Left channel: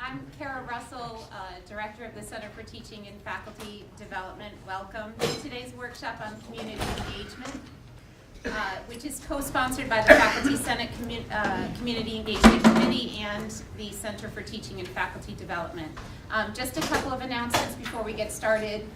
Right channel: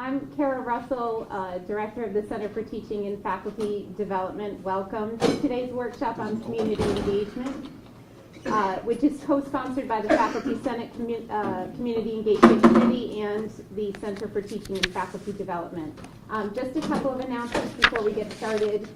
I'm Kara Russell, Director of the Center for Teaching and Faculty Development. Welcome to today's workshop on community engagement, which is co-sponsored by the Faculty Senate Community Engagement Committee and the Center for Teaching and Faculty Development. Just a couple of announcements before we get started.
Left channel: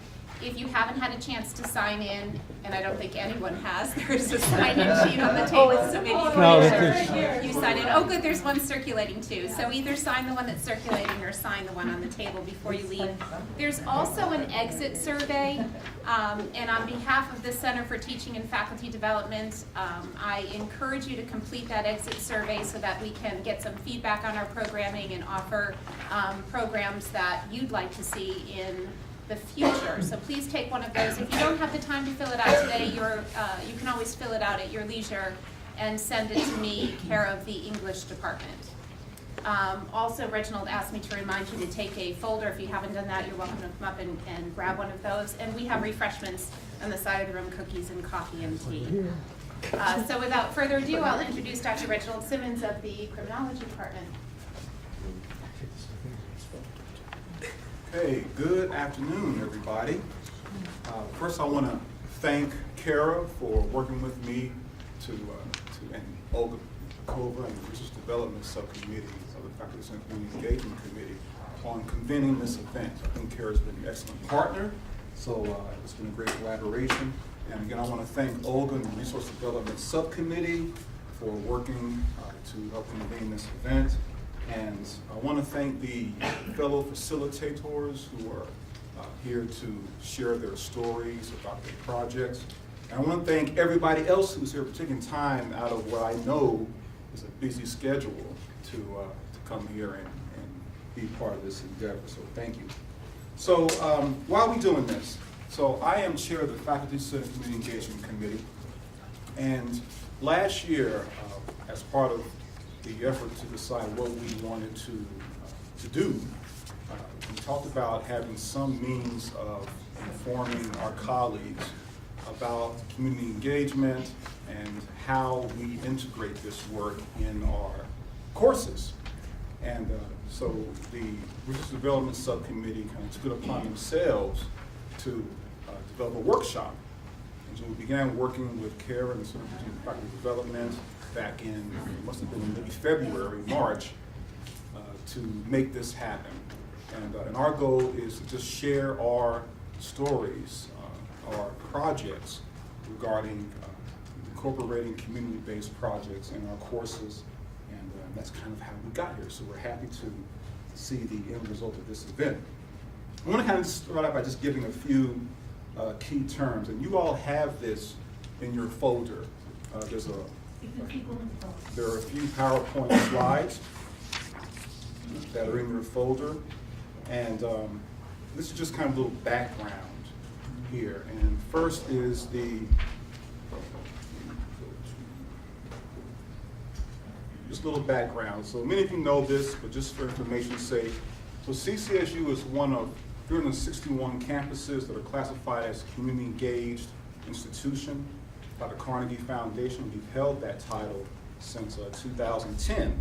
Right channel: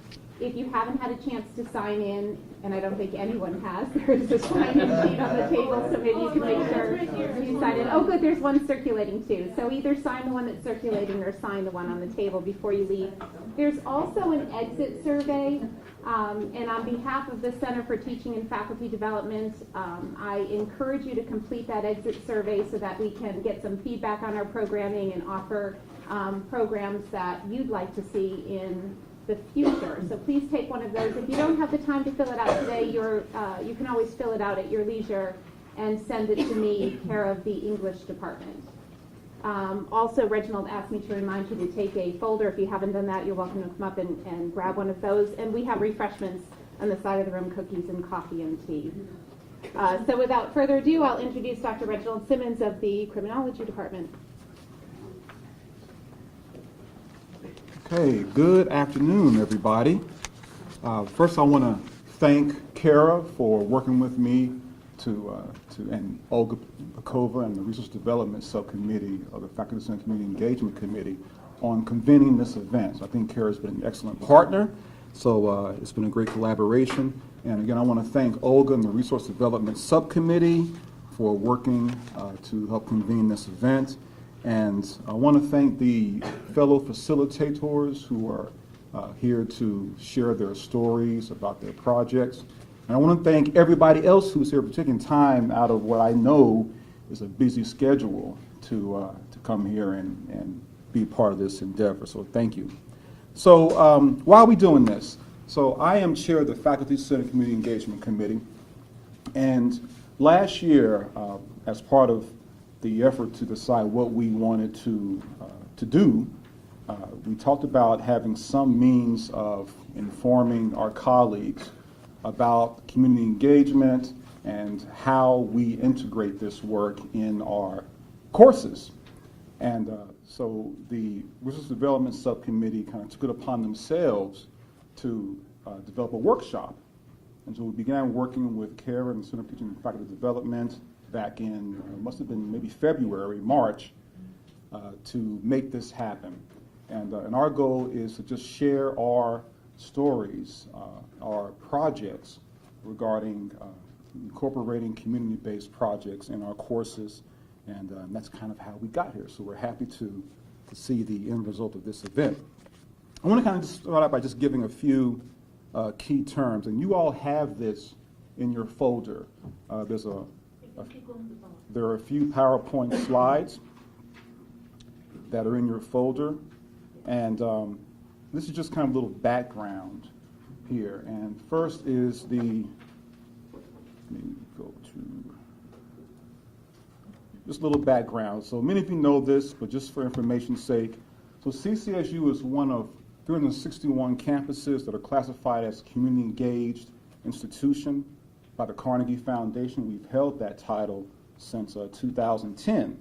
If you haven't had a chance to sign in, and I don't think anyone has, there's a sign-in sheet on the table, so maybe you can make sure you sign in. Oh, good, there's one circulating too. So either sign the one that's circulating or sign the one on the table before you leave. There's also an exit survey, and on behalf of the Center for Teaching and Faculty Development, I encourage you to complete that exit survey so that we can get some feedback on our programming and offer programs that you'd like to see in the future. So please take one of those. If you don't have the time to fill it out today, you can always fill it out at your leisure and send it to me, care of the English department. Also, Reginald asked me to remind you to take a folder. If you haven't done that, you're welcome to come up and grab one of those. And we have refreshments on the side of the room, cookies and coffee and tea. So without further ado, I'll introduce Dr. Reginald Simmons of the Criminology Department. Hey, good afternoon, everybody. First, I want to thank Kara for working with me and Olga Pakova and the Research Development Subcommittee of the Faculty Senate Community Engagement Committee on convening this event. So I think Kara's been an excellent partner, so it's been a great collaboration. And again, I want to thank Olga and the Resource Development Subcommittee for working to help convene this event. And I want to thank the fellow facilitators who are here to share their stories about their projects. And I want to thank everybody else who's here for taking time out of what I know is a busy schedule to come here and be part of this endeavor. So thank you. So why are we doing this? So I am chair of the Faculty Senate Community Engagement Committee. And last year, as part of the effort to decide what we wanted to do, we talked about having some means of informing our colleagues about community engagement and how we integrate this work in our courses. And so the Research Development Subcommittee kind of took it upon themselves to develop a workshop. And so we began working with Kara and the Center for Teaching and Faculty Development back in, it must have been maybe February, March, to make this happen. And our goal is to just share our stories, our projects regarding incorporating community-based projects in our courses, and that's kind of how we got here. So we're happy to see the end result of this event. I want to kind of start out by just giving a few key terms, and you all have this in your folder. There are a few PowerPoint slides that are in your folder, and this is just kind of a little background here. And first is just a little background. So many of you know this, but just for information's sake, so CCSU is one of 361 campuses that are classified as community engaged institution by the Carnegie Foundation. We've held that title since 2010.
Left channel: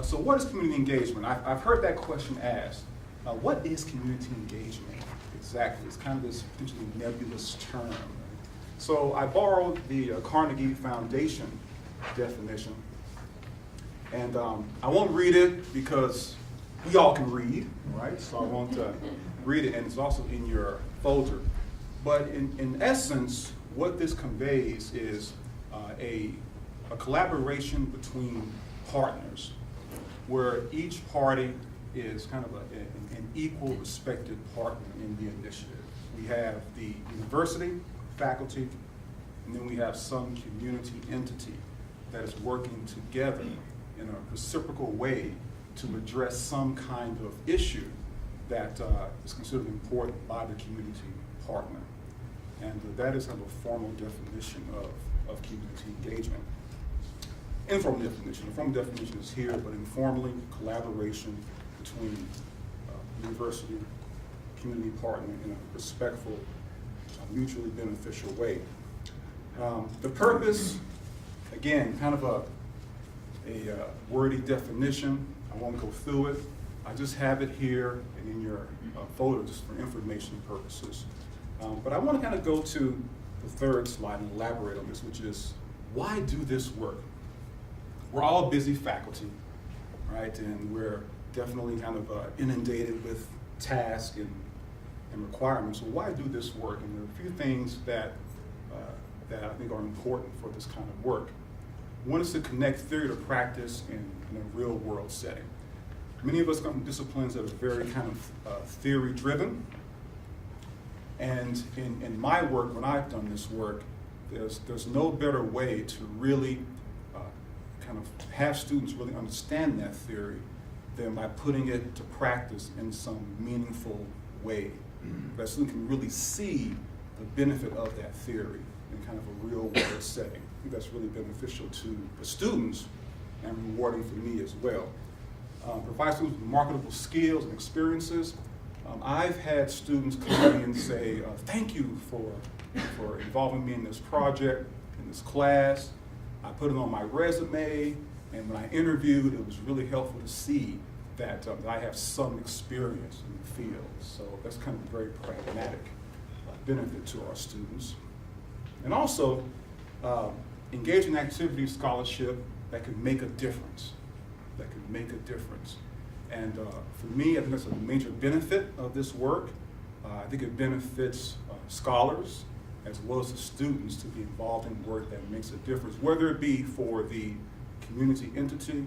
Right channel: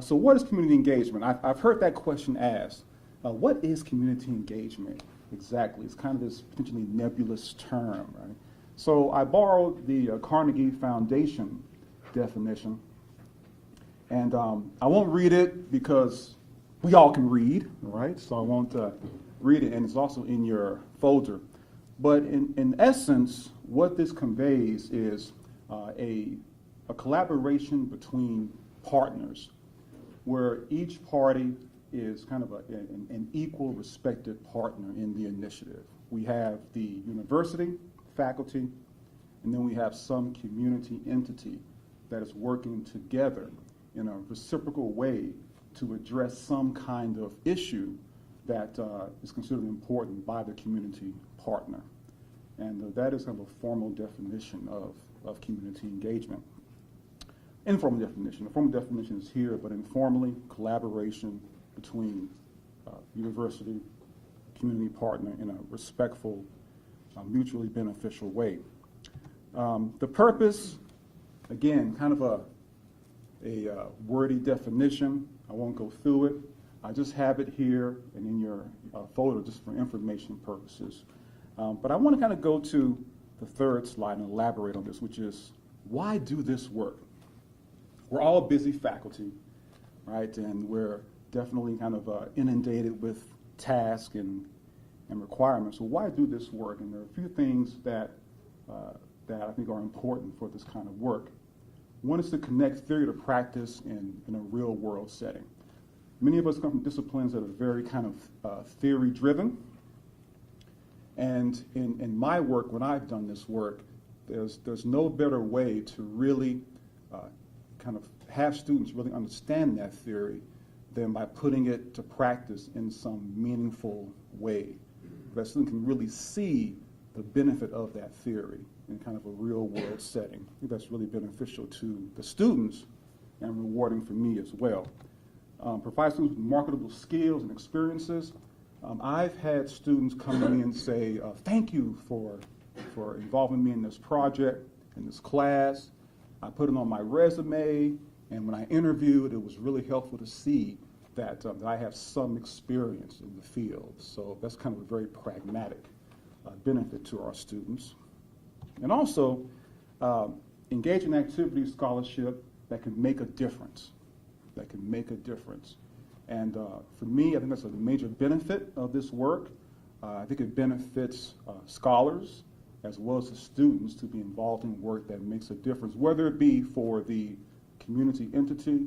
So what is community engagement? I've heard that question asked. What is community engagement exactly? It's kind of this potentially nebulous term, right? So I borrowed the Carnegie Foundation definition, and I won't read it because we all can read, right? So I won't read it, and it's also in your folder. But in essence, what this conveys is a collaboration between partners where each party is kind of an equal respected partner in the initiative. We have the university, faculty, and then we have some community entity that is working together in a reciprocal way to address some kind of issue that is considered important by the community partner. And that is kind of a formal definition of community engagement. Informal definition. The formal definition is here, but informally, collaboration between university, community partner in a respectful, mutually beneficial way. The purpose, again, kind of a wordy definition. I won't go through it, I just have it here and in your folder just for information purposes. But I want to kind of go to the third slide and elaborate on this, which is, why do this work? We're all busy faculty, right? And we're definitely kind of inundated with tasks and requirements. So why do this work? And there are a few things that I think are important for this kind of work. One is to connect theory to practice in a real world setting. Many of us come from disciplines that are very kind of theory driven. And in my work, when I've done this work, there's no better way to really kind of have students really understand that theory than by putting it to practice in some meaningful way. That student can really see the benefit of that theory in kind of a real world setting. I think that's really beneficial to the students and rewarding for me as well. Provide students with marketable skills and experiences. I've had students come to me and say, thank you for involving me in this project, in this class. I put it on my resume, and when I interviewed, it was really helpful to see that I have some experience in the field. So that's kind of a very pragmatic benefit to our students. And also, engage in activity scholarship that can make a difference, And for me, I think that's a major benefit of this work. I think it benefits scholars as well as the students to be involved in work that makes a difference, whether it be for the community entity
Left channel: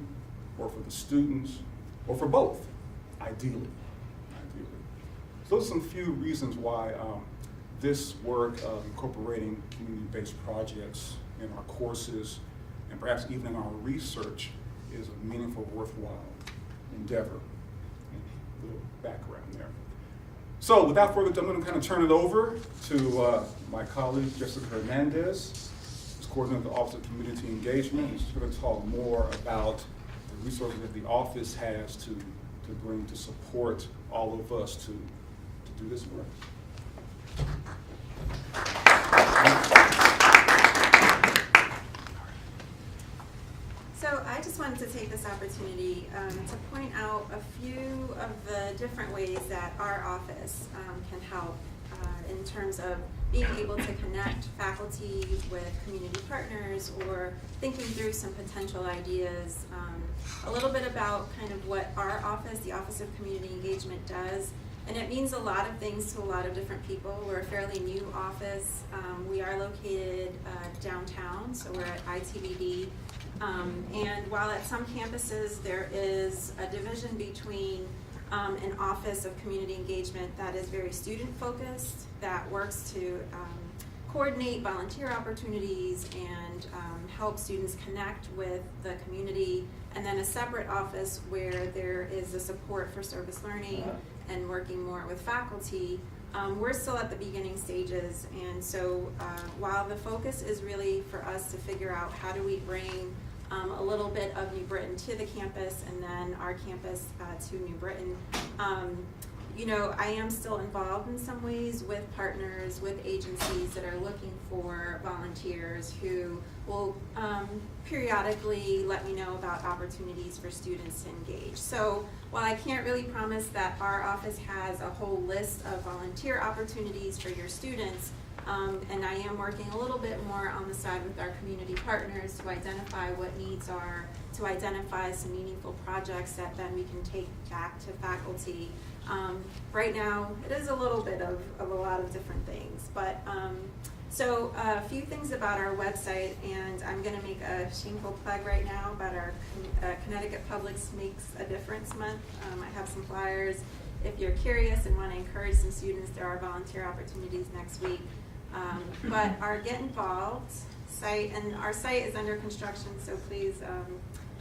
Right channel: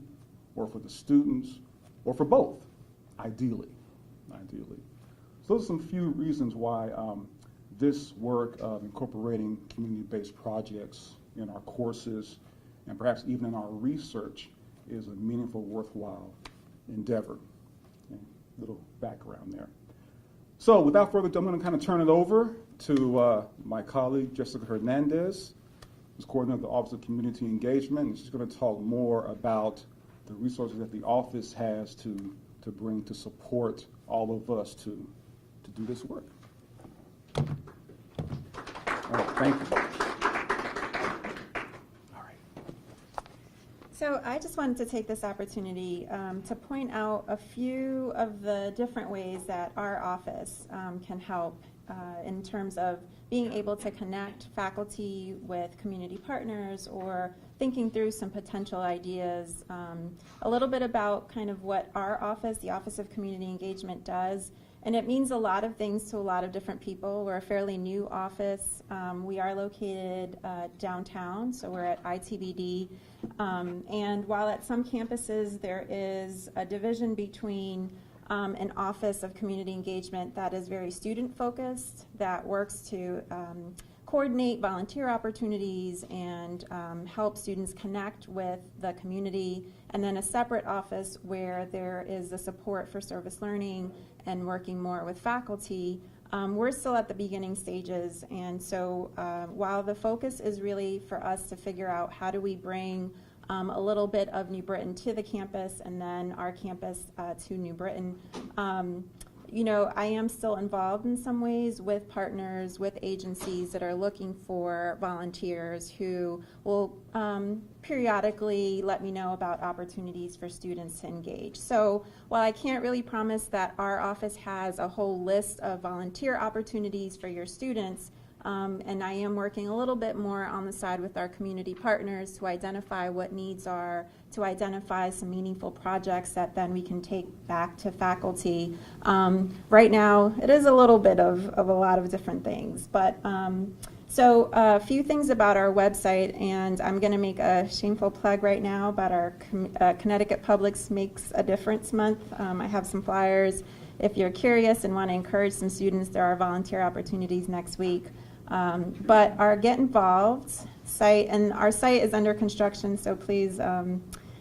or for the students or for both, ideally. So those are some few reasons why this work of incorporating community-based projects in our courses and perhaps even in our research is a meaningful, worthwhile endeavor. A little background there. So without further ado, I'm going to kind of turn it over to my colleague, Jessica Hernandez, who's coordinator of the Office of Community Engagement. And she's going to talk more about the resources that the office has to bring to support all of us to do this work. So I just wanted to take this opportunity to point out a few of the different ways that our office can help in terms of being able to connect faculty with community partners or thinking through some potential ideas. A little bit about kind of what our office, the Office of Community Engagement, does. And it means a lot of things to a lot of different people. We're a fairly new office. We are located downtown, so we're at ITBD. And while at some campuses there is a division between an Office of Community Engagement that is very student-focused, that works to coordinate volunteer opportunities and help students connect with the community, and then a separate office where there is a support for service learning and working more with faculty. We're still at the beginning stages, and so while the focus is really for us to figure out how do we bring a little bit of New Britain to the campus and then our campus to New Britain, you know, I am still involved in some ways with partners, with agencies that are looking for volunteers who will periodically let me know about opportunities for students to engage. So while I can't really promise that our office has a whole list of volunteer opportunities for your students, and I am working a little bit more on the side with our community partners to identify what needs are, to identify some meaningful projects that then we can take back to faculty. Right now, it is a little bit of a lot of different things, but so a few things about our website, and I'm going to make a shameful plug right now about our Connecticut Publics Makes a Difference month. I have some flyers. If you're curious and want to encourage some students, there are volunteer opportunities next week. But our Get Involved site, and our site is under construction, so please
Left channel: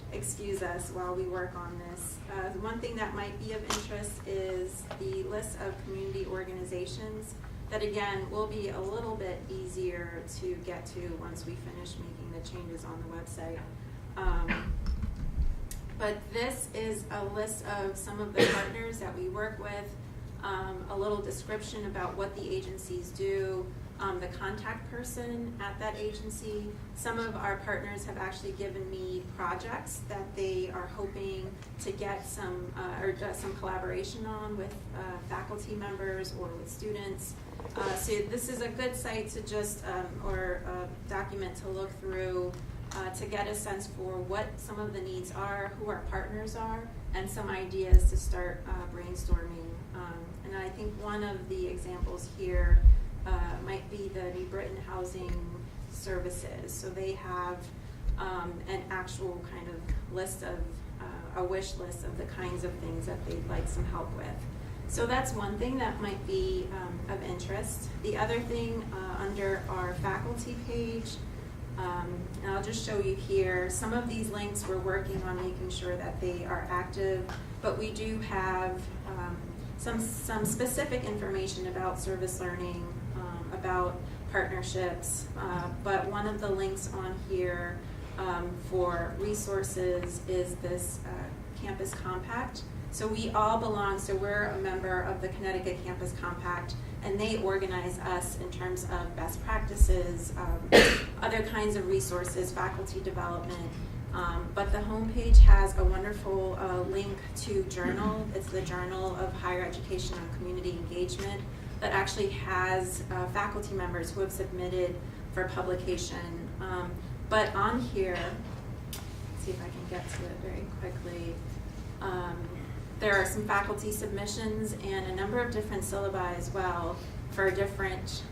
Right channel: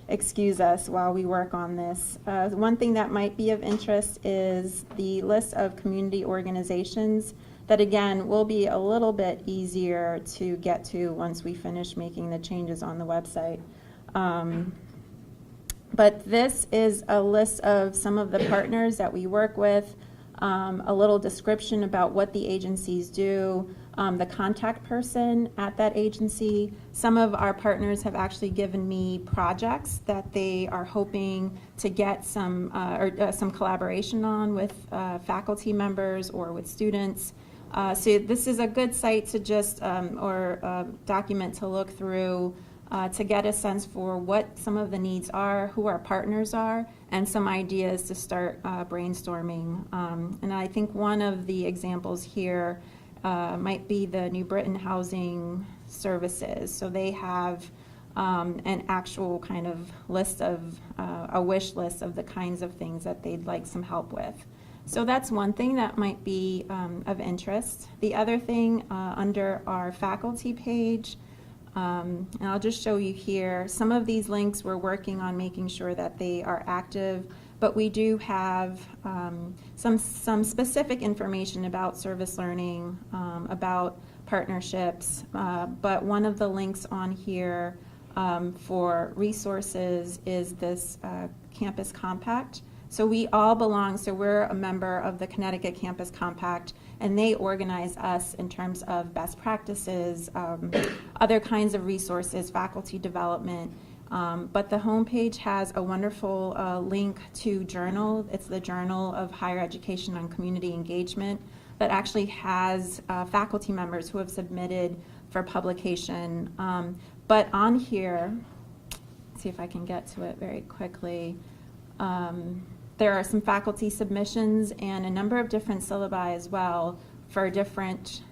excuse us while we work on this. One thing that might be of interest is the list of community organizations that, again, will be a little bit easier to get to once we finish making the changes on the website. But this is a list of some of the partners that we work with, a little description about what the agencies do, the contact person at that agency. Some of our partners have actually given me projects that they are hoping to get some collaboration on with faculty members or with students. So this is a good site to just, or a document to look through to get a sense for what some of the needs are, who our partners are, and some ideas to start brainstorming. And I think one of the examples here might be the New Britain Housing Services. So they have an actual kind of list of, a wish list of the kinds of things that they'd like some help with. So that's one thing that might be of interest. The other thing under our faculty page, and I'll just show you here, some of these links we're working on making sure that they are active, but we do have some specific information about service learning, about partnerships, but one of the links on here for resources is this Campus Compact. So we all belong, so we're a member of the Connecticut Campus Compact, and they organize us in terms of best practices, other kinds of resources, faculty development. But the homepage has a wonderful link to journal. It's the Journal of Higher Education on Community Engagement that actually has faculty members who have submitted for publication. But on here, let's see if I can get to it very quickly. There are some faculty submissions and a number of different syllabi as well for different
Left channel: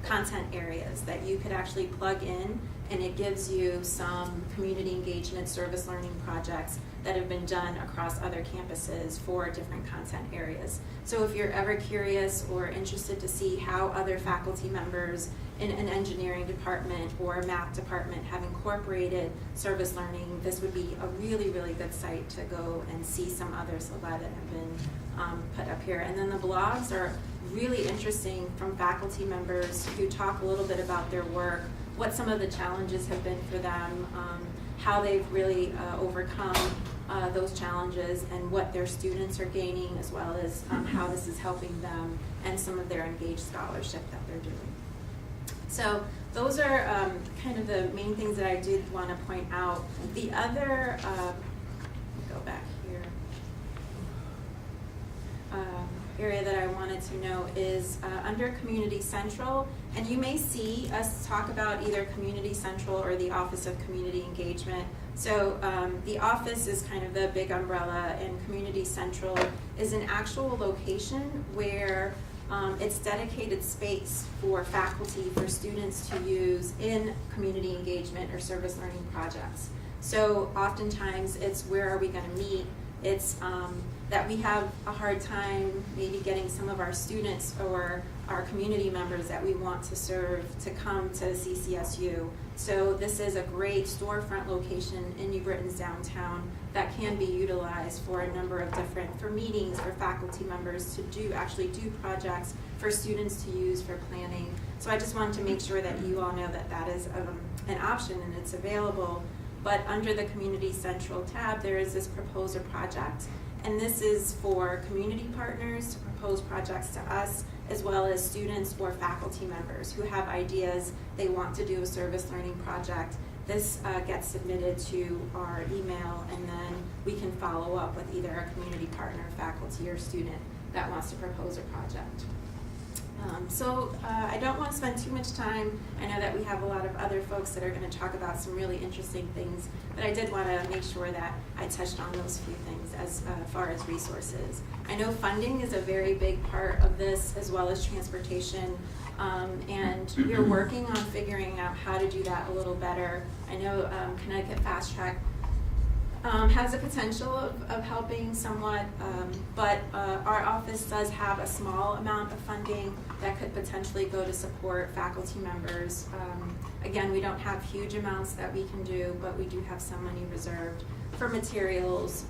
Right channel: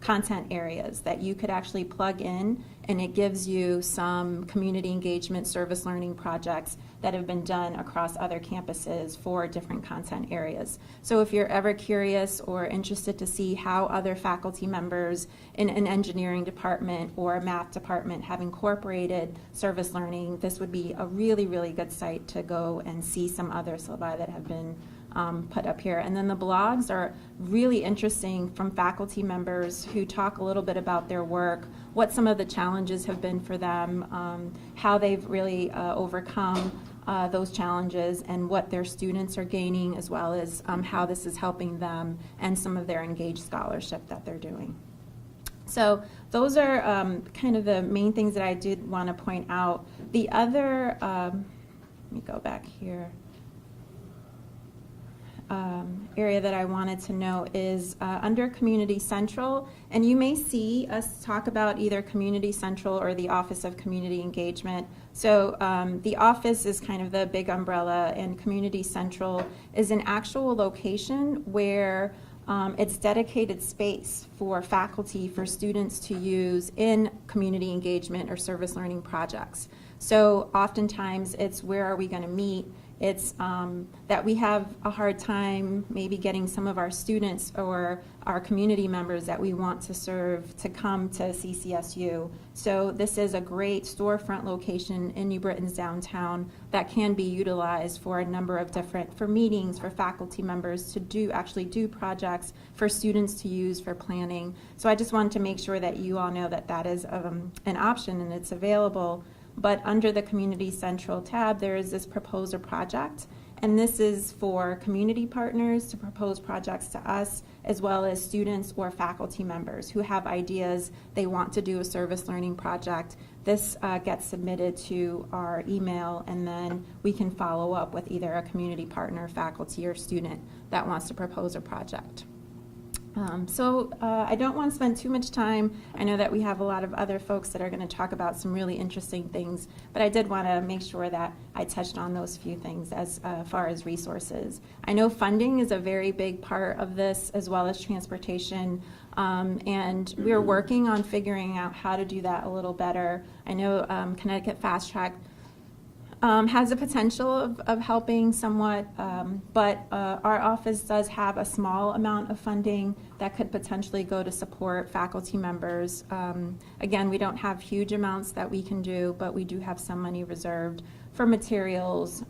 content areas that you could actually plug in, and it gives you some community engagement service learning projects that have been done across other campuses for different content areas. So if you're ever curious or interested to see how other faculty members in an engineering department or a math department have incorporated service learning, this would be a really, really good site to go and see some other syllabi that have been put up here. And then the blogs are really interesting from faculty members who talk a little bit about their work, what some of the challenges have been for them, how they've really overcome those challenges, and what their students are gaining, as well as how this is helping them and some of their engaged scholarship that they're doing. So those are kind of the main things that I did want to point out. The other, let me go back here, area that I wanted to know is under Community Central, and you may see us talk about either Community Central or the Office of Community Engagement. So the office is kind of the big umbrella, and Community Central is an actual location where it's dedicated space for faculty, for students to use in community engagement or service learning projects. So oftentimes it's where are we going to meet? It's that we have a hard time maybe getting some of our students or our community members that we want to serve to come to CCSU. So this is a great storefront location in New Britain's downtown that can be utilized for a number of different, for meetings, for faculty members to actually do projects, for students to use for planning. So I just wanted to make sure that you all know that that is an option and it's available. But under the Community Central tab, there is this Propose a Project, and this is for community partners to propose projects to us, as well as students or faculty members who have ideas, they want to do a service learning project. This gets submitted to our email, and then we can follow up with either a community partner, faculty, or student that wants to propose a project. So I don't want to spend too much time. I know that we have a lot of other folks that are going to talk about some really interesting things, but I did want to make sure that I touched on those few things as far as resources. I know funding is a very big part of this, as well as transportation, and we are working on figuring out how to do that a little better. I know Connecticut Fast Track has the potential of helping somewhat, but our office does have a small amount of funding that could potentially go to support faculty members. Again, we don't have huge amounts that we can do, but we do have some money reserved for materials,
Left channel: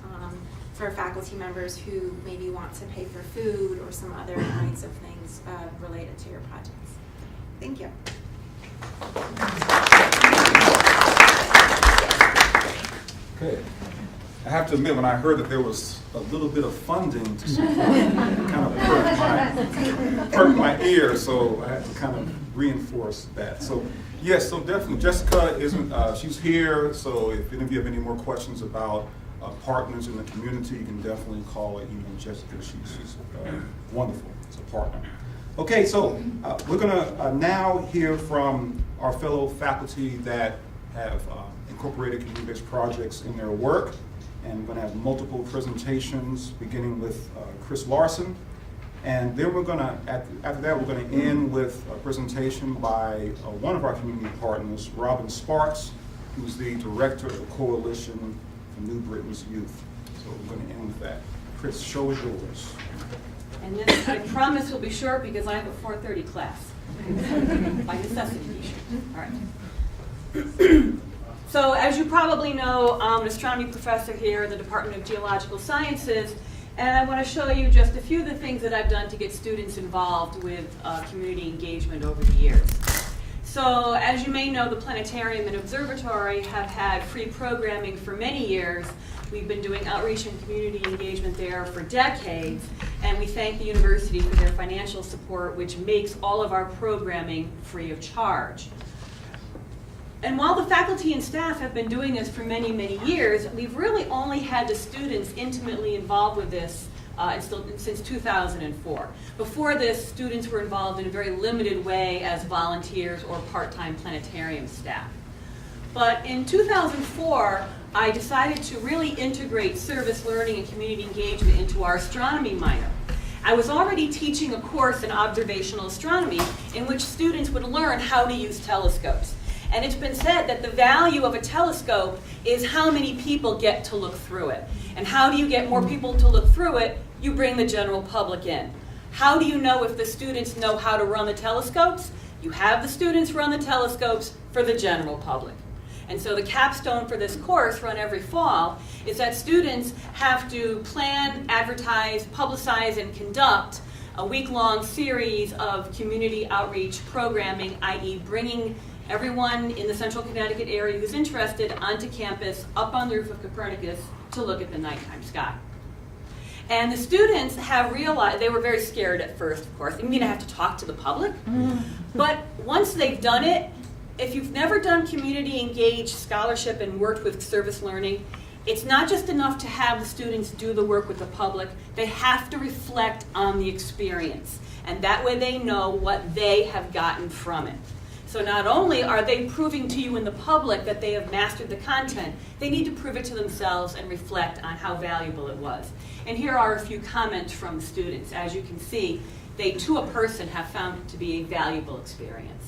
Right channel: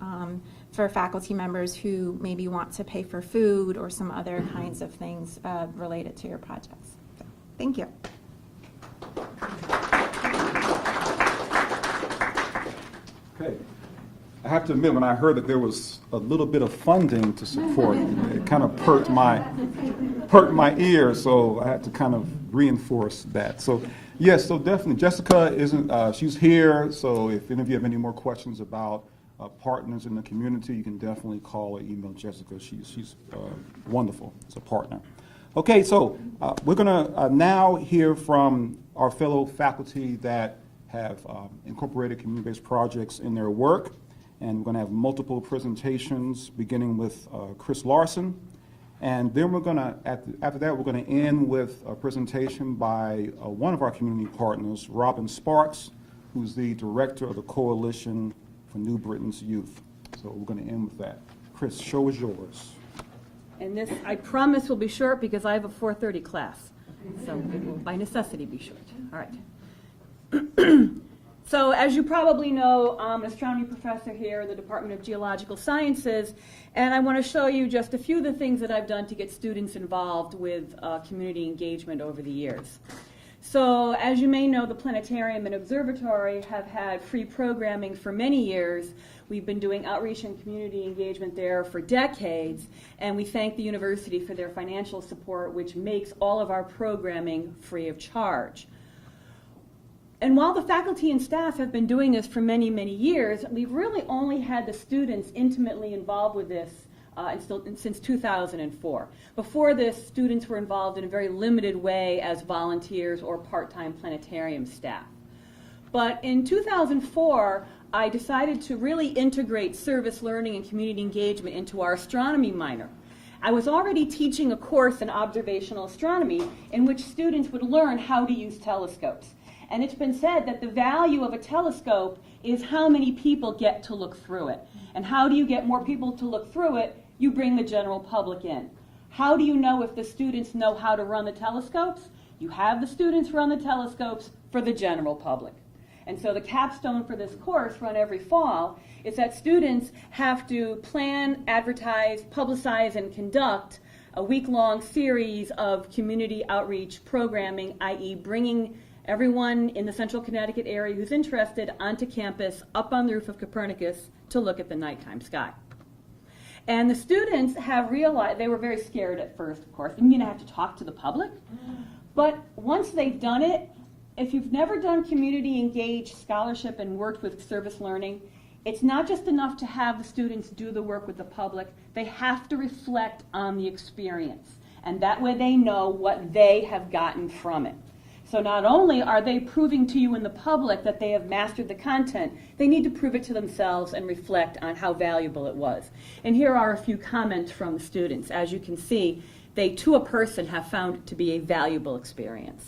for faculty members who maybe want to pay for food or some other kinds of things related to your projects. Thank you. Okay. I have have to admit, when I heard that there was a little bit of funding to support, it kind of perked my ear, so I had to kind of reinforce that. So yes, so definitely, Jessica isn't, she's here, so if any of you have any more questions about partners in the community, you can definitely call or email Jessica. She's wonderful as a partner. Okay, so we're gonna now hear from our fellow faculty that have incorporated community-based projects in their work, and we're gonna have multiple presentations, beginning with Chris Larson, and then we're gonna, after that, we're gonna end with a presentation by one of our community partners, Robin Sparks, who's the director of the Coalition for New Britain's Youth. So we're gonna end with that. Chris, show is yours. And this, I promise, will be short because I have a 4:30 class. By necessity, be short. All right. So as you probably know, I'm an astronomy professor here in the Department of Geological Sciences, and I want to show you just a few of the things that I've done to get students involved with community engagement over the years. So as you may know, the planetarium and observatory have had free programming for many years. We've been doing outreach and community engagement there for decades, and we thank the university for their financial support, which makes all of our programming free of charge. And while the faculty and staff have been doing this for many, many years, we've really only had the students intimately involved with this since 2004. Before this, students were involved in a very limited way as volunteers or part-time planetarium staff. But in 2004, I decided to really integrate service learning and community engagement into our astronomy minor. I was already teaching a course in observational astronomy in which students would learn how to use telescopes. And it's been said that the value of a telescope is how many people get to look through it. And how do you get more people to look through it? You bring the general public in. How do you know if the students know how to run the telescopes? You have the students run the telescopes for the general public. And so the capstone for this course, run every fall, is that students have to plan, advertise, publicize, and conduct a week-long series of community outreach programming, i.e. bringing everyone in the central Connecticut area who's interested onto campus, up on the roof of Copernicus, to look at the nighttime sky. And the students have realized, they were very scared at first, of course. You mean I have to talk to the public? But once they've done it, if you've never done community engaged scholarship and worked with service learning, it's not just enough to have the students do the work with the public. They have to reflect on the experience. And that way they know what they have gotten from it. So not only are they proving to you in the public that they have mastered the content, they need to prove it to themselves and reflect on how valuable it was. And here are a few comments from students. As you can see, they, to a person, have found it to be a valuable experience.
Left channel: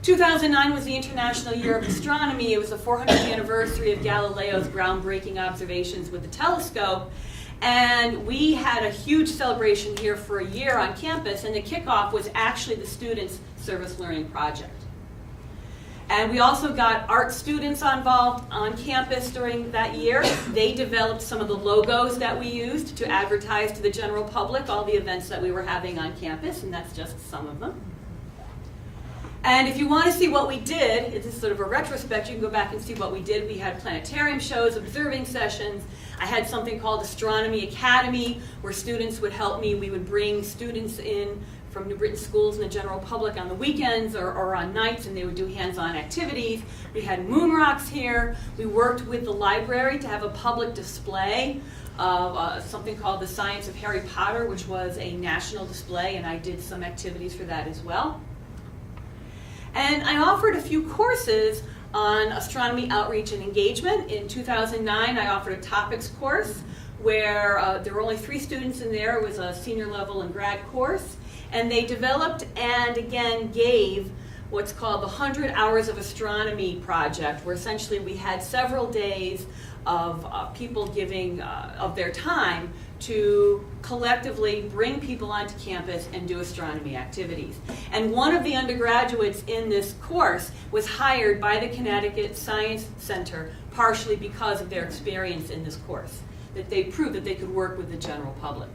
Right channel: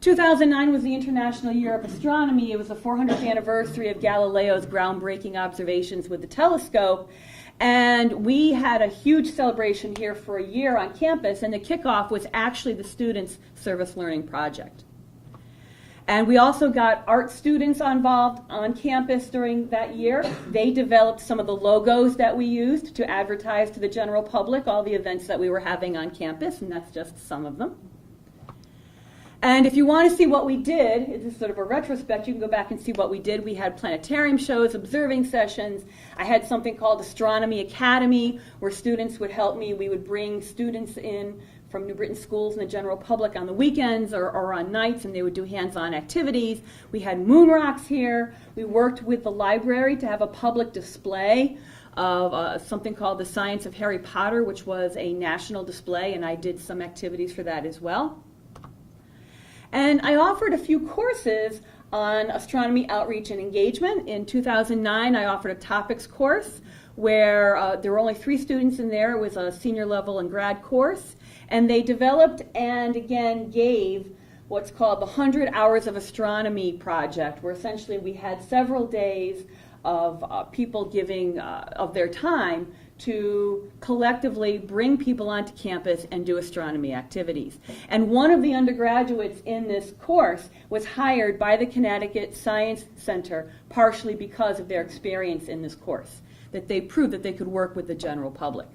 2009 was the International Year of Astronomy. It was the 400th anniversary of Galileo's groundbreaking observations with the telescope. And we had a huge celebration here for a year on campus, and the kickoff was actually the students' service learning project. And we also got art students involved on campus during that year. They developed some of the logos that we used to advertise to the general public all the events that we were having on campus, and that's just some of them. And if you want to see what we did, it's sort of a retrospect, you can go back and see what we did. We had planetarium shows, observing sessions. I had something called Astronomy Academy, where students would help me. We would bring students in from New Britain schools and the general public on the weekends or on nights, and they would do hands-on activities. We had moon rocks here. We worked with the library to have a public display of something called The Science of Harry Potter, which was a national display, and I did some activities for that as well. And I offered a few courses on astronomy outreach and engagement. In 2009, I offered a topics course where there were only 3 students in there. It was a senior level and grad course. And they developed and again gave what's called the 100 Hours of Astronomy project, where essentially we had several days of people giving of their time to collectively bring people onto campus and do astronomy activities. And one of the undergraduates in this course was hired by the Connecticut Science Center partially because of their experience in this course, that they proved that they could work with the general public.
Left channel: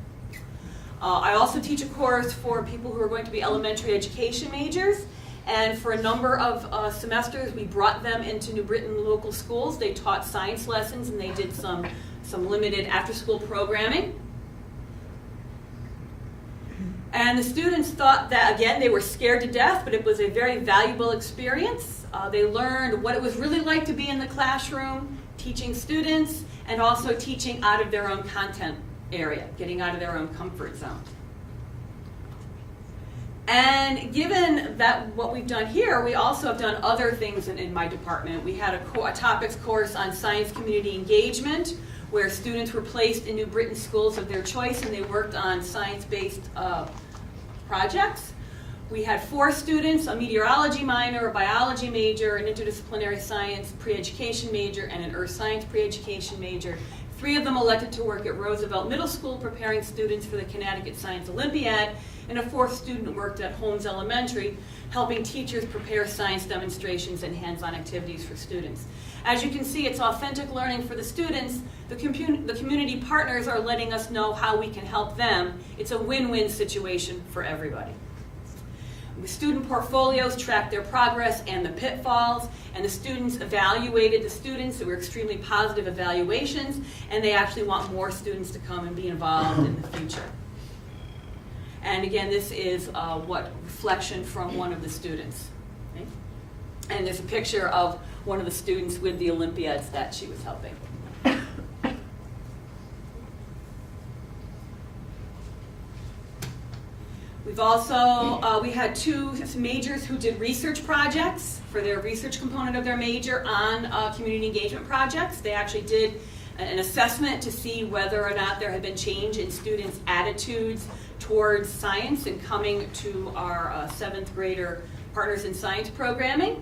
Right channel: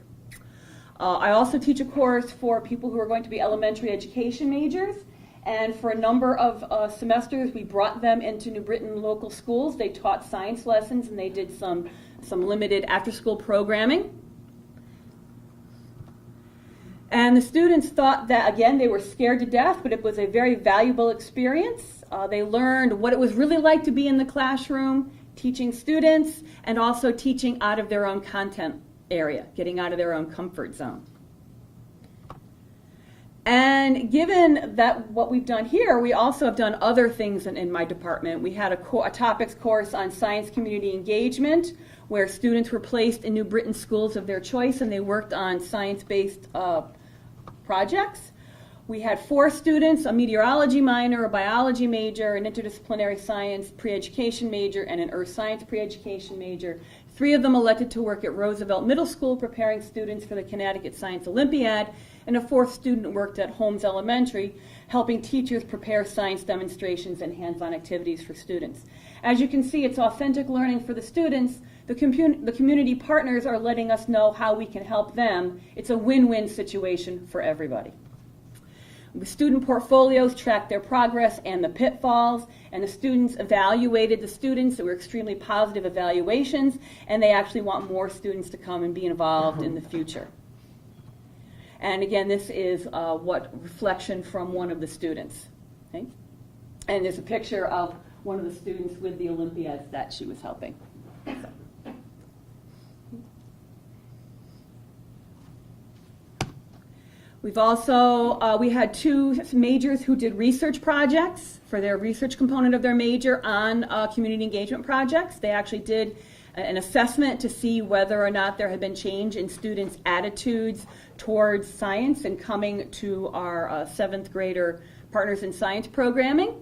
I also teach a course for people who are going to be elementary education majors, And for a number of semesters, we brought them into New Britain local schools. They taught science lessons, and they did some limited after-school programming. And the students thought that, again, they were scared to death, but it was a very valuable experience. They learned what it was really like to be in the classroom, teaching students, and also teaching out of their own content area, getting out of their own comfort zone. And given that what we've done here, we also have done other things in my department. We had a topics course on science community engagement, where students were placed in New Britain schools of their choice, and they worked on science-based projects. We had 4 students, a meteorology minor, a biology major, an interdisciplinary science pre-education major, and an earth science pre-education major. 3 of them elected to work at Roosevelt Middle School, preparing students for the Connecticut Science Olympiad, and a 4th student worked at Holmes Elementary, helping teachers prepare science demonstrations and hands-on activities for students. As you can see, it's authentic learning for the students. The community partners are letting us know how we can help them. It's a win-win situation for everybody. The student portfolios track their progress and the pitfalls, and the students evaluated the students. There were extremely positive evaluations, and they actually want more students to come and be involved in the future. And again, this is what reflection from one of the students. Okay? And there's a picture of one of the students with the Olympiads that she was helping. We've also, we had 2 majors who did research projects for their research component of their major on community engagement projects. They actually did an assessment to see whether or not there had been change in students' attitudes towards science and coming to our 7th grader Partners in Science programming.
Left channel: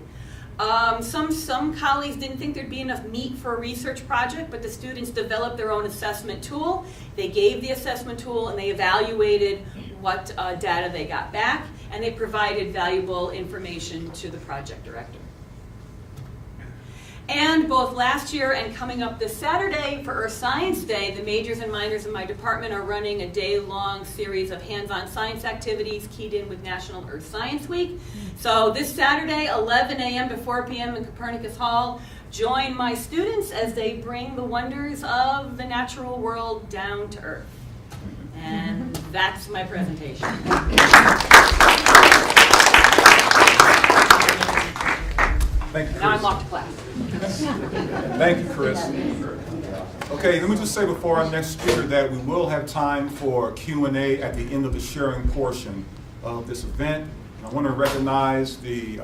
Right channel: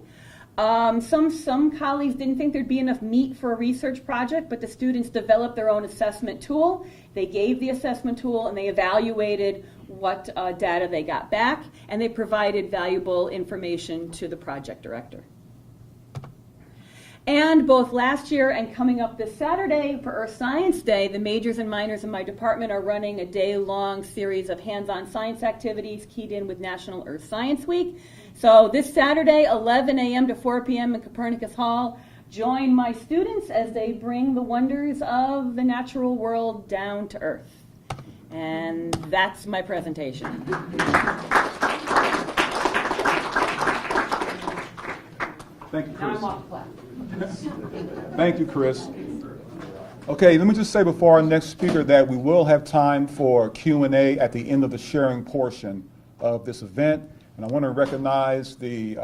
Some colleagues didn't think there'd be enough meat for a research project, but the students developed their own assessment tool. They gave the assessment tool and they evaluated what data they got back, and they provided valuable information to the project director. And both last year and coming up this Saturday for Earth Science Day, the majors and minors in my department are running a day-long series of hands-on science activities keyed in with National Earth Science Week. So this Saturday, 11 a.m. to 4 p.m. in Copernicus Hall, join my students as they bring the wonders of the natural world down to Earth. And that's my presentation. Thank you, Chris. Now I'm off to class. Thank you, Chris. Okay, let me just say before our next speaker that we will have time for Q&A at the end of the sharing portion of this event. And I want to recognize the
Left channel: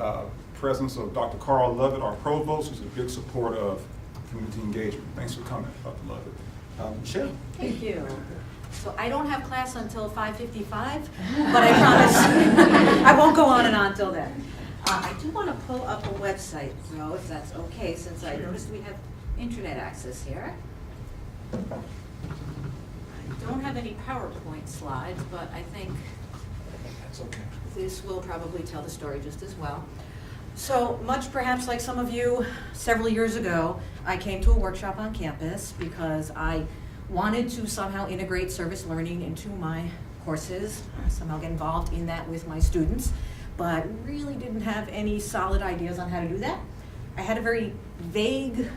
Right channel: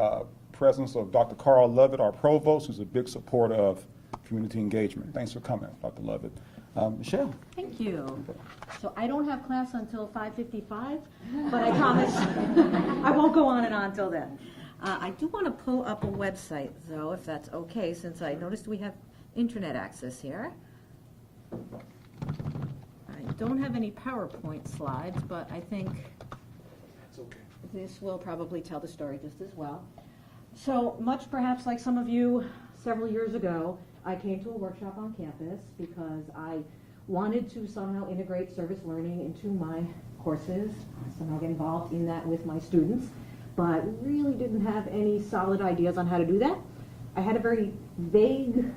presence of Dr. Carl Lovett, our provost, who's a big supporter of community engagement. Thanks for coming, Dr. Lovett. Michelle? Thank you. So I don't have class until 5:55, but I promise I won't go on and on till then. I do want to pull up a website, though, if that's okay, since I noticed we have internet access here. I don't have any PowerPoint slides, but I think this will probably tell the story just as well. So much perhaps like some of you, several years ago, I came to a workshop on campus because I wanted to somehow integrate service learning into my courses, somehow get involved in that with my students, but really didn't have any solid ideas on how to do that. I had a very vague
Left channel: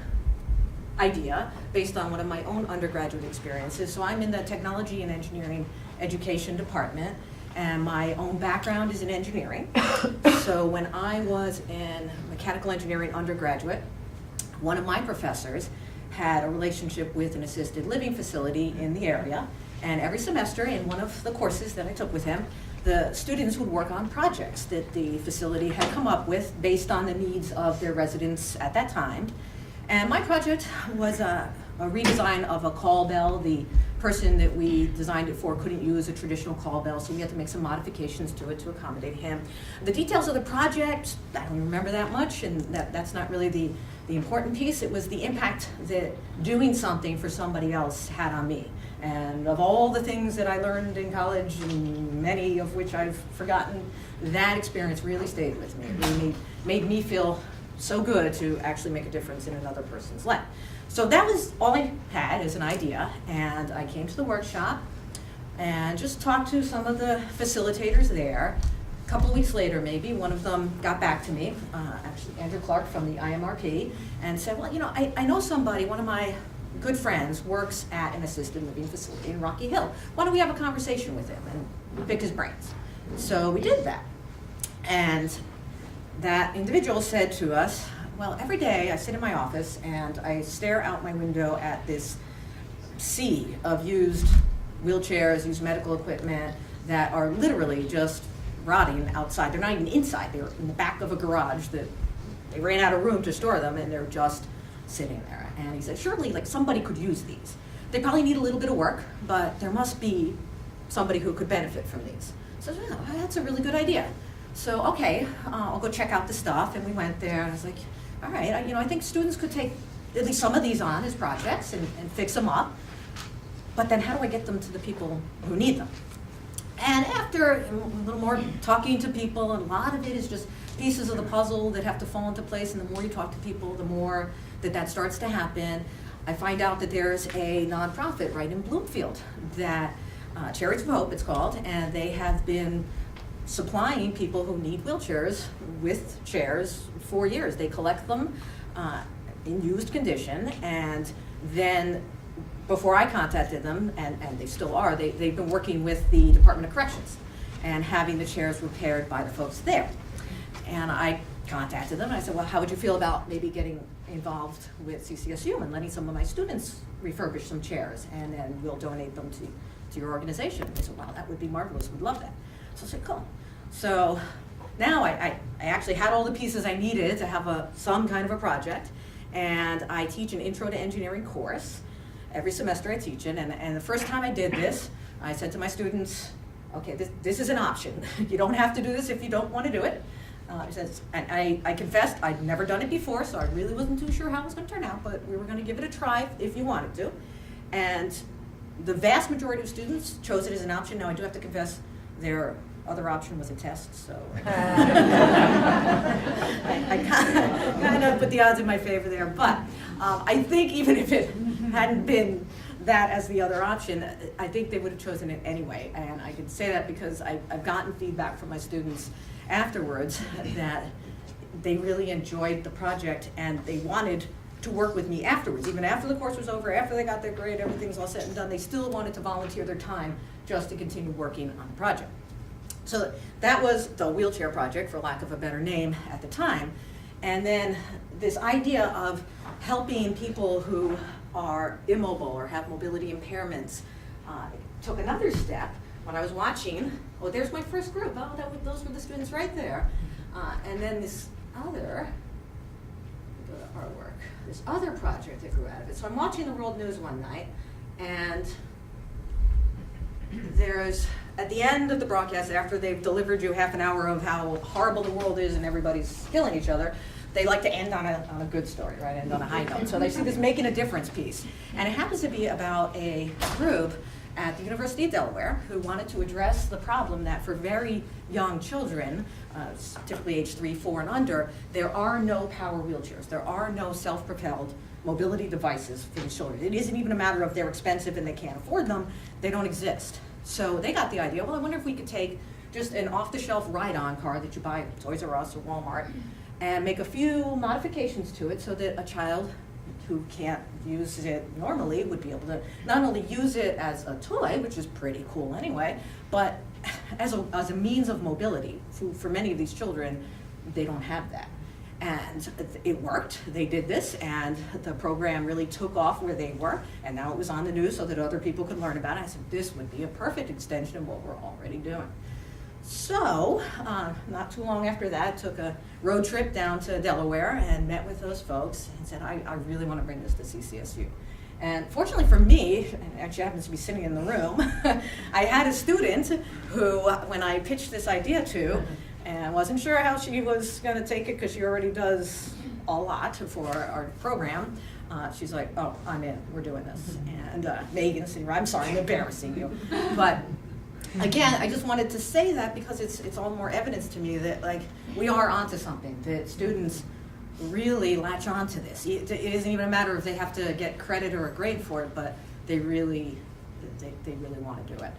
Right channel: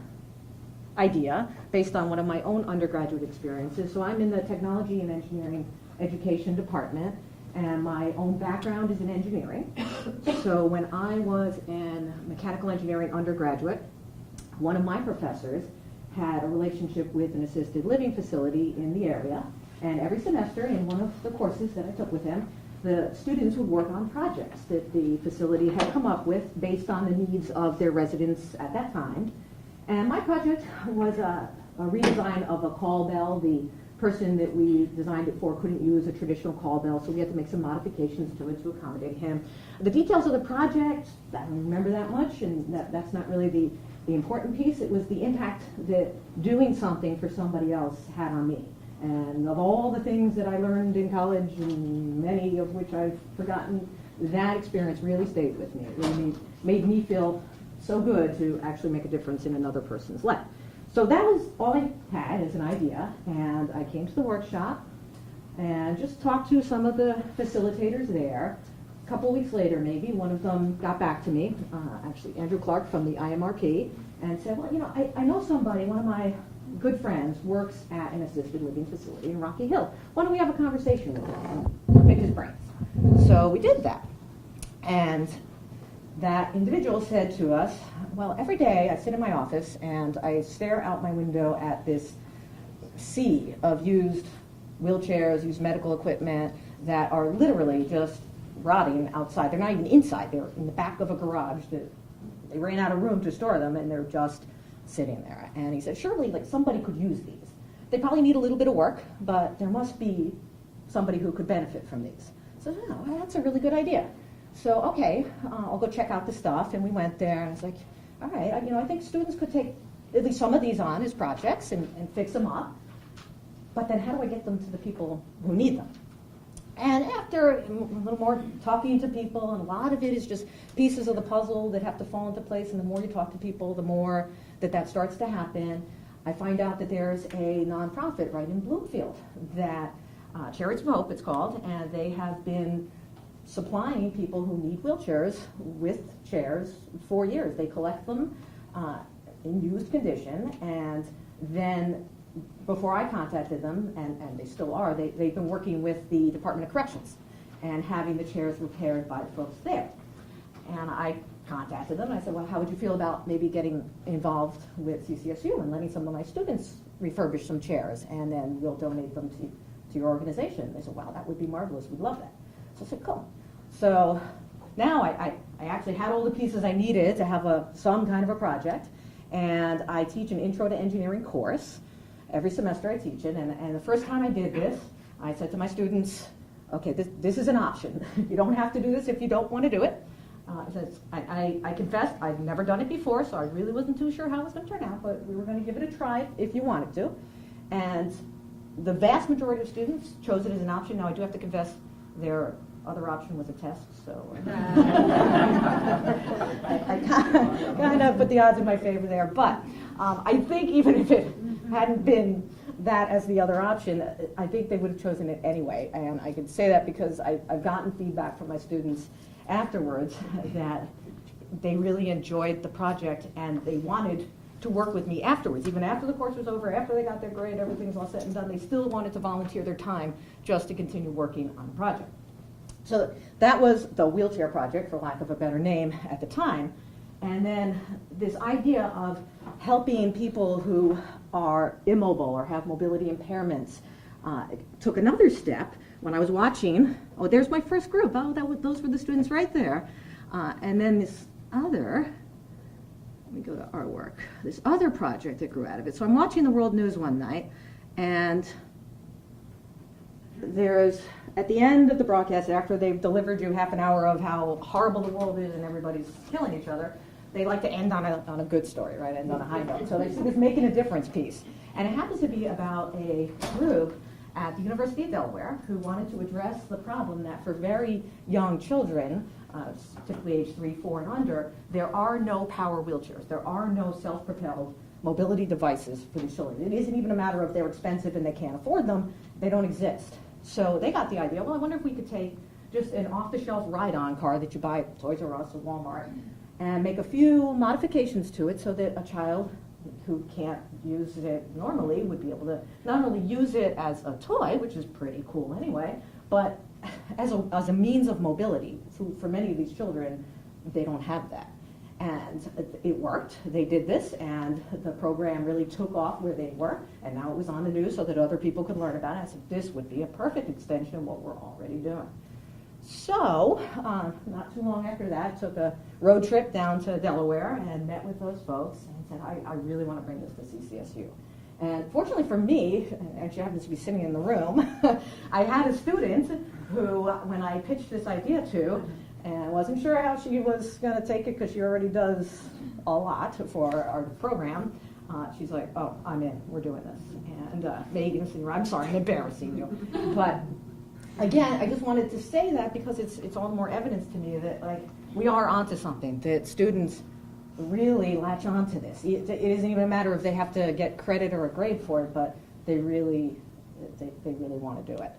idea based on one of my own undergraduate experiences. So I'm in the technology and engineering education department, and my own background is in engineering. So when I was in mechanical engineering undergraduate, one of my professors had a relationship with an assisted living facility in the area, and every semester in one of the courses that I took with him, the students would work on projects that the facility had come up with based on the needs of their residents at that time. And my project was a redesign of a call bell. The person that we designed it for couldn't use a traditional call bell, so we had to make some modifications to it to accommodate him. The details of the project, I don't remember that much, and that's not really the important piece. It was the impact that doing something for somebody else had on me. And of all the things that I learned in college, and many of which I've forgotten, that experience really stayed with me. It really made me feel so good to actually make a difference in another person's life. So that was all I had as an idea, and I came to the workshop and just talked to some of the facilitators there. A couple weeks later, maybe, one of them got back to me, actually Andrew Clark from the IMRP, and said, well, you know, I know somebody, one of my good friends works at an assisted living facility in Rocky Hill. Why don't we have a conversation with him and pick his brains? So we did that. And that individual said to us, well, every day I sit in my office and I stare out my window at this sea of used wheelchairs, used medical equipment that are literally just rotting outside. They're not even inside, they're in the back of a garage that they ran out of room to store them and they're just sitting there. And he said, surely like somebody could use these. They probably need a little bit of work, but there must be somebody who could benefit from these. So yeah, that's a really good idea. So okay, I'll go check out the stuff, and we went there, and I was like, all right, I think students could take at least some of these on as projects and fix them up, but then how do I get them to the people who need them? And after a little more talking to people, and a lot of it is just pieces of the puzzle that have to fall into place, and the more you talk to people, the more that starts to happen. I find out that there's a nonprofit right in Bloomfield that, Chariots of Hope it's called, and they have been supplying people who need wheelchairs with chairs for years. They collect them in used condition, and then before I contacted them, and they still are, they've been working with the Department of Corrections and having the chairs repaired by the folks there. And I contacted them and I said, well, how would you feel about maybe getting involved with CCSU and letting some of my students refurbish some chairs, and then we'll donate them to your organization? And they said, wow, that would be marvelous, we'd love that. So I said, cool. So now I actually had all the pieces I needed to have some kind of a project, and I teach an Intro to Engineering course. Every semester I teach it, and the first time I did this, I said to my students, okay, this is an option. You don't have to do this if you don't want to do it. I confessed I'd never done it before, so I really wasn't too sure how it was going to turn out, but we were going to give it a try if you wanted to. And the vast majority of students chose it as an option. Now I do have to confess their other option was a test, so I kind of put the odds in my favor there. But I think even if it hadn't been that as the other option, I think they would have chosen it anyway. And I can say that because I've gotten feedback from my students afterwards that they really enjoyed the project and they wanted to work with me afterwards. Even after the course was over, after they got their grade, everything's all said and done, they still wanted to volunteer their time just to continue working on the project. So that was the wheelchair project, for lack of a better name at the time. And then this idea of helping people who are immobile or have mobility impairments took another step when I was watching. Oh, there's my first group. Oh, those were the students right there. And then this other, let me go to artwork, this other project that grew out of it. So I'm watching the World News one night, and there's, at the end of the broadcast, after they've delivered you half an hour of how horrible the world is and everybody's killing each other, they like to end on a good story, right? End on a high note. So they see this Making a Difference piece. And it happens to be about a group at the University of Delaware who wanted to address the problem that for very young children, typically age 3, 4, and under, there are no power wheelchairs. There are no self-propelled mobility devices for these children. It isn't even a matter of they're expensive and they can't afford them. They don't exist. So they got the idea, well, I wonder if we could take just an off-the-shelf ride-on car that you buy at Toys R Us or Walmart and make a few modifications to it so that a child who can't use it normally would be able to not only use it as a toy, which is pretty cool anyway, but as a means of mobility. For many of these children, they don't have that. And it worked. They did this, and the program really took off where they were, and now it was on the news so that other people could learn about it. I said, this would be a perfect extension of what we're already doing. So, not too long after that, took a road trip down to Delaware and met with those folks and said, I really want to bring this to CCSU. And fortunately for me, and she happens to be sitting in the room, I had a student who, when I pitched this idea to, and I wasn't sure how she was going to take it because she already does a lot for our program, she's like, oh, I'm in, we're doing this. And Megan said, I'm sorry, I'm embarrassing you. But again, I just wanted to say that because it's all more evidence to me that like we are onto something, that students really latch on to this. It isn't even a matter of they have to get credit or a grade for it, but they really want to do it.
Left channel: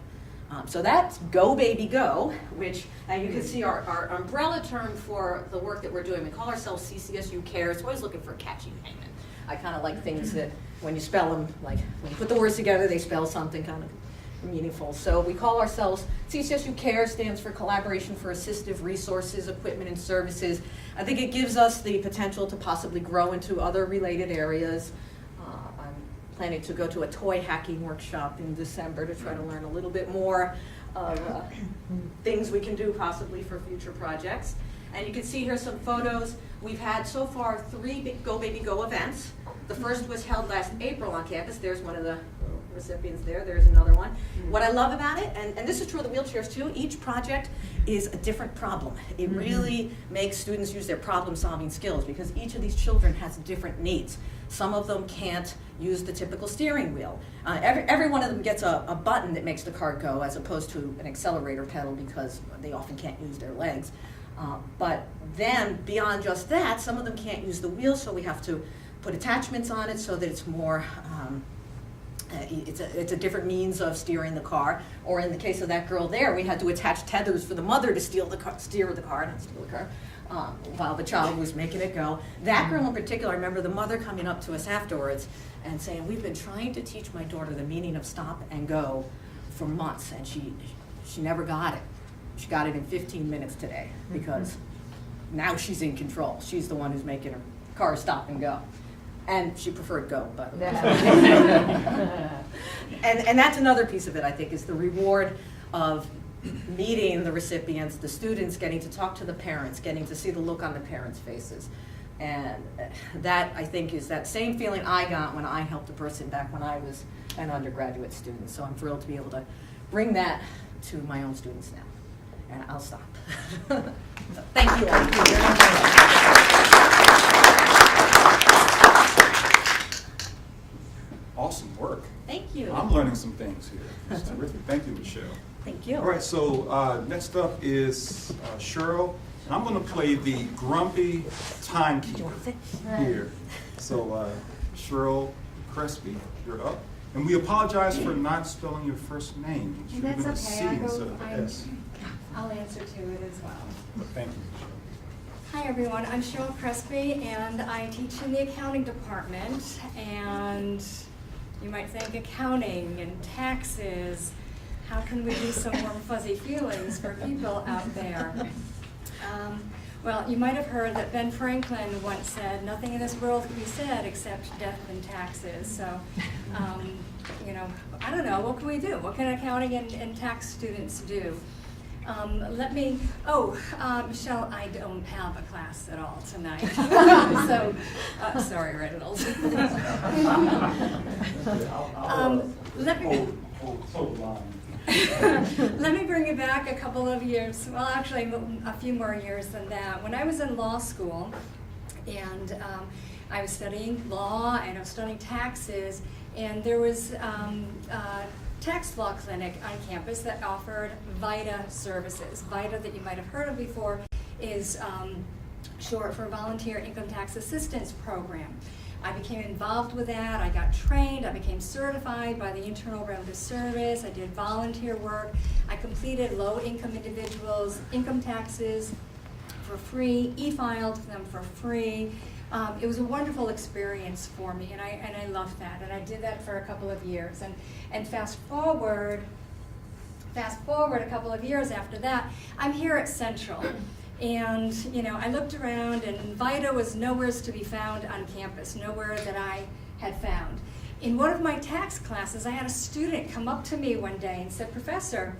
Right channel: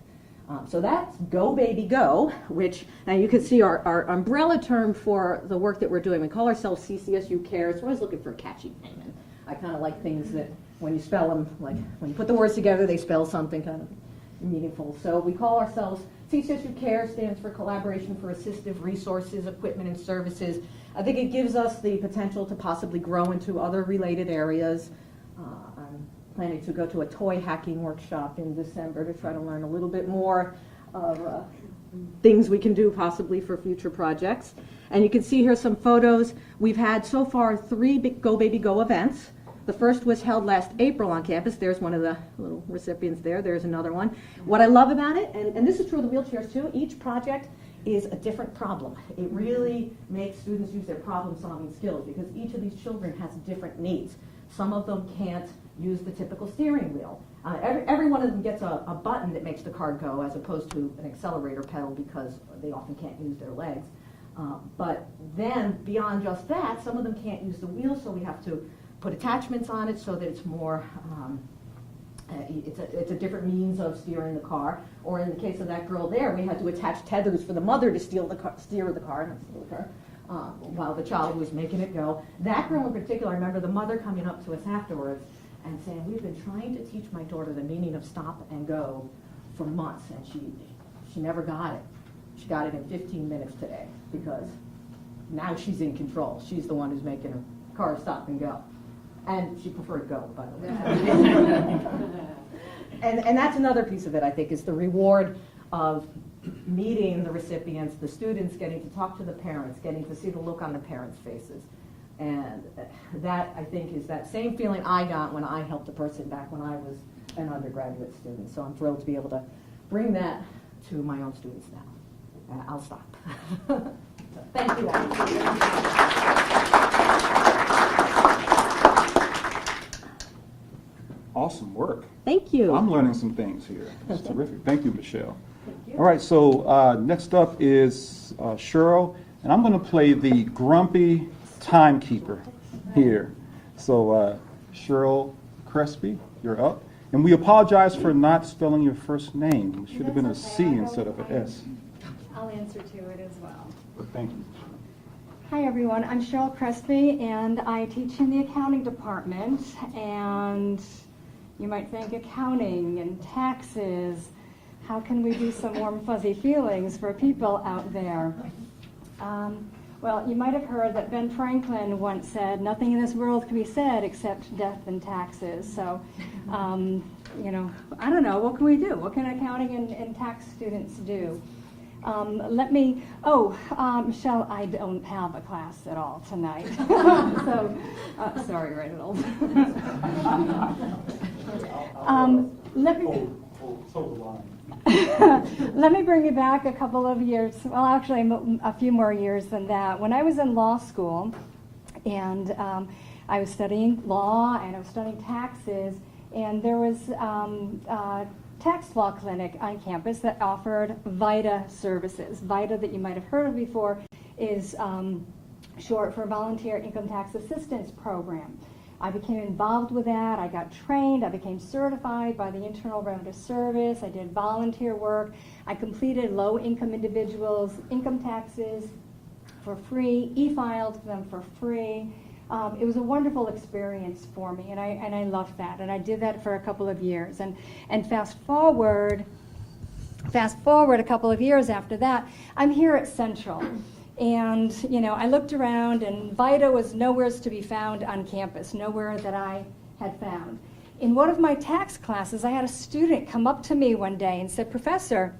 So that's Go Baby Go, which now you can see our umbrella term for the work that we're doing. We call ourselves CCSU Cares. We're always looking for a catchy name. And I kind of like things that when you spell them, like when you put the words together, they spell something kind of meaningful. So we call ourselves CCSU Cares, stands for Collaboration for Assistive Resources, Equipment, and Services. I think it gives us the potential to possibly grow into other related areas. I'm planning to go to a toy hacking workshop in December to try to learn a little bit more of things we can do possibly for future projects. And you can see here some photos. We've had so far 3 Go Baby Go events. The first was held last April on campus. There's one of the little recipients there. There's another one. What I love about it, and this is true of the wheelchairs too, each project is a different problem. It really makes students use their problem-solving skills because each of these children has different needs. Some of them can't use the typical steering wheel. Every one of them gets a button that makes the car go as opposed to an accelerator pedal because they often can't use their legs. But then beyond just that, some of them can't use the wheel, so we have to put attachments on it so that it's more, it's a different means of steering the car. Or in the case of that girl there, we had to attach tethers for the mother to steer the car, while the child was making it go. That girl in particular, I remember the mother coming up to us afterwards and saying, we've been trying to teach my daughter the meaning of stop and go for months, and she never got it. She got it in 15 minutes today because now she's in control. She's the one who's making her car stop and go. And she preferred go, by the way. And that's another piece of it, I think, is the reward of meeting the recipients, the students, getting to talk to the parents, getting to see the look on the parents' faces. And that, I think, is that same feeling I got when I helped a person back when I was an undergraduate student. So I'm thrilled to be able to bring that to my own students now. And I'll stop. So, thank you all. Awesome work. Thank you. I'm learning some things here. It's terrific. Thank you, Michelle. Thank you. All right, so next up is Cheryl, and I'm going to play the grumpy timekeeper here. So Cheryl Crespi, you're up. And we apologize for not spelling your first name. It should have been a C instead of an S. I'll answer to it as well. But thank you. Hi everyone, I'm Cheryl Crespi and I teach in the accounting department, and you might think accounting and taxes, how can we do some warm fuzzy feelings for people out there? Well, you might have heard that Ben Franklin once said, nothing in this world can be said except death and taxes. So, you know, I don't know, what can we do? What can accounting and tax students do? Michelle, I don't have a class at all tonight. So, sorry, Reginald. Let me bring you back a couple of years, well actually a few more years than that. When I was in law school and I was studying law and I was studying taxes, and there was a tax law clinic on campus that offered VITA services. VITA, that you might have heard of before, is short for Volunteer Income Tax Assistance Program. I became involved with that. I got trained. I became certified by the Internal Revenue Service. I did volunteer work. I completed low-income individuals' income taxes for free, e-filed them for free. It was a wonderful experience for me, and I loved that. And I did that for a couple of years. And fast forward a couple of years after that, I'm here at Central. And, you know, I looked around, and VITA was nowhere to be found on campus, nowhere that I had found. In one of my tax classes, I had a student come up to me one day and said, Professor,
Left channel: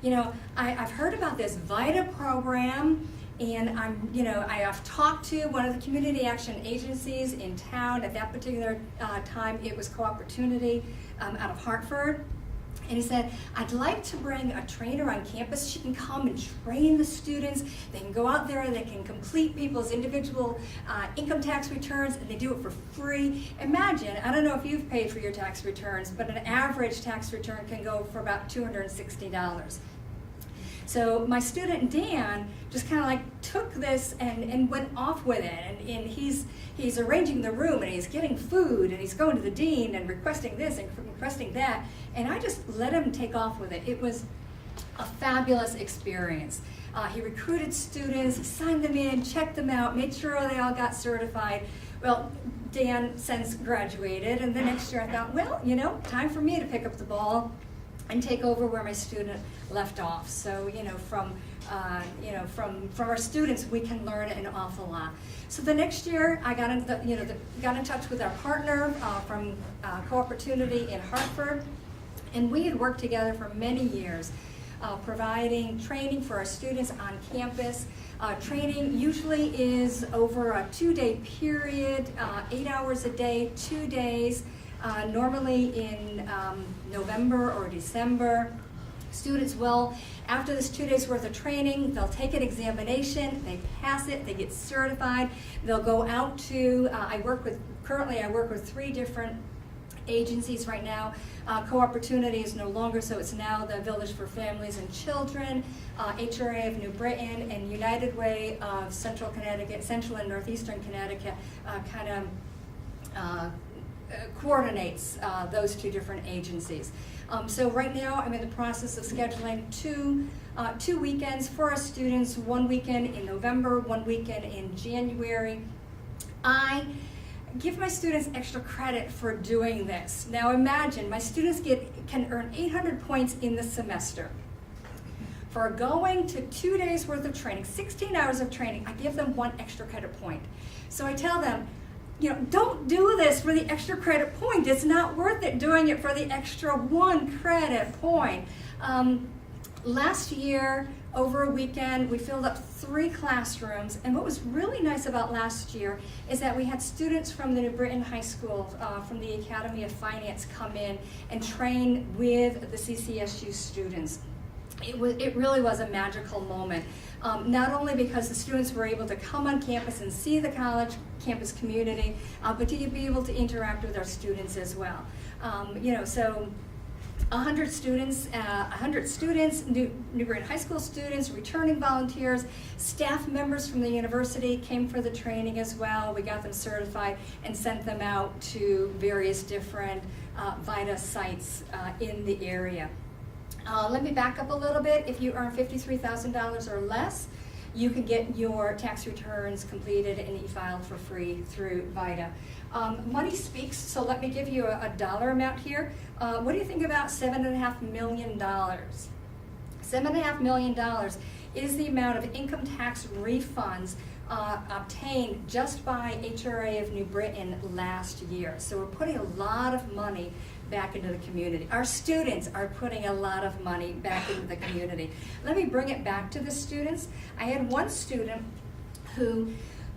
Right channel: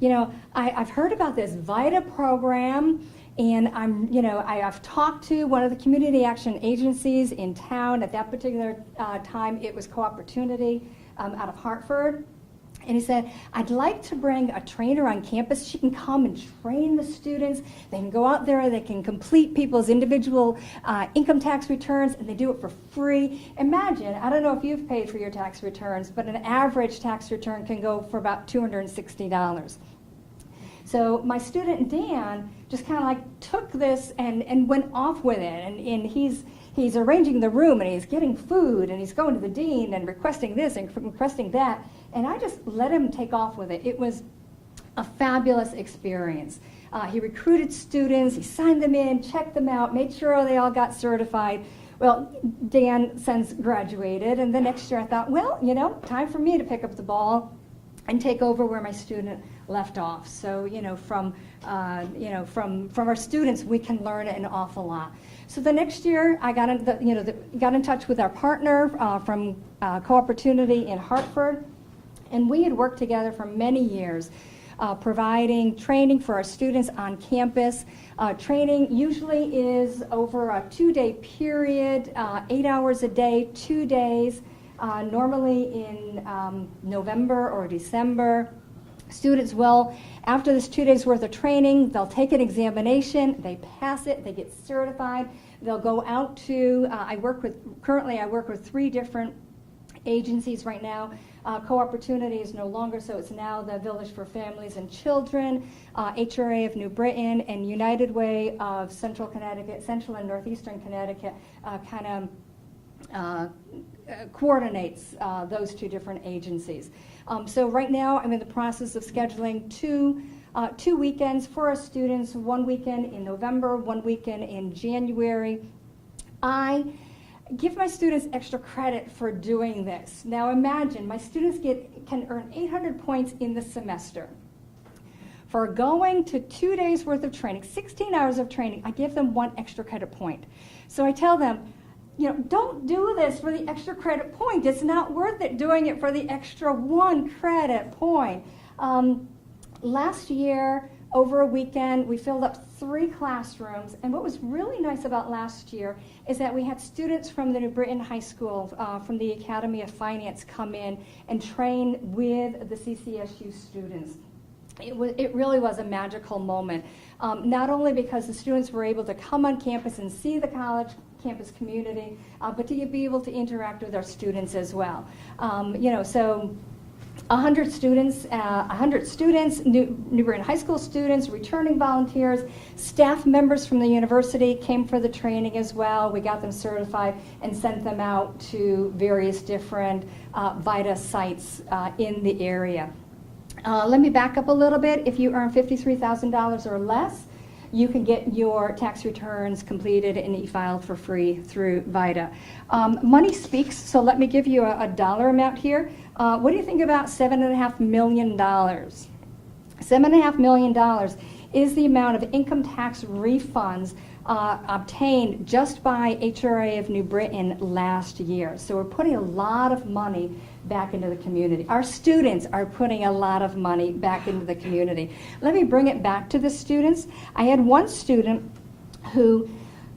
you know, I've heard about this VITA program, and I've talked to one of the community action agencies in town. At that particular time, it was Co-Opportunity out of Hartford. And he said, I'd like to bring a trainer on campus. She can come and train the students. They can go out there, they can complete people's individual income tax returns, and they do it for free. Imagine, I don't know if you've paid for your tax returns, but an average tax return can go for about $260. So my student Dan just kind of like took this and went off with it. And he's arranging the room, and he's getting food, and he's going to the dean and requesting this and requesting that. And I just let him take off with it. It was a fabulous experience. He recruited students, he signed them in, checked them out, made sure they all got certified. Well, Dan since graduated, and the next year I thought, well, you know, time for me to pick up the ball and take over where my student left off. So, you know, from our students, we can learn an awful lot. So the next year, I got got in touch with our partner from Co-Opportunity in Hartford, and we had worked together for many years, providing training for our students on campus. Training usually is over a 2-day period, 8 hours a day, 2 days, normally in November or December. Students will, after this 2 days worth of training, they'll take an examination, they pass it, they get certified. They'll go out to, currently I work with 3 different agencies right now. Co-Opportunity is no longer, so it's now the Village for Families and Children, HRA of New Britain, and United Way of Central Connecticut, Central and Northeastern Connecticut coordinates those 2 different agencies. So right now I'm in the process of scheduling two weekends for our students, 1 weekend in November, 1 weekend in January. I give my students extra credit for doing this. Now imagine, my students can earn 800 points in the semester. For going to 2 days worth of training, 16 hours of training, I give them 1 extra credit point. So I tell them, you know, don't do this for the extra credit point. It's not worth it doing it for the extra 1 credit point. Last year, over a weekend, we filled up 3 classrooms, and what was really nice about last year is that we had students from the New Britain High School, from the Academy of Finance, come in and train with the CCSU students. It really was a magical moment, not only because the students were able to come on campus and see the college campus community, but to be able to interact with our students as well. You know, so 100 students, New Britain High School students, returning volunteers, staff members from the university came for the training as well. We got them certified and sent them out to various different VITA sites in the area. Let me back up a little bit. If you earn $53,000 or less, you can get your tax returns completed and e-filed for free through VITA. Money speaks, so let me give you a dollar amount here. What do you think about $7.5 million? $7.5 million is the amount of income tax refunds obtained just by HRA of New Britain last year. So we're putting a lot of money back into the community. Our students are putting a lot of money back into the community. Let me bring it back to the students. I had one student who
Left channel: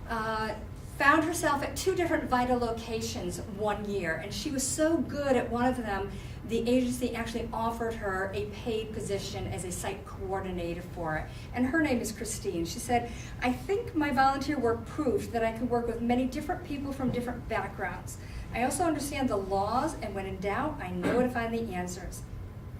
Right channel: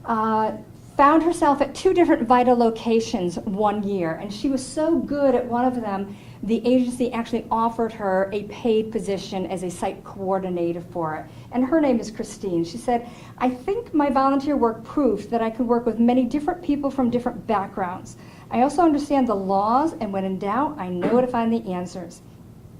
found herself at 2 different VITA locations one year, and she was so good at one of them, the agency actually offered her a paid position as a site coordinator for it. And her name is Christine. She said, I think my volunteer work proved that I could work with many different people from different backgrounds. I also understand the laws, and when in doubt, I know to find the answers.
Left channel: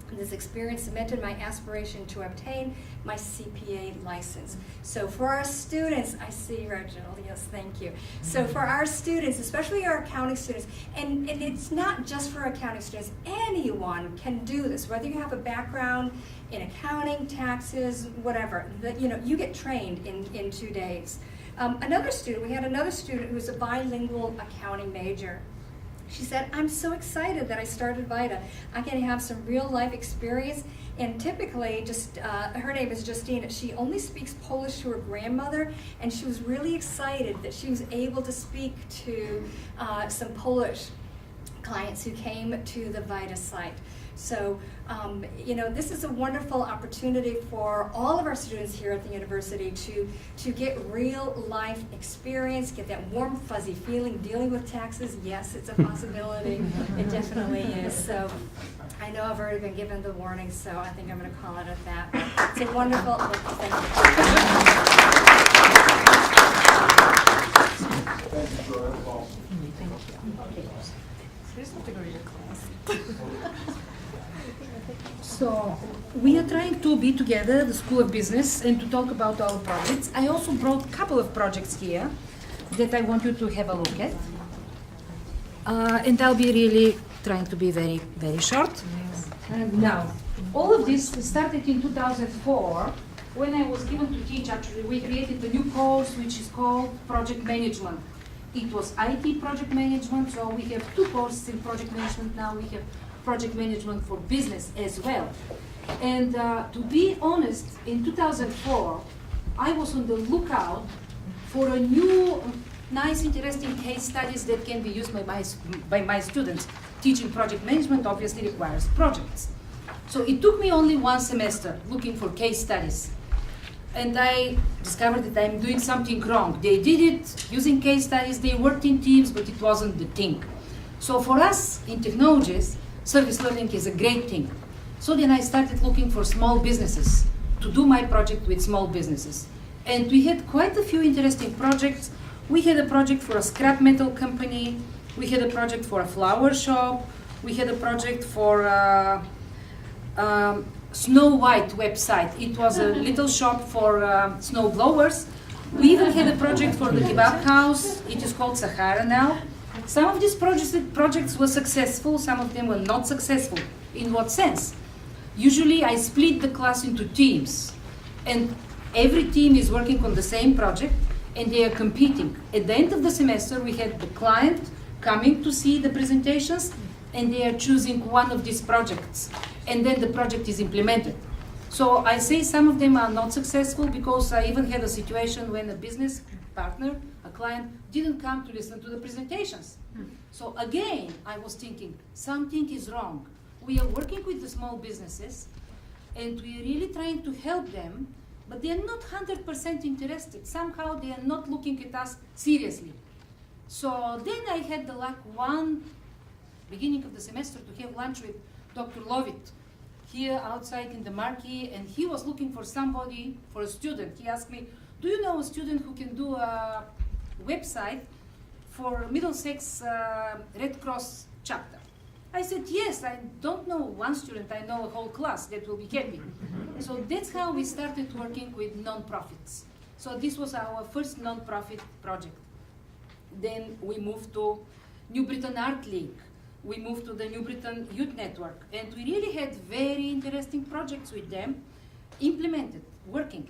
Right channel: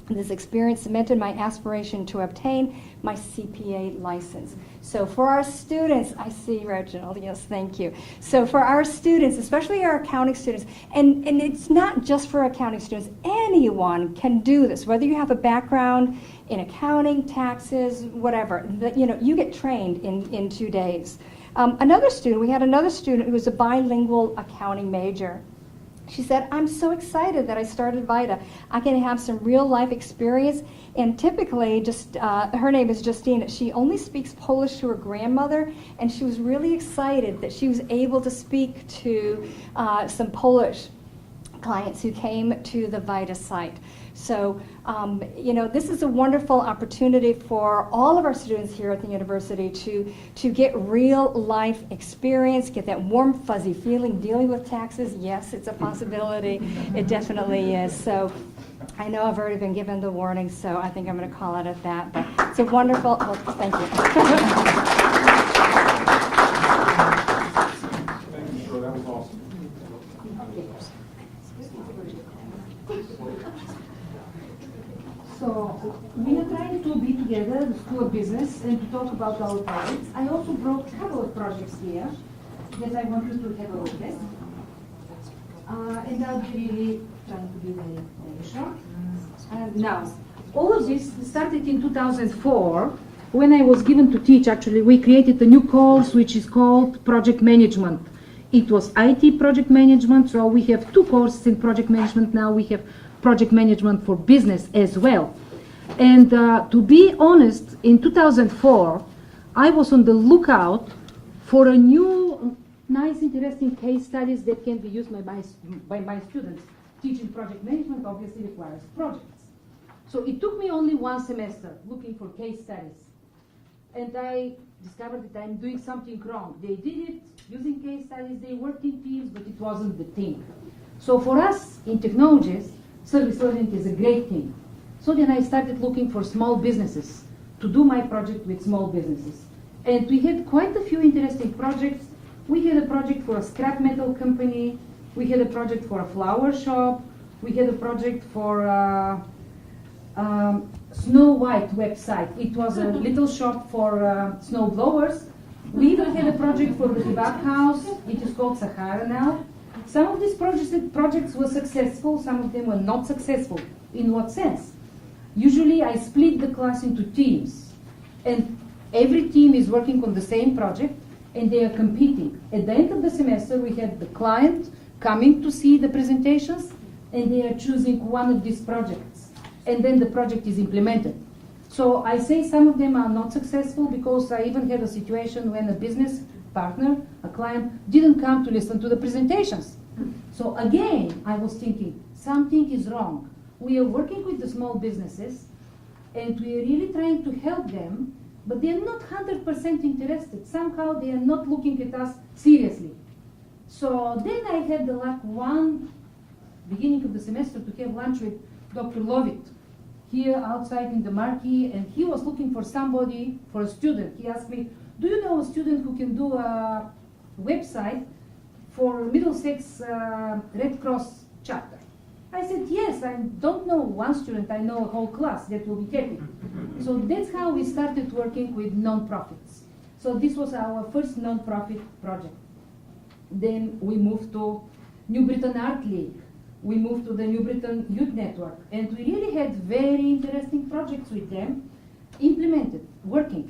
This experience cemented my aspiration to obtain my CPA license. So for our students, I see Reginald, yes, thank you. So for our students, especially our accounting students, and it's not just for accounting students, anyone can do this, whether you have a background in accounting, taxes, whatever, you get trained in 2 days. We had another student who was a bilingual accounting major. She said, I'm so excited that I started VITA. I can have some real life experience, and typically, her name is Justine, she only speaks Polish to her grandmother, and she was really excited that she was able to speak to some Polish clients who came to the VITA site. So, this is a wonderful opportunity for all of our students here at the university to get real life experience, get that warm, fuzzy feeling dealing with taxes. Yes, it's a possibility. It definitely is. So, I know I've already been given the warning, so I think I'm going to call it at that. But it's a wonderful, thank So we are trying to be together, the School of Business, and to talk about our projects. I also brought a couple of projects here that I want you to have a look at. And I'll be really trying to be very, very short. And now, all of this started in 2004 when I was given to teach. Actually, we created a new course which is called Project Management. It was IT project management, so we have two courses in project management now. We have project management for business as well. And to be honest, in 2004, I was on the lookout for a new, nice, interesting case studies that can be used by my students. Teaching project management obviously requires projects. So it took me only one semester looking for case studies. And I discovered that I'm doing something wrong. They did it using case studies, they worked in teams, but it wasn't the thing. So for us in technologies, service learning is a great thing. So then I started looking for small businesses to do my project with small businesses. And we had quite a few interesting projects. We had a project for a scrap metal company. We had a project for a flower shop. We had a project for Snow White website. It was a little shop for snow blowers. We even had a project for the kebab house. It is called Sahara now. Some of these projects were successful, some of them were not successful. In what sense? Usually I split the class into teams, and every team is working on the same project, and they are competing. At the end of the semester, we had the client coming to see the presentations, and they are choosing one of these projects, and then the project is implemented. So I say some of them are not successful because I even had a situation when a business partner, a client, didn't come to listen to the presentations. So again, I was thinking, something is wrong. We are working with the small businesses, and we are really trying to help them, but they are not 100% interested. Somehow they are not looking at us seriously. So then I had the luck one beginning of the semester to have lunch with Dr. Lovett here outside in the marquee, and he was looking for somebody, for a student. He asked me, do you know a student who can do a website for Middlesex Red Cross chapter? I said, yes, I don't know one student, I know a whole class that will be happy. So that's how we started working with non-profits. So this was our first non-profit project. Then we moved to New Britain Art League. We moved to the New Britain Youth Network. And we really had very interesting projects with them, implemented, working.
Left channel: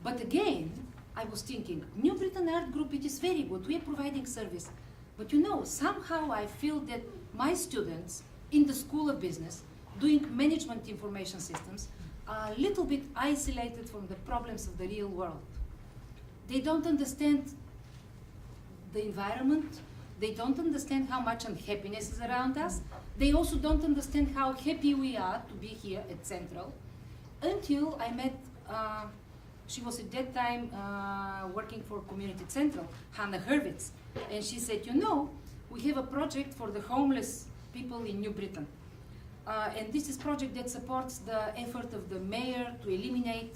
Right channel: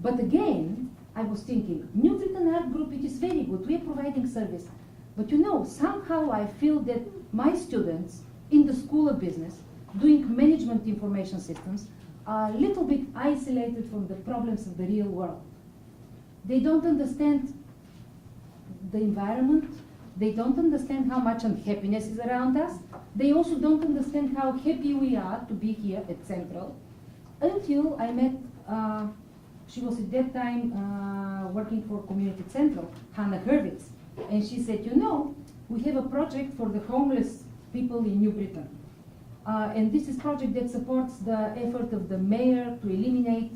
But again, I was thinking, New Britain Art Group, it is very good, we are providing service. But you know, somehow I feel that my students in the School of Business, doing management information systems, are a little bit isolated from the problems of the real world. They don't understand the environment, they don't understand how much unhappiness is around us, they also don't understand how happy we are to be here at Central, until I met, she was at that time working for Community Central, Hannah Hurwitz, and she said, you know, we have a project for the homeless people in New Britain. And this is a project that supports the effort of the mayor to eliminate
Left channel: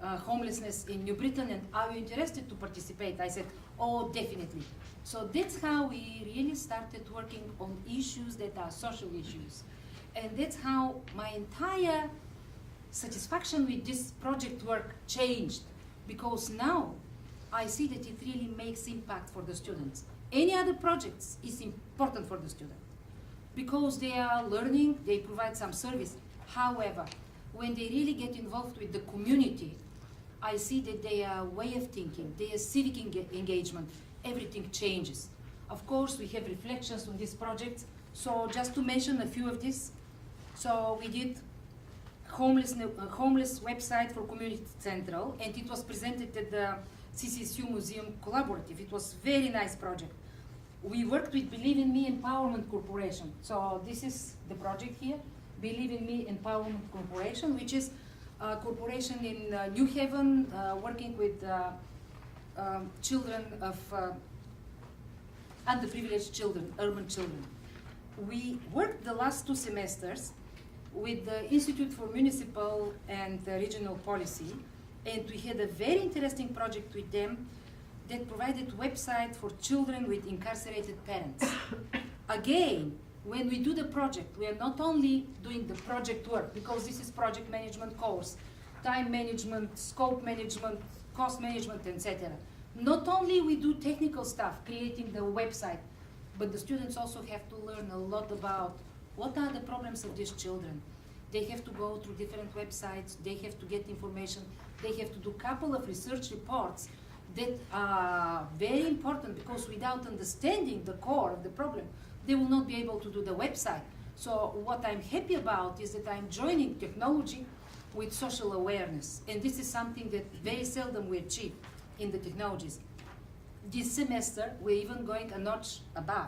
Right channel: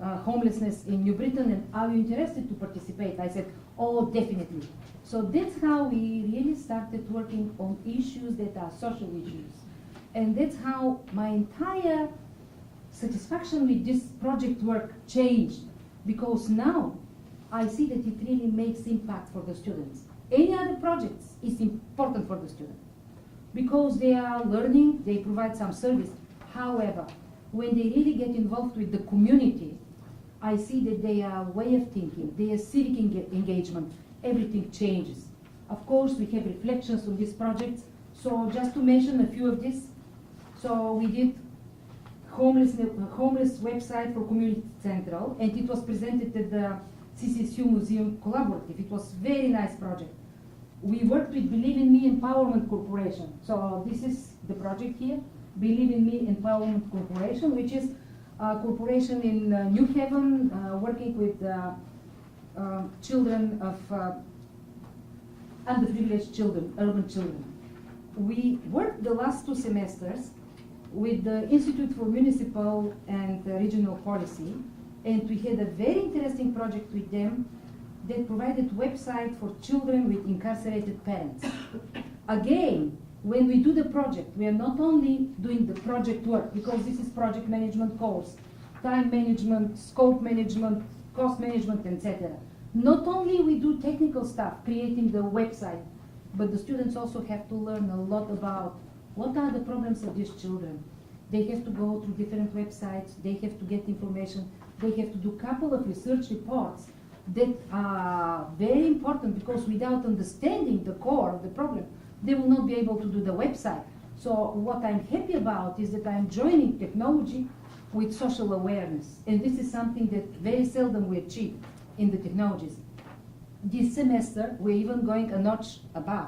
homelessness in New Britain, and are you interested to participate? I said, oh, definitely. So that's how we really started working on issues that are social issues. And that's how my entire satisfaction with this project work changed, because now I see that it really makes impact for the students. Any other projects is important for the student because they are learning, they provide some service. However, when they really get involved with the community, I see that their way of thinking, their civic engagement, everything changes. Of course, we have reflections on these projects. So just to mention a few of these, so we did homeless website for Community Central, and it was presented at the CCSU Museum Collaborative. It was a very nice project. We worked with Believe in Me Empowerment Corporation. So this is the project here, Believe in Me Empowerment Corporation, which is a corporation in New Haven working with children of underprivileged children, urban children. We worked the last 2 semesters with the Institute for Municipal and Regional Policy, and we had a very interesting project with them that provided website for children with incarcerated parents. Again, When we do the project, we are not only doing the project work, because this is project management course, time management, scope management, cost management, etc. Not only we do technical stuff, creating the website, but the students also have to learn a lot about what are the problems of these children. They have to go to different websites, they have to get information, they have to do a couple of research reports that are very important, because without understanding the core of the problem, they will not be able to do the website. So what I'm happy about is that I'm joining technology with social awareness, and this is something that very seldom we achieve in the technologies. This semester, we're even going a notch above.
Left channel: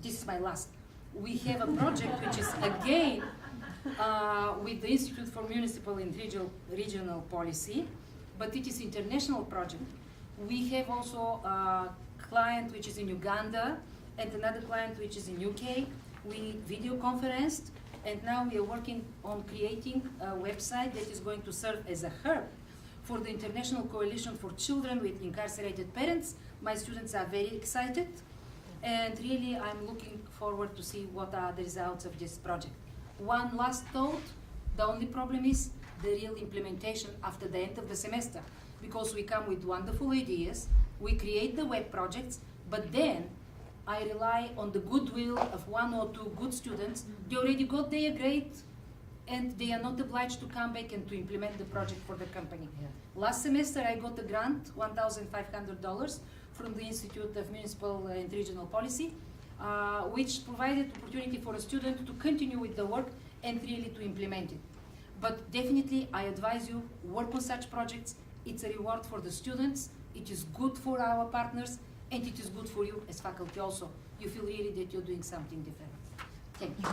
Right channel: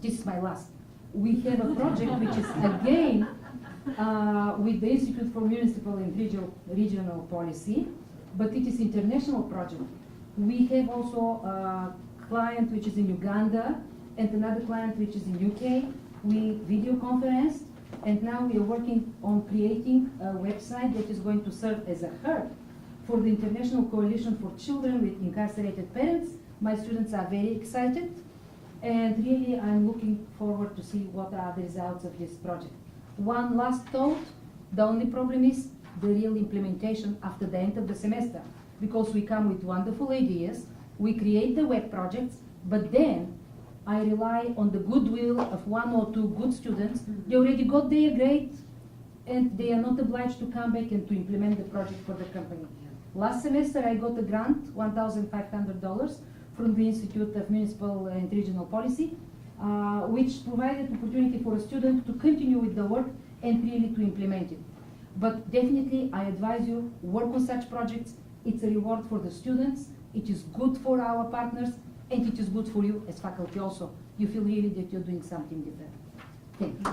This is my last. We have a project which is again with the Institute for Municipal and Regional Policy, but it is international project. We have also a client which is in Uganda and another client which is in UK. We video conferenced, and now we are working on creating a website that is going to serve as a hub for the International Coalition for Children with Incarcerated Parents. My students are very excited, and really I'm looking forward to see what are the results of this project. One last thought, the only problem is the real implementation after the end of the semester, because we come with wonderful ideas, we create the web projects, but then I rely on the goodwill of one or two good students. They already got their grade, and they are not obliged to come back and to implement the project for the company. Last semester I got a grant, $1,500 from the Institute of Municipal and Regional Policy, which provided opportunity for a student to continue with the work and really to implement it. But definitely I advise you, work on such projects. It's a reward for the students, it is good for our partners, and it is good for you as faculty also. You feel really that you're doing something different. Thank you.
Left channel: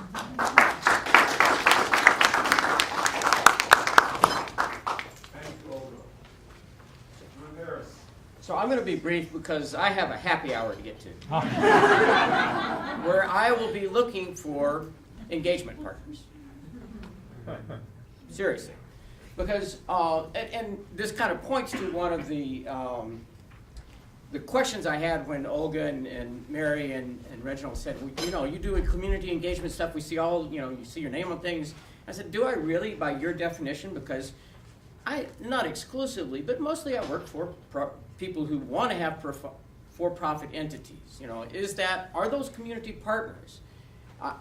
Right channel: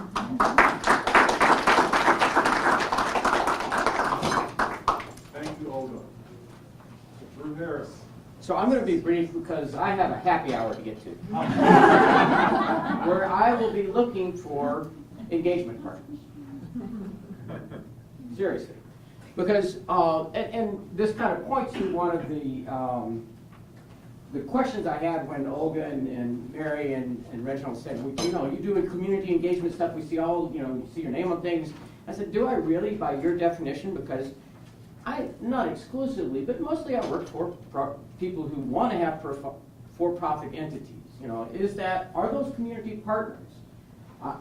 Thank you, Olga. Drew Harris. So I'm going to be brief because I have a happy hour to get to, where I will be looking for engagement partners. Seriously. Because, and this kind of points to one of the questions I had when Olga and Mary and Reginald said, you know, you do community engagement stuff, we see all, you know, you see your name on things. I said, do I really, by your definition? Because not exclusively, but mostly I work for people who want to have for-profit entities. You know, are those community partners?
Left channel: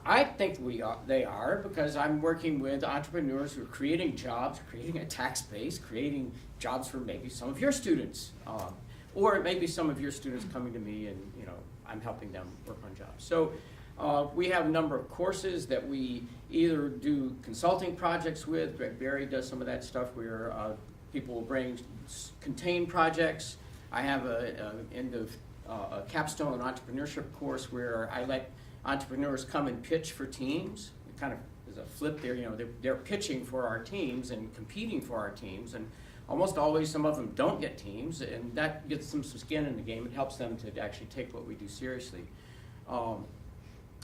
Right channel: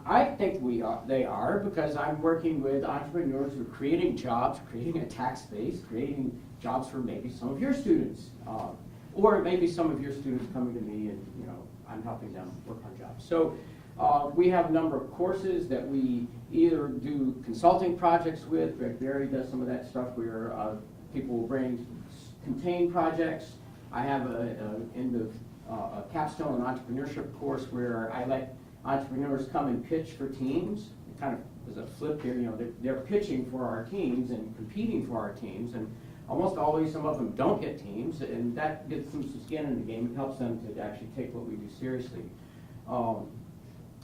I think they are, because I'm working with entrepreneurs who are creating jobs, creating a tax base, creating jobs for maybe some of your students, or maybe some of your students coming to me and, you know, I'm helping them work on jobs. So we have a number of courses that we either do consulting projects with. Greg Berry does some of that stuff where people will bring contained projects. I have a capstone entrepreneurship course where I let entrepreneurs come and pitch for teams. It kind of is a flip there, you know, they're pitching for our teams and competing for our teams, and almost always some of them don't get teams, and that gets them some skin in the game. It helps them to actually take what we do seriously.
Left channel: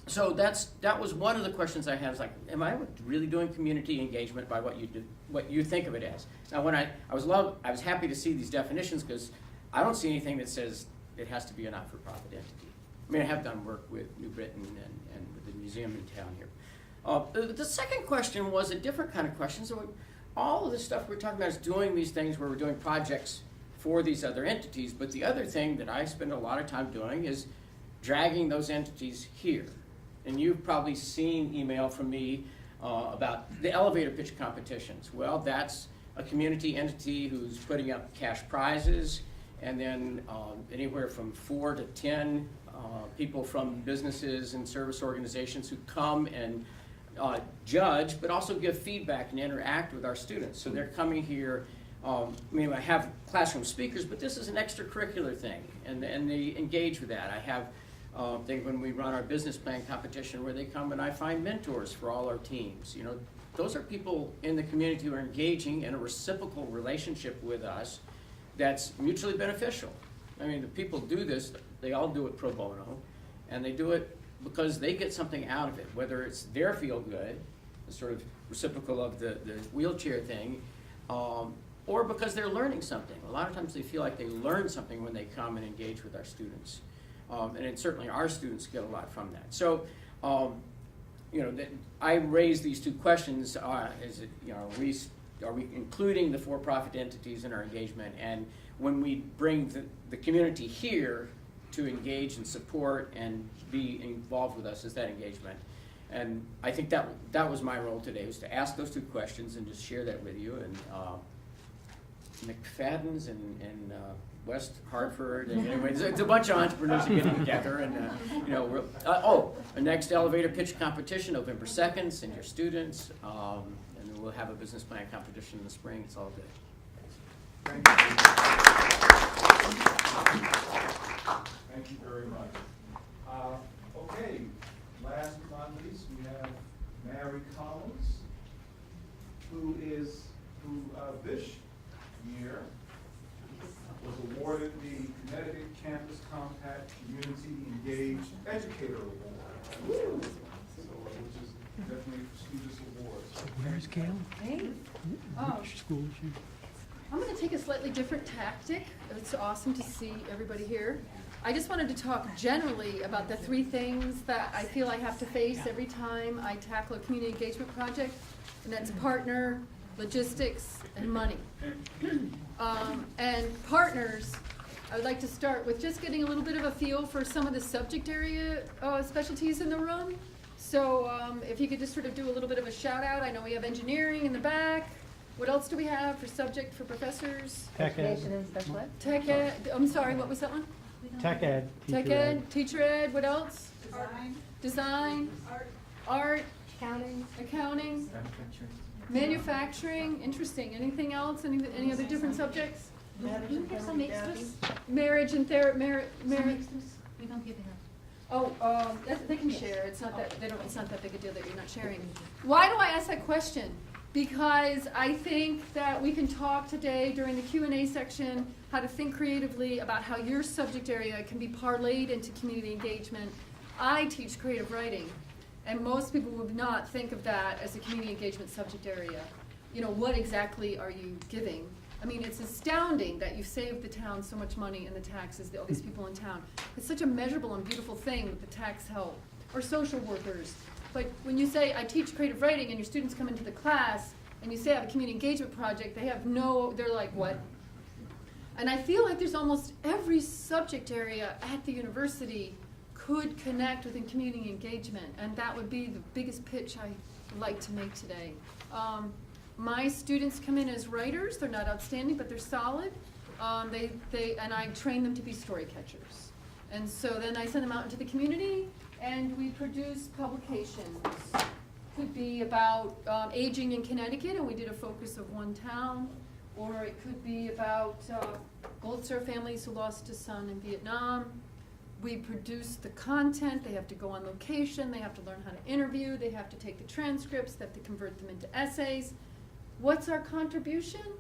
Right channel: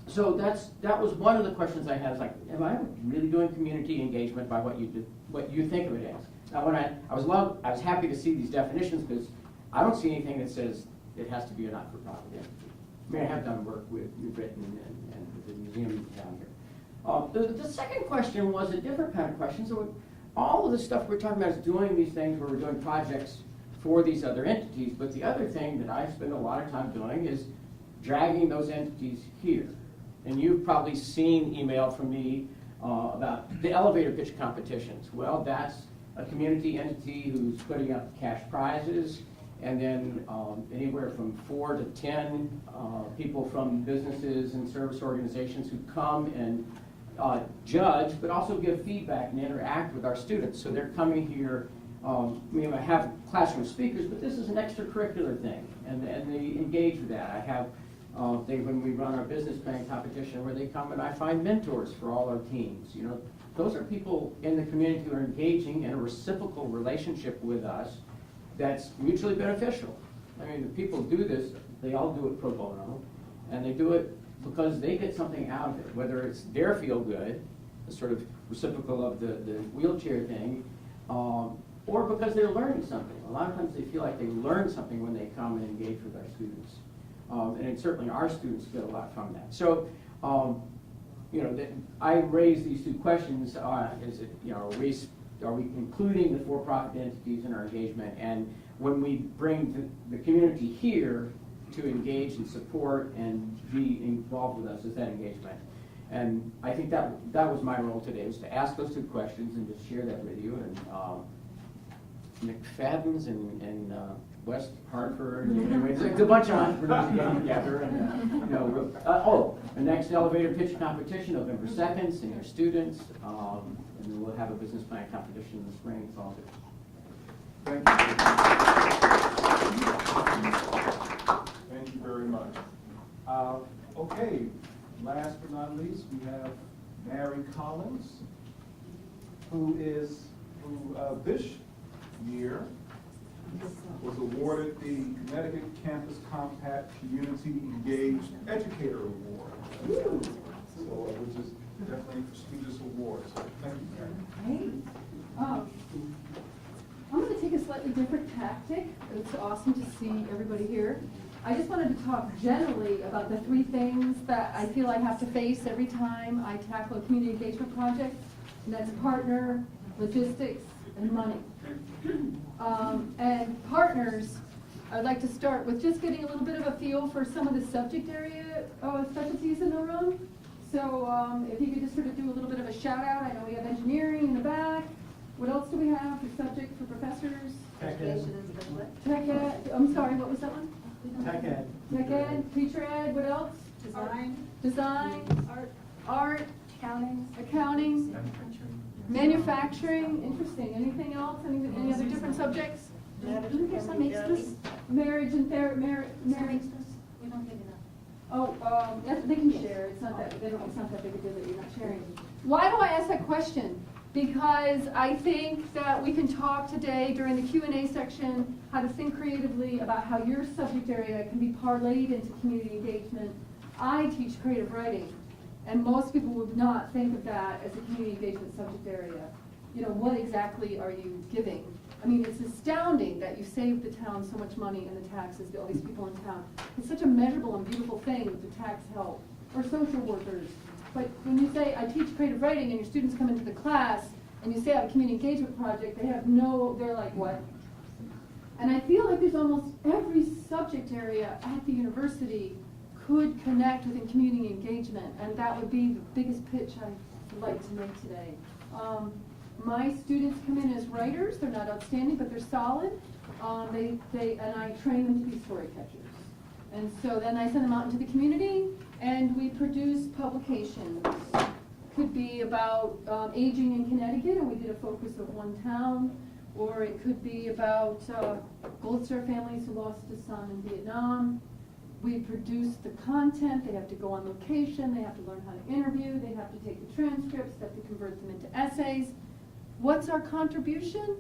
So that was one of the questions I had, is like, am I really doing community engagement by what you think of it as? Now when I was happy to see these definitions, because I don't see anything that says it has to be a not-for-profit entity. I mean, I have done work with New Britain and the museum in town here. The second question was a different kind of question. So all of the stuff we're talking about is doing these things where we're doing projects for these other entities, but the other thing that I spend a lot of time doing is dragging those entities here. And you've probably seen email from me about the elevator pitch competitions. Well, that's a community entity who's putting up cash prizes, and then anywhere from 4 to 10 people from businesses and service organizations who come and judge, but also give feedback and interact with our students. So they're coming here, I have classroom speakers, but this is an extracurricular thing, and they engage with that. I have when we run our business plan competition where they come and I find mentors for all our teams. You know, those are people in the community who are engaging in a reciprocal relationship with us that's mutually beneficial. I mean, the people do this, they all do it pro bono, and they do it because they get something out of it, whether it's their feel good, the sort of reciprocal of the wheelchair thing, or because they're learning something. A lot of times they feel like they learn something when they come and engage with our students. And certainly our students get a lot from that. So you know, that I raised these two questions, is it, you know, are we including the for-profit entities in our engagement? And when we bring the community here to engage and support and be involved with us, is that engagement? And I think that was my role today, was to ask those two questions and just share that with you. And McFadden's and West Hartford, and anyway, it's a bunch of entrepreneurs getting together, and you know, the next elevator pitch competition, November 2nd, senior students, and then we'll have a business plan competition in the spring. It's all good. Thank you. Thank you very much. Okay, last but not least, we have Mary Collins, who this year was awarded the Connecticut Campus Compact Community Engaged Educator Award. So, which is definitely a prestigious award. Hey. I'm going to take a slightly different tactic. It's awesome to see everybody here. I just wanted to talk generally about the three things that I feel I have to face every time I tackle a community engagement project, and that's partner, logistics, and money. And partners, I would like to start with just getting a little bit of a feel for some of the subject area specialties in the room. So if you could just sort of do a little bit of a shout out. I know we have engineering in the back. What else do we have for subject for professors? Tech ed. Tech ed. I'm sorry, what was that one? Tech ed. Tech ed, teacher ed, what else? Design. Art. Accounting. Manufacturing, interesting. Anything else? Any other different subjects? Marriage and marriage. We don't get enough. Oh, they can share. It's not that big a deal that you're not sharing. Why do I ask that question? Because I think that we can talk today during the Q&A section how to think creatively about how your subject area can be parlayed into community engagement. I teach creative writing, and most people would not think of that as a community engagement subject area. You know, what exactly are you giving? I mean, it's astounding that you saved the town so much money in the taxes, all these people in town. It's such a measurable and beautiful thing with the tax help, or social workers. But when you say, I teach creative writing, and your students come into the class, and you say I have a community engagement project, they're like, what? And I feel like there's almost every subject area at the university could connect within community engagement, and that would be the biggest pitch I would like to make today. My students come in as writers. They're not outstanding, but they're solid. And I train them to be story catchers. And so then I send them out into the community, and we produce publications. Could be about aging in Connecticut, and we did a focus of one town, or it could be about Gold Star families who lost a son in Vietnam. We produce the content. They have to go on location. They have to learn how to interview. They have to take the transcripts. They have to convert them into essays. What's our contribution?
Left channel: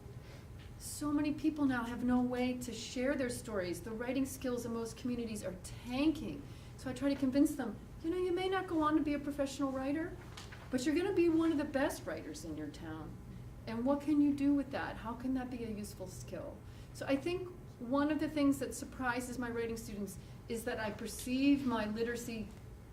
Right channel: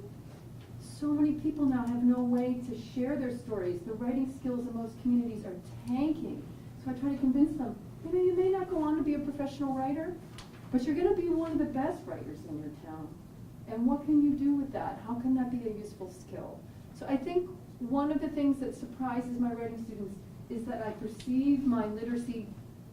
So many people now have no way to share their stories. The writing skills in most communities are tanking. So I try to convince them, you may not go on to be a professional writer, but you're going to be one of the best writers in your town. And what can you do with that? How can that be a useful skill? So I think one of the things that surprises my writing students is that I perceive my literacy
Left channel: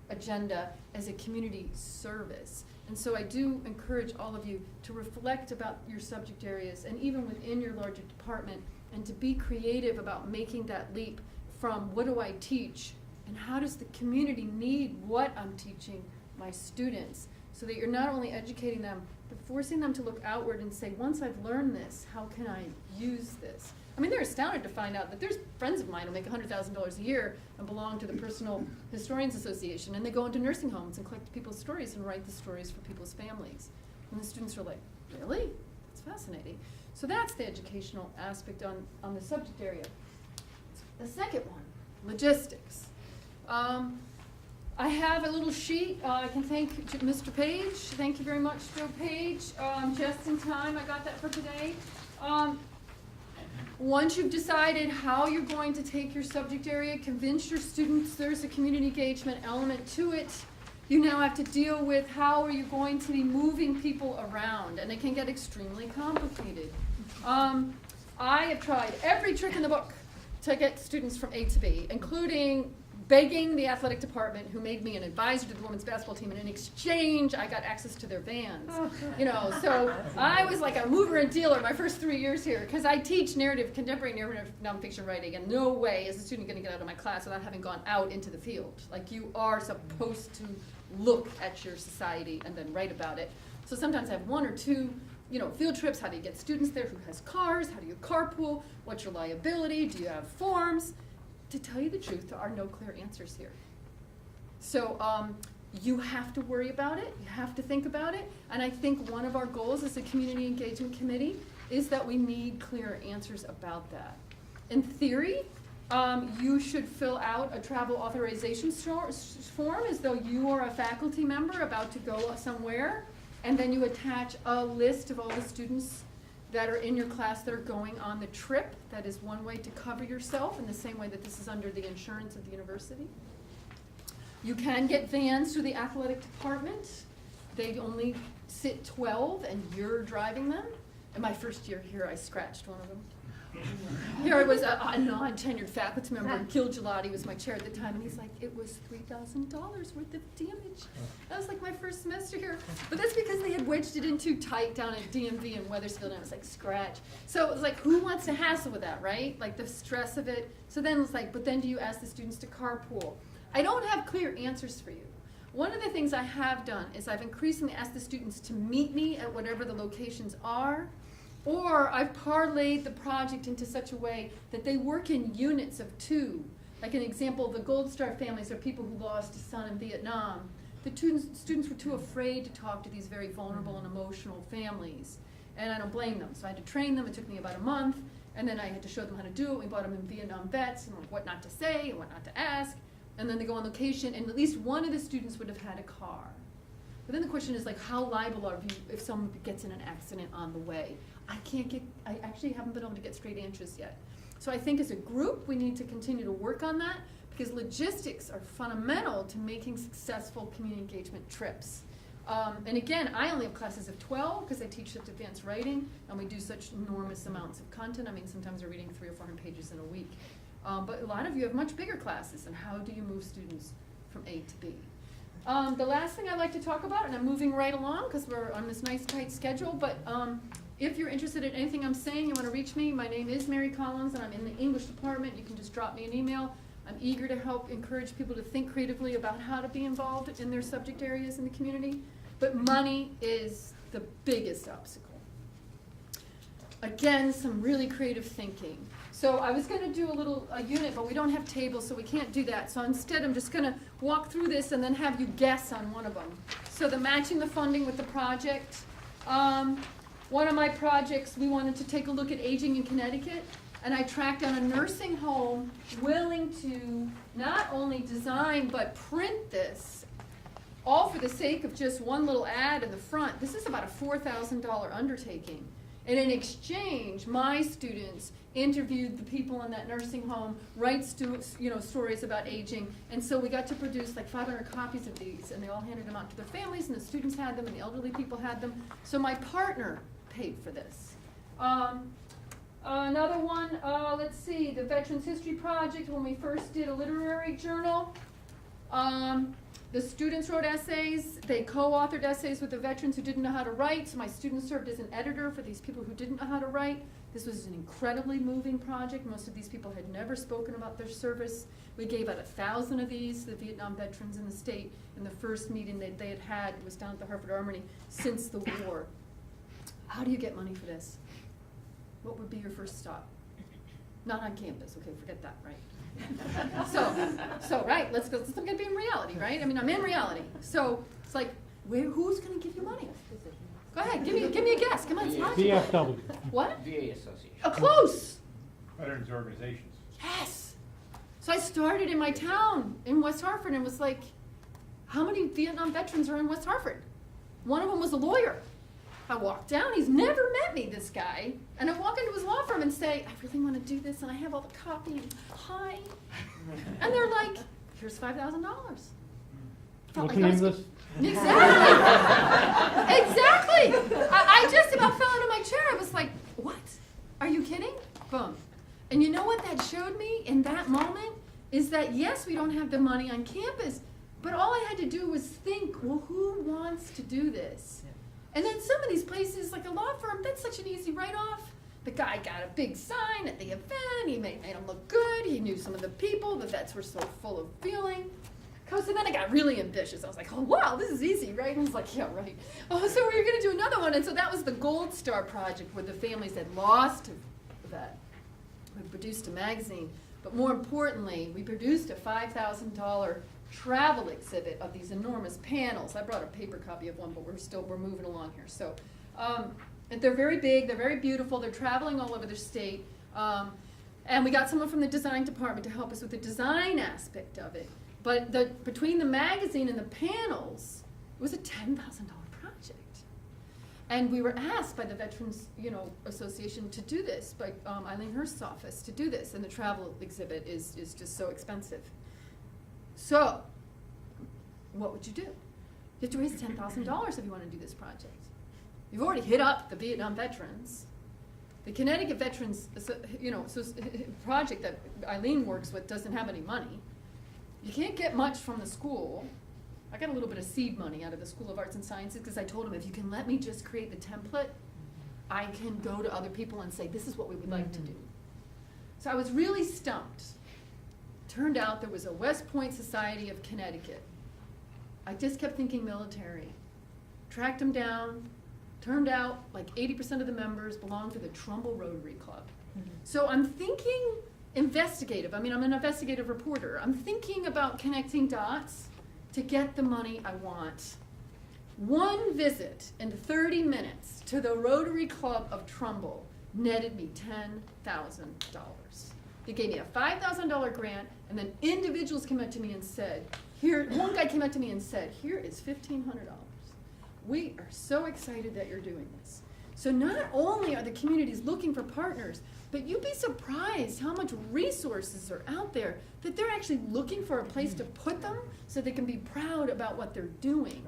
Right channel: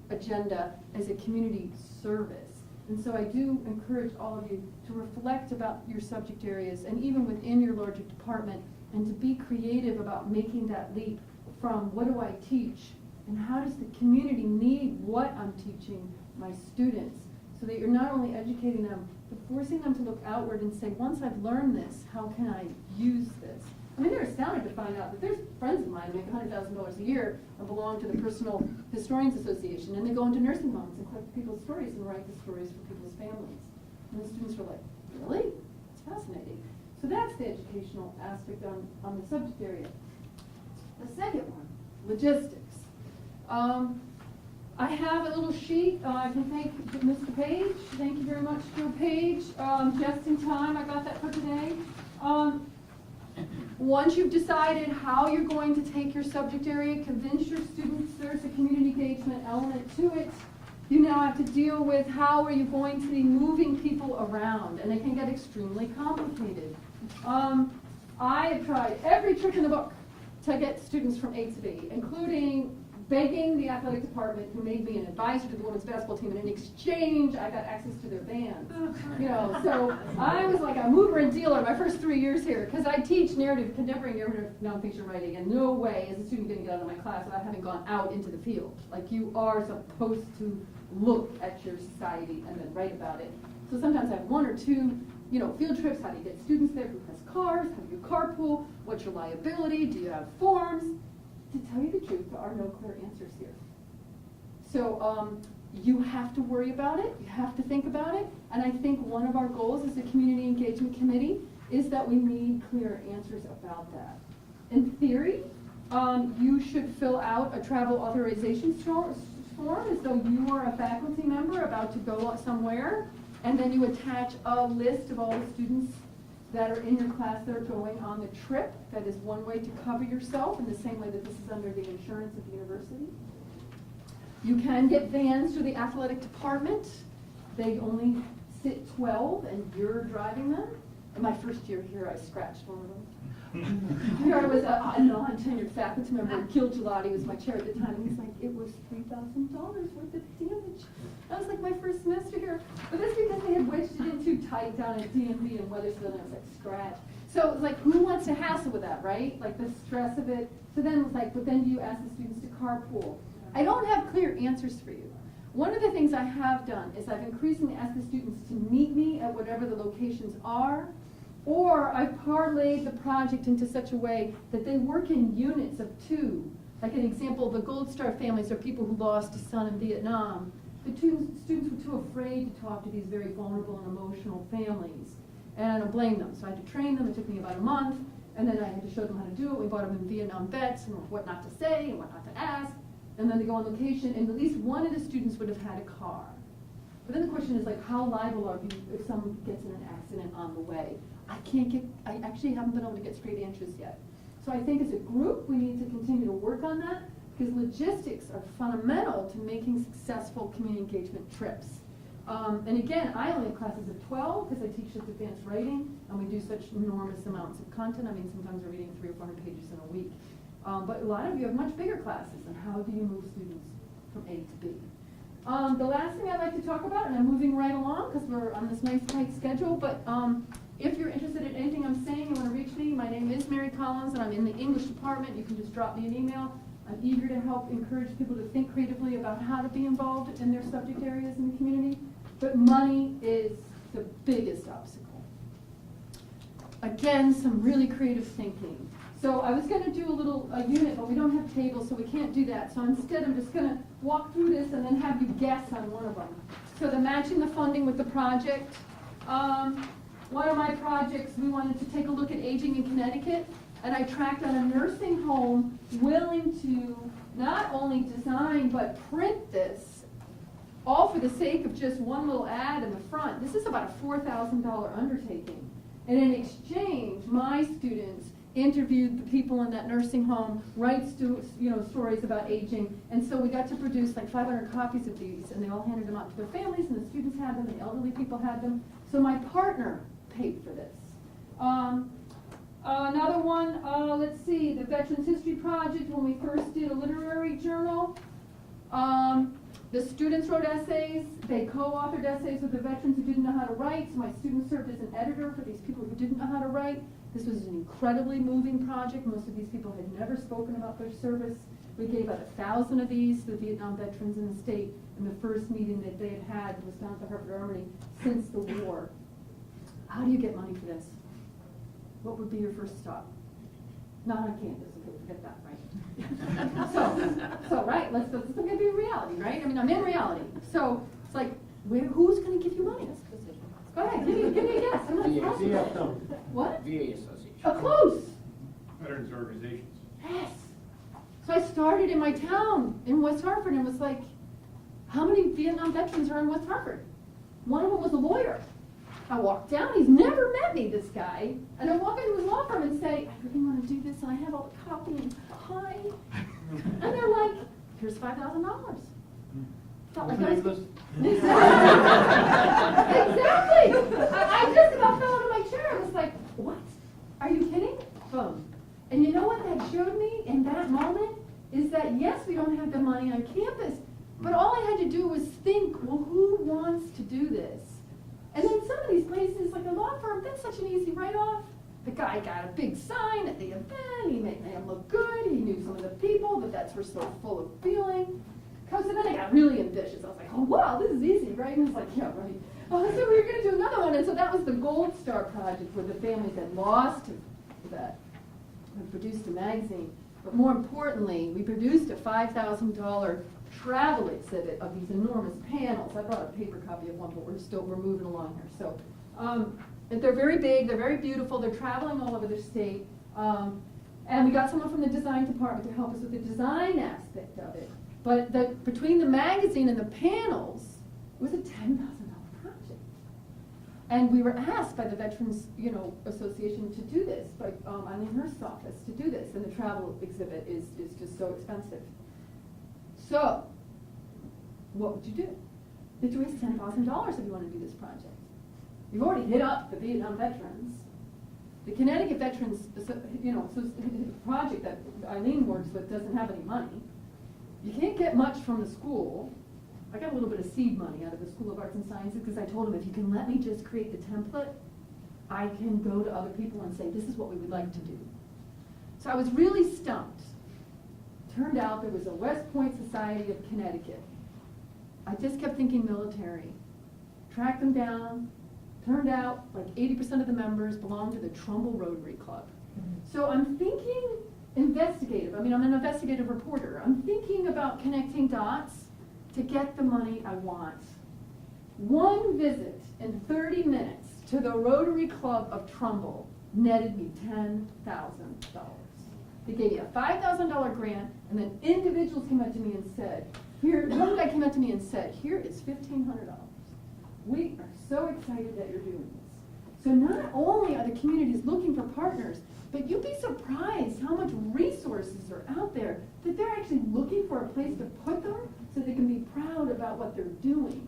agenda as a community service. And so I do encourage all of you to reflect about your subject areas, and even within your larger department, and to be creative about making that leap from what do I teach, and how does the community need what I'm teaching my students, so that you're not only educating them, but forcing them to look outward and say, once I've learned this, how can I use this? I mean, they're astounded to find out that there's friends of mine who make $100,000 a year and belong to the Personal Historians Association, and they go into nursing homes and collect people's stories and write the stories for people's families. And the students are like, really? It's fascinating. So that's the educational aspect on the subject area. The second one, logistics. I have a little sheet. I can thank Mr. Page. Thank you very much, Joe Page. Just in time, I got that for today. Once you've decided how you're going to take your subject area, convince your students there's a community engagement element to it, you now have to deal with how are you going to be moving people around, and it can get extremely complicated. I have tried every trick in the book to get students from A to B, including begging the athletic department, who made me an advisor to the women's basketball team, and in exchange, I got access to their vans. You know, so I was like a mover and dealer my first 3 years here, because I teach contemporary narrative nonfiction writing, and no way is a student gonna get out of my class without having gone out into the field. Like, you are supposed to look at your society and then write about it. So sometimes I have 1 or 2, you know, field trips. How do you get students there? Who has cars? How do you carpool? What's your liability? Do you have forms? To tell you the truth, there are no clear answers here. So you have to worry about it, you have to think about it, and I think one of our goals as a community engagement committee is that we need clear answers about that. In theory, you should fill out a travel authorization form as though you are a faculty member about to go somewhere, and then you attach a list of all the students that are in your class that are going on the trip. That is one way to cover yourself, in the same way that this is under the insurance of the university. You can get vans through the athletic department. They only sit 12 and you're driving them. In my first year here, I scratched one of them. Here I was a non-tenured faculty member, and Gil Gelati was my chair at the time, and he's like, it was $3,000 worth of damage. That was like my first semester here. But that's because they had wedged it in too tight down at DMV in Wethersfield, and I was like, scratch. So it was like, who wants to hassle with that, right? Like the stress of it. So then it was like, but then do you ask the students to carpool? I don't have clear answers for you. One of the things I have done is I've increasingly asked the students to meet me at whatever the locations are, or I've parlayed the project into such a way that they work in units of 2. Like an example, the Gold Star families are people who lost a son in Vietnam. The students were too afraid to talk to these very vulnerable and emotional families. And I don't blame them. So I had to train them. It took me about a month. And then I had to show them how to do it. We bought them in Vietnam vets and what not to say and what not to ask. And then they go on location, and at least one of the students would have had a car. But then the question is, like, how liable are you if someone gets in an accident on the way? I actually haven't been able to get straight answers yet. So I think as a group, we need to continue to work on that, because logistics are fundamental to making successful community engagement trips. And again, I only have classes of 12 because I teach such advanced writing, and we do such enormous amounts of content. I mean, sometimes we're reading 300 or 400 pages in a week. But a lot of you have much bigger classes, and how do you move students from A to B? The last thing I'd like to talk about, and I'm moving right along because we're on this nice tight schedule, but if you're interested in anything I'm saying, you want to reach me, my name is Mary Collins, and I'm in the English department. You can just drop me an email. I'm eager to help encourage people to think creatively about how to be involved in their subject areas in the community, but money is the biggest obstacle. Again, some really creative thinking. So I was going to do a unit, but we don't have tables, so we can't do that. So instead, I'm just going to walk through this and then have you guess on one of them. So the matching the funding with the project. One of my projects, we wanted to take a look at aging in Connecticut, and I tracked down a nursing home willing to not only design but print this, all for the sake of just one little ad in the front. This is about a $4,000 undertaking. And in exchange, my students interviewed the people in that nursing home, write stories about aging, and so we got to produce like 500 copies of these, and they all handed them out to their families, and the students had them, and the elderly people had them. So my partner paid for this. Another one, let's see, the Veterans History Project, when we first did a literary journal, the students wrote essays. They co-authored essays with the veterans who didn't know how to write, so my students served as an editor for these people who didn't know how to write. This was an incredibly moving project. Most of these people had never spoken about their service. We gave out 1,000 of these to the Vietnam veterans in the state, and the first meeting that they had was down at the Harvard Armory since the war. How do you get money for this? What would be your first stop? Not on campus, okay, forget that, right? so right, let's look at being reality, right? I mean, I'm in reality. So it's like, who's gonna give you money? Go ahead, give me a guess, come on, it's possible. VFW. What? VA Association. Oh, close. Veterans organizations. Yes. So I started in my town in West Hartford and was like, how many Vietnam veterans are in West Hartford? One of them was a lawyer. I walked down, he's never met me, this guy, and I walk into his law firm and say, I really want to do this, and I have all the copy, and hi. And they're like, here's $5,000. What's the name of this? Exactly. Exactly. I just about fell out of my chair. I was like, what? Are you kidding? Boom. And you know what that showed me in that moment is that yes, we don't have the money on campus, but all I had to do was think, well, who wants to do this? And then some of these places, like a law firm, that's such an easy write-off. The guy got a big sign at the event, he made him look good, he knew some of the people, the vets were so full of feeling. So then I got really ambitious. I was like, oh wow, this is easy, right? And it's like, yeah, right. Oh, so we were gonna do another one, and so that was the Gold Star Project, where the families had lost a vet. We produced a magazine, but more importantly, we produced a $5,000 travel exhibit of these enormous panels. I brought a paper copy of one, but we're moving along here. So, and they're very big, they're very beautiful, they're traveling all over the state. And we got someone from the design department to help us with the design aspect of it. But between the magazine and the panels, it was a $10,000 project. And we were asked by the Veterans, Association to do this, by Eileen Hurst's office to do this, and the travel exhibit is just so expensive. So, what would you do? You have to raise $10,000 if you want to do this project. You've already hit up the Vietnam veterans. The Connecticut Veterans, project that Eileen works with doesn't have any money. You can't get much from the school. I got a little bit of seed money out of the School of Arts and Sciences because I told them, if you can let me just create the template, I can go to other people and say, this is what we would like to do. So I was really stumped. Turned out there was a West Point Society of Connecticut. I just kept thinking military. Tracked them down. Turned out like 80% of the members belonged to the Trumbull Rotary Club. So I'm thinking investigative. I mean, I'm an investigative reporter. I'm thinking about connecting dots to get the money I want. One visit in 30 minutes to the Rotary Club of Trumbull netted me $10,000. They gave me a $5,000 grant, and then individuals came up to me and said, one guy came up to me and said, here is $1,500. We are so excited that you're doing this. So not only are the communities looking for partners, but you'd be surprised how much resources are out there that they're actually looking for a place to put them so they can be proud about what they're doing.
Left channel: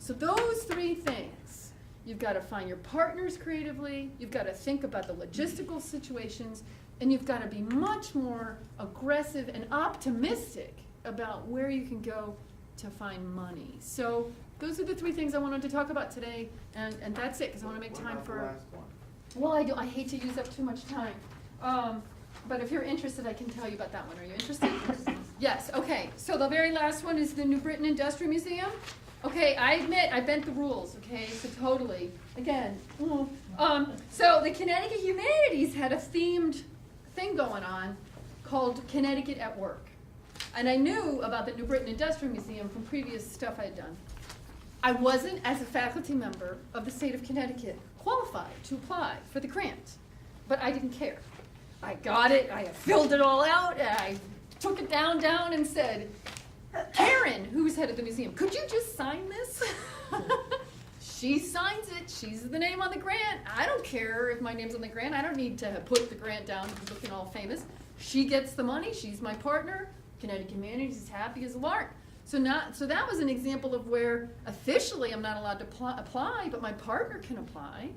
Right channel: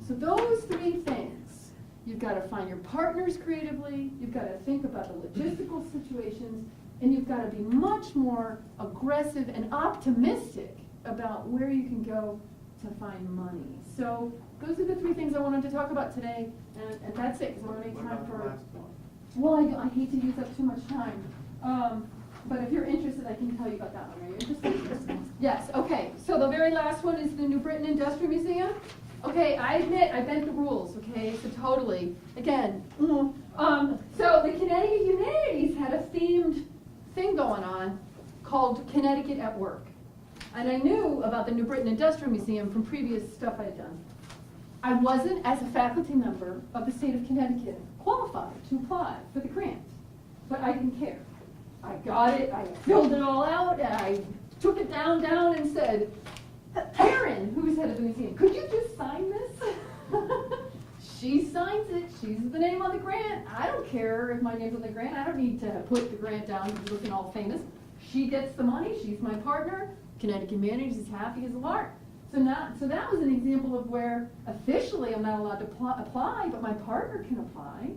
So those three things, you've got to find your partners creatively, you've got to think about the logistical situations, and you've got to be much more aggressive and optimistic about where you can go to find money. So those are the three things I wanted to talk about today, and that's it, because I want to make time for. Well, I hate to use up too much time, but if you're interested, I can tell you about that one. Are you interested? Yes. Okay. So the very last one is the New Britain Industrial Museum. Okay, I admit I bent the rules. Okay, so totally. Again, so the Connecticut Humanities had a themed thing going on called Connecticut at Work, and I knew about the New Britain Industrial Museum from previous stuff I had done. I wasn't, as a faculty member of the state of Connecticut, qualified to apply for the grant, but I didn't care. I got it, I filled it all out, and I took it down and said, Karen, who's head of the museum, could you just sign this? She signs it, she's the name on the grant. I don't care if my name's on the grant, I don't need to put the grant down looking all famous. She gets the money, she's my partner, Connecticut Humanities is happy as a lark. So that was an example of where officially I'm not allowed to apply, but my partner can apply.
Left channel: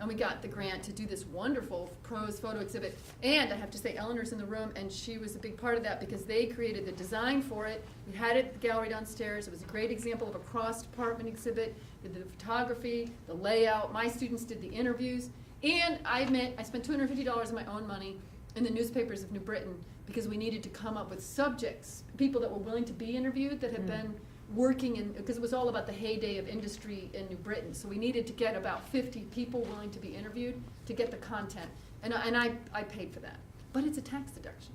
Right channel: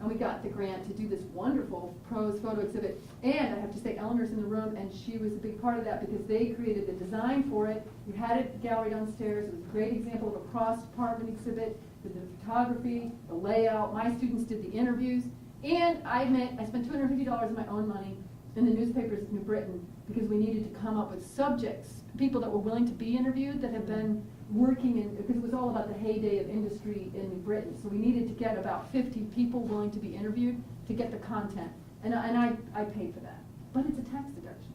And we got the grant to do this wonderful prose photo exhibit. And I have to say, Eleanor's in the room, and she was a big part of that because they created the design for it. We had it at the gallery downstairs. It was a great example of a cross-department exhibit. Did the photography, the layout. My students did the interviews. And I admit, I spent $250 of my own money in the newspapers of New Britain because we needed to come up with subjects, people that were willing to be interviewed, that had been working in, because it was all about the heyday of industry in New Britain. So we needed to get about 50 people willing to be interviewed to get the content. And I paid for that. But it's a tax deduction.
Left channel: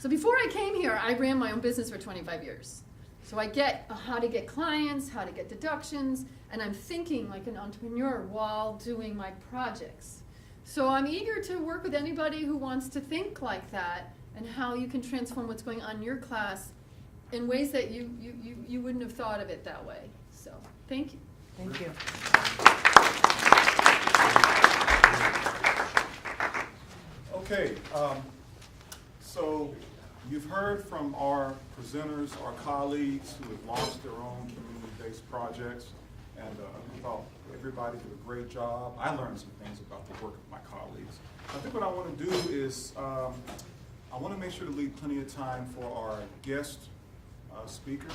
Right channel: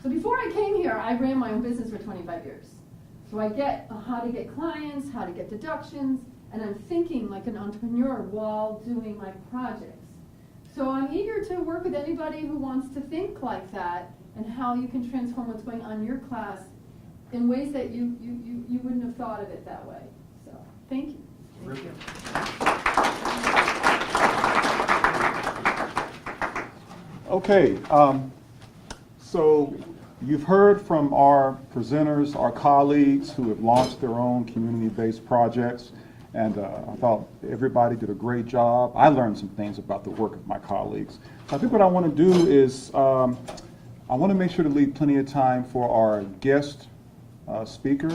So before I came here, I ran my own business for 25 years. So I get how to get clients, how to get deductions, and I'm thinking like an entrepreneur while doing my projects. So I'm eager to work with anybody who wants to think like that and how you can transform what's going on in your class in ways that you wouldn't have thought of it that way. So, thank you. Thank you. Okay, so you've heard from our presenters, our colleagues who have launched their own community-based projects, and I thought everybody did a great job. I learned some things about the work of my colleagues. I think what I want to do is I want to make sure to leave plenty of time for our guest speaker,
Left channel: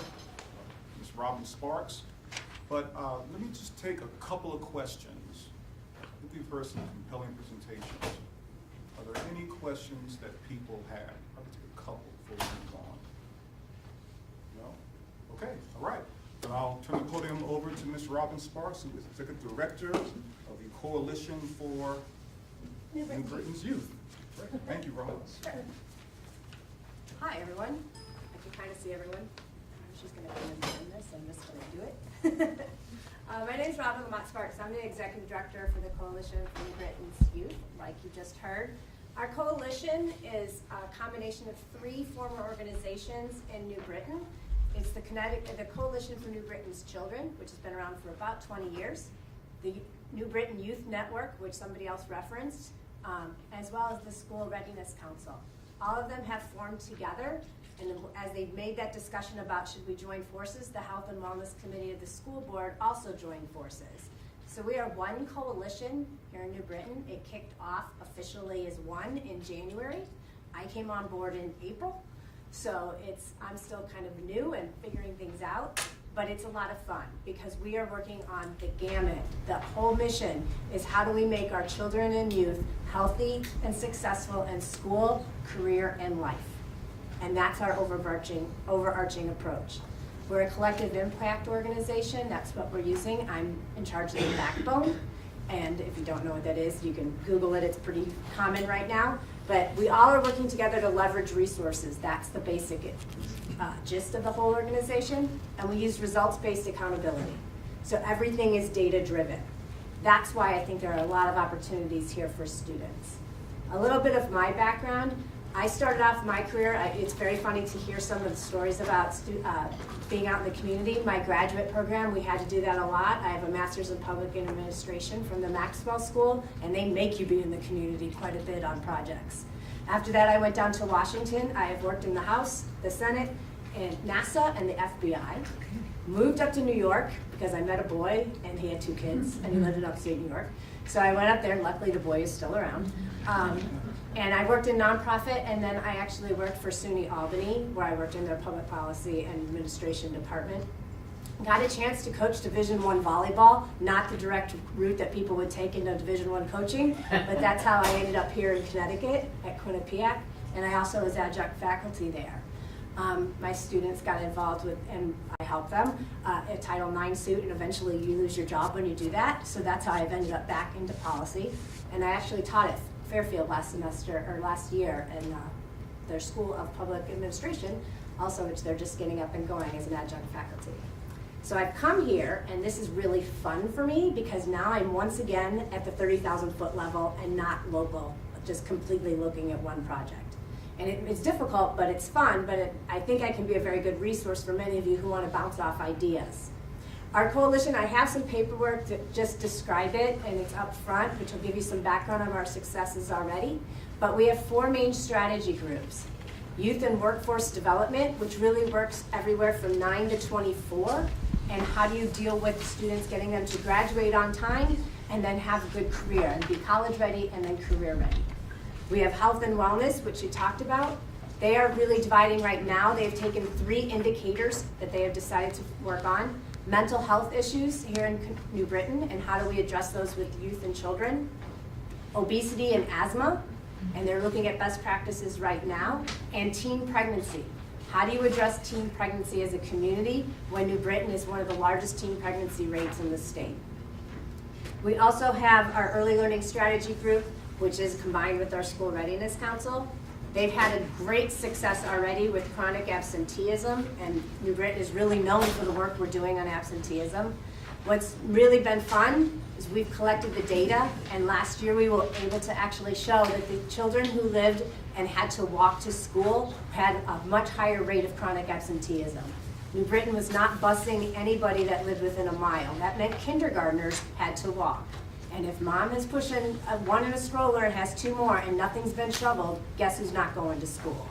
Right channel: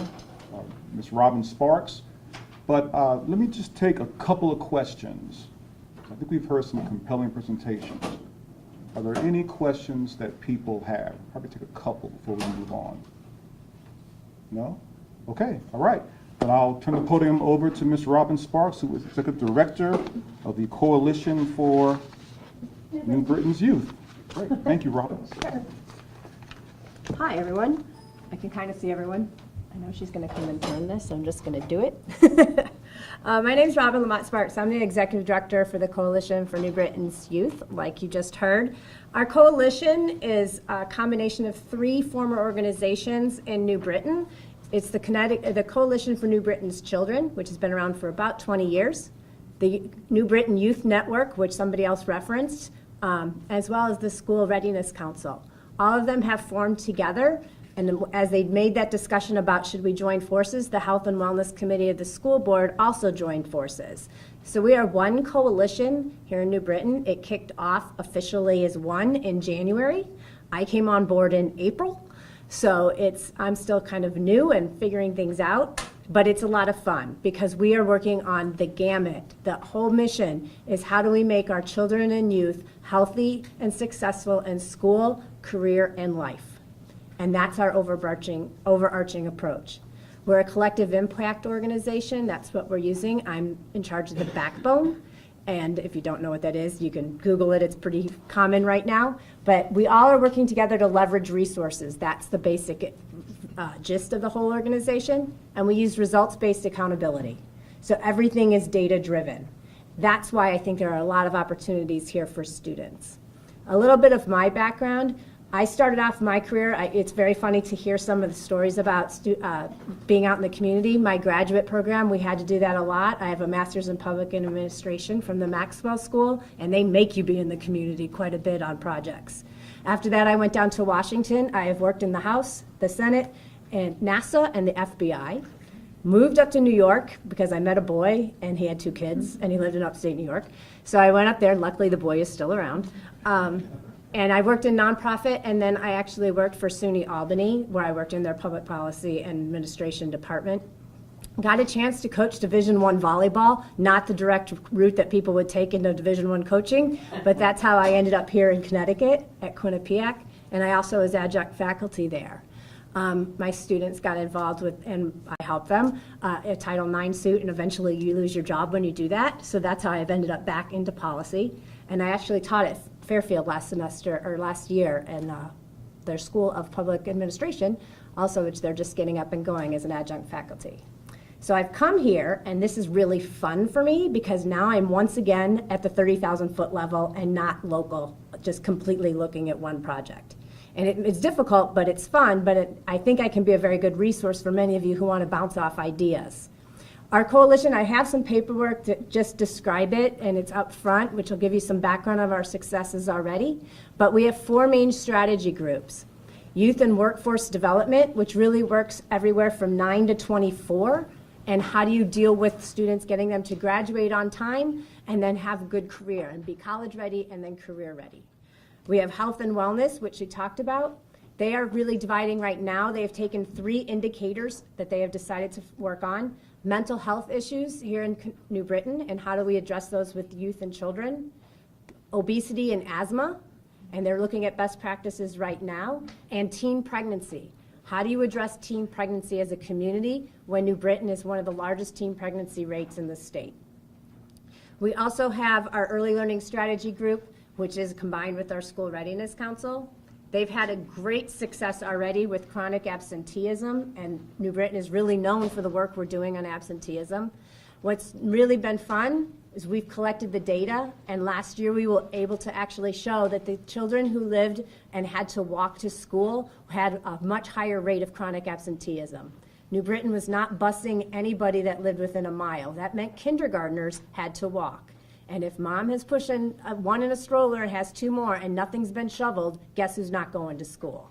Ms. Robin Sparks. But let me just take a couple of questions. I think we've heard some compelling presentations. Are there any questions that people have? Probably take a couple before we move on. No? Okay, all right. Then I'll turn the podium over to Ms. Robin Sparks, who is Executive Director of the Coalition for New Britain's Youth. Great, thank you, Robin. Hi, everyone. I can kind of see everyone. I know she's going to come and turn this, so I'm just going to do it. My name is Robin Lamont Sparks. I'm the Executive Director for the Coalition for New Britain's Youth, like you just heard. Our coalition is a combination of 3 former organizations in New Britain. It's the Coalition for New Britain's Children, which has been around for about 20 years, the New Britain Youth Network, which somebody else referenced, as well as the School Readiness Council. All of them have formed together, and as they made that discussion about should we join forces, the Health and Wellness Committee of the school board also joined forces. So we are one coalition here in New Britain. It kicked off officially as one in January. I came on board in April. So I'm still kind of new and figuring things out, but it's a lot of fun because we are working on the gamut. The whole mission is how do we make our children and youth healthy and successful in school, career, and life. And that's our overarching approach. We're a collective impact organization. That's what we're using. I'm in charge of the backbone. And if you don't know what that is, you can Google it. It's pretty common right now. But we all are working together to leverage resources. That's the basic gist of the whole organization. And we use results-based accountability. So everything is data-driven. That's why I think there are a lot of opportunities here for students. A little bit of my background. I started off my career, it's very funny to hear some of the stories about being out in the community. My graduate program, we had to do that a lot. I have a master's in public administration from the Maxwell School, and they make you be in the community quite a bit on projects. After that, I went down to Washington. I have worked in the House, the Senate, and NASA, and the FBI. Moved up to New York because I met a boy, and he had 2 kids, and he lived in upstate New York. So I went up there, and luckily the boy is still around. And I worked in nonprofit, and then I actually worked for SUNY Albany, where I worked in their public policy and administration department. Got a chance to coach Division I volleyball, not the direct route that people would take into Division I coaching, but that's how I ended up here in Connecticut at Quinnipiac, and I also was adjunct faculty there. My students got involved with, and I helped them, a Title IX suit, and eventually you lose your job when you do that, so that's how I've ended up back into policy. And I actually taught at Fairfield last year in their School of Public Administration, also which they're just getting up and going as an adjunct faculty. So I've come here, and this is really fun for me because now I'm once again at the 30,000 foot level and not local, just completely looking at one project. And it's difficult, but it's fun, but I think I can be a very good resource for many of you who want to bounce off ideas. Our coalition, I have some paperwork that just describe it, and it's up front, which will give you some background of our successes already. But we have 4 main strategy groups. Youth and Workforce Development, which really works everywhere from 9 to 24, and how do you deal with students, getting them to graduate on time, and then have a good career, and be college ready, and then career ready. We have Health and Wellness, which you talked about. They are really dividing right now. They've taken 3 indicators that they have decided to work on. Mental health issues here in New Britain, and how do we address those with youth and children. Obesity and asthma, and they're looking at best practices right now. And teen pregnancy. How do you address teen pregnancy as a community when New Britain is one of the largest teen pregnancy rates in the state? We also have our Early Learning Strategy Group, which is combined with our School Readiness Council. They've had a great success already with chronic absenteeism, and New Britain is really known for the work we're doing on absenteeism. What's really been fun is we've collected the data, and last year we were able to actually show that the children who lived and had to walk to school had a much higher rate of chronic absenteeism. New Britain was not busing anybody that lived within a mile. That meant kindergartners had to walk. And if mom is pushing one in a stroller and has 2 more and nothing's been shoveled, guess who's not going to school?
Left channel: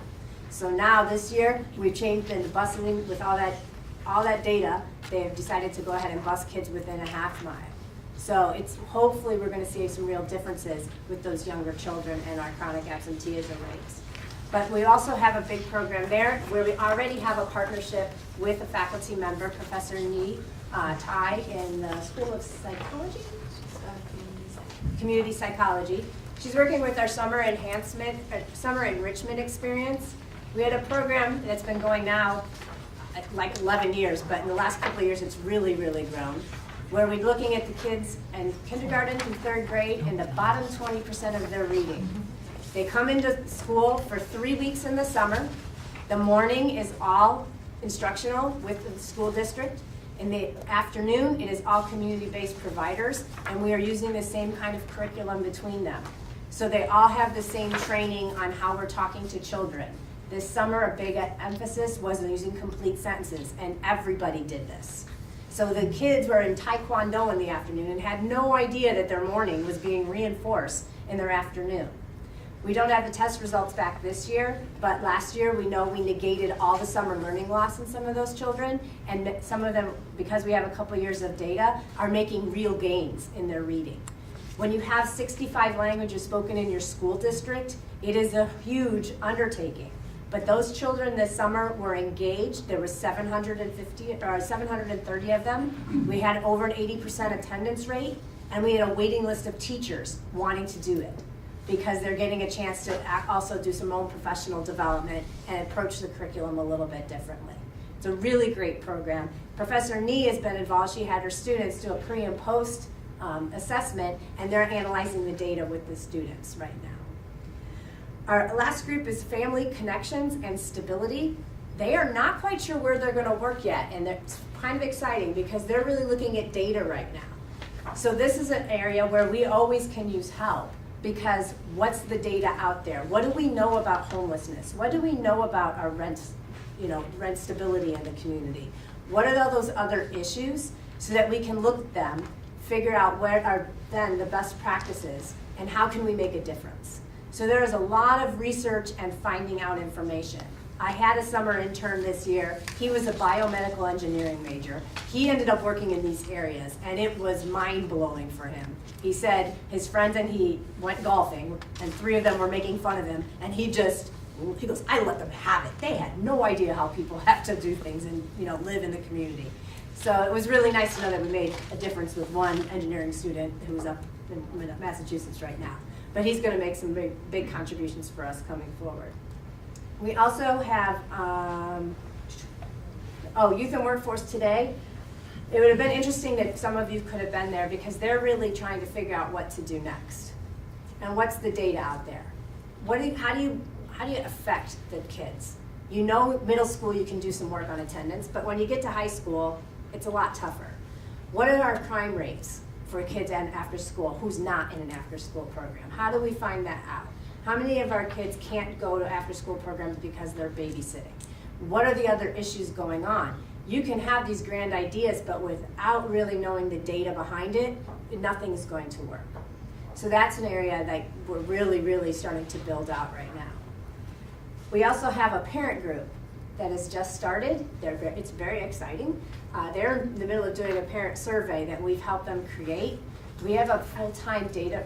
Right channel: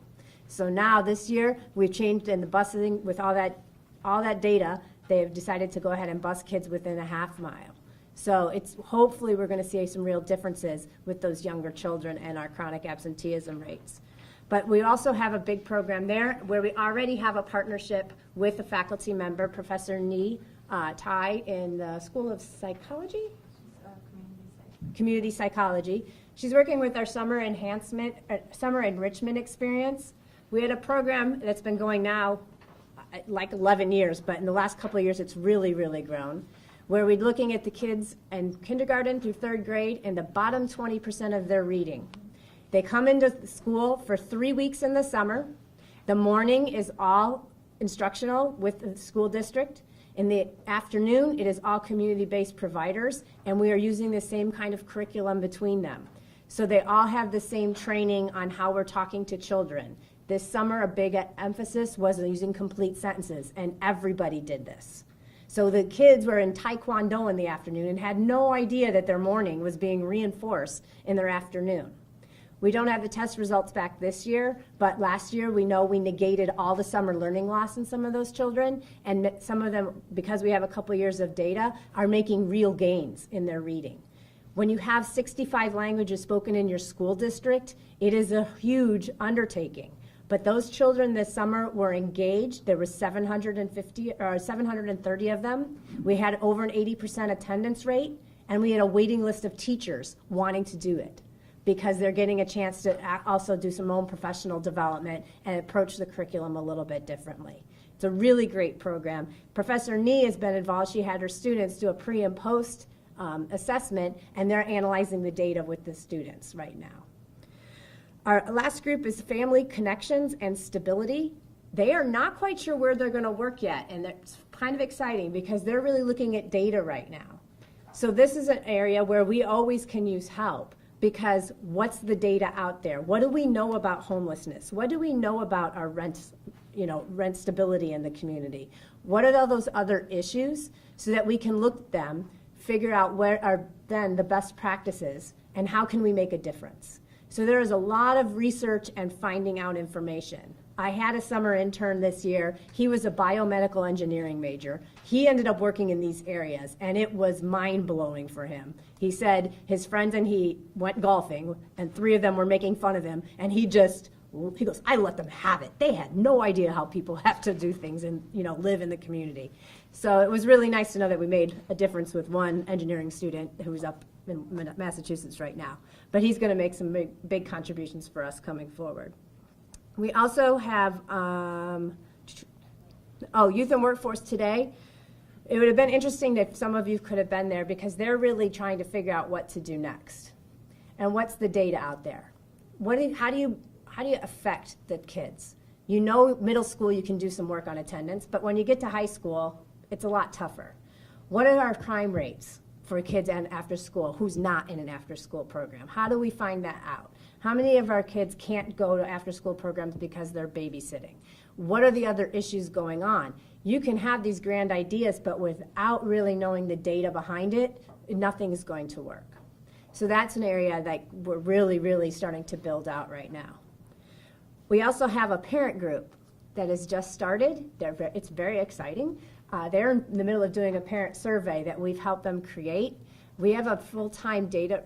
So now this year, we've changed in the busing with all that data, they've decided to go ahead and bus kids within a half mile. So it's hopefully we're going to see some real differences with those younger children and our chronic absenteeism rates. But we also have a big program there where we already have a partnership with a faculty member, Professor Nee Tai in the School of Psychology? Community Psychology. She's working with our summer enrichment experience. We had a program that's been going now like 11 years, but in the last couple of years it's really, really grown, where we're looking at the kids in kindergarten through 3rd grade and the bottom 20% of their reading. They come into school for 3 weeks in the summer. The morning is all instructional with the school district. In the afternoon, it is all community-based providers, and we are using the same kind of curriculum between them. So they all have the same training on how we're talking to children. This summer, a big emphasis was using complete sentences, and everybody did this. So the kids were in Taekwondo in the afternoon and had no idea that their morning was being reinforced in their afternoon. We don't have the test results back this year, but last year we know we negated all the summer learning loss in some of those children, and some of them, because we have a couple years of data, are making real gains in their reading. When you have 65 languages spoken in your school district, it is a huge undertaking. But those children this summer were engaged. There were 730 of them. We had over an 80% attendance rate, and we had a waiting list of teachers wanting to do it, because they're getting a chance to also do some own professional development and approach the curriculum a little bit differently. It's a really great program. Professor Nee has been involved. She had her students do a pre and post assessment, and they're analyzing the data with the students right now. Our last group is Family Connections and Stability. They are not quite sure where they're going to work yet, and it's kind of exciting because they're really looking at data right now. So this is an area where we always can use help. Because what's the data out there? What do we know about homelessness? What do we know about our rent stability in the community? What are all those other issues so that we can look at them, figure out where are then the best practices, and how can we make a difference? So there is a lot of research and finding out information. I had a summer intern this year. He was a biomedical engineering major. He ended up working in these areas, and it was mind-blowing for him. He said his friends and he went golfing, and 3 of them were making fun of him, and he goes, I let them have it. They had no idea how people have to do things and live in the community. So it was really nice to know that we made a difference with one engineering student who is up in Massachusetts right now. But he's going to make some big contributions for us coming forward. We also have Youth and Workforce Today. It would have been interesting that some of you could have been there because they're really trying to figure out what to do next. And what's the data out there? How do you affect the kids? Middle school you can do some work on attendance, but when you get to high school, it's a lot tougher. What are our crime rates for kids and after school who's not in an after school program? How do we find that out? How many of our kids can't go to after school programs because they're babysitting? What are the other issues going on? You can have these grand ideas, but without really knowing the data behind it, nothing's going to work. So that's an area that we're really, really starting to build out right now. We also have a parent group that has just started. It's very exciting. They're in the middle of doing a parent survey that we've helped them create. We have a part-time data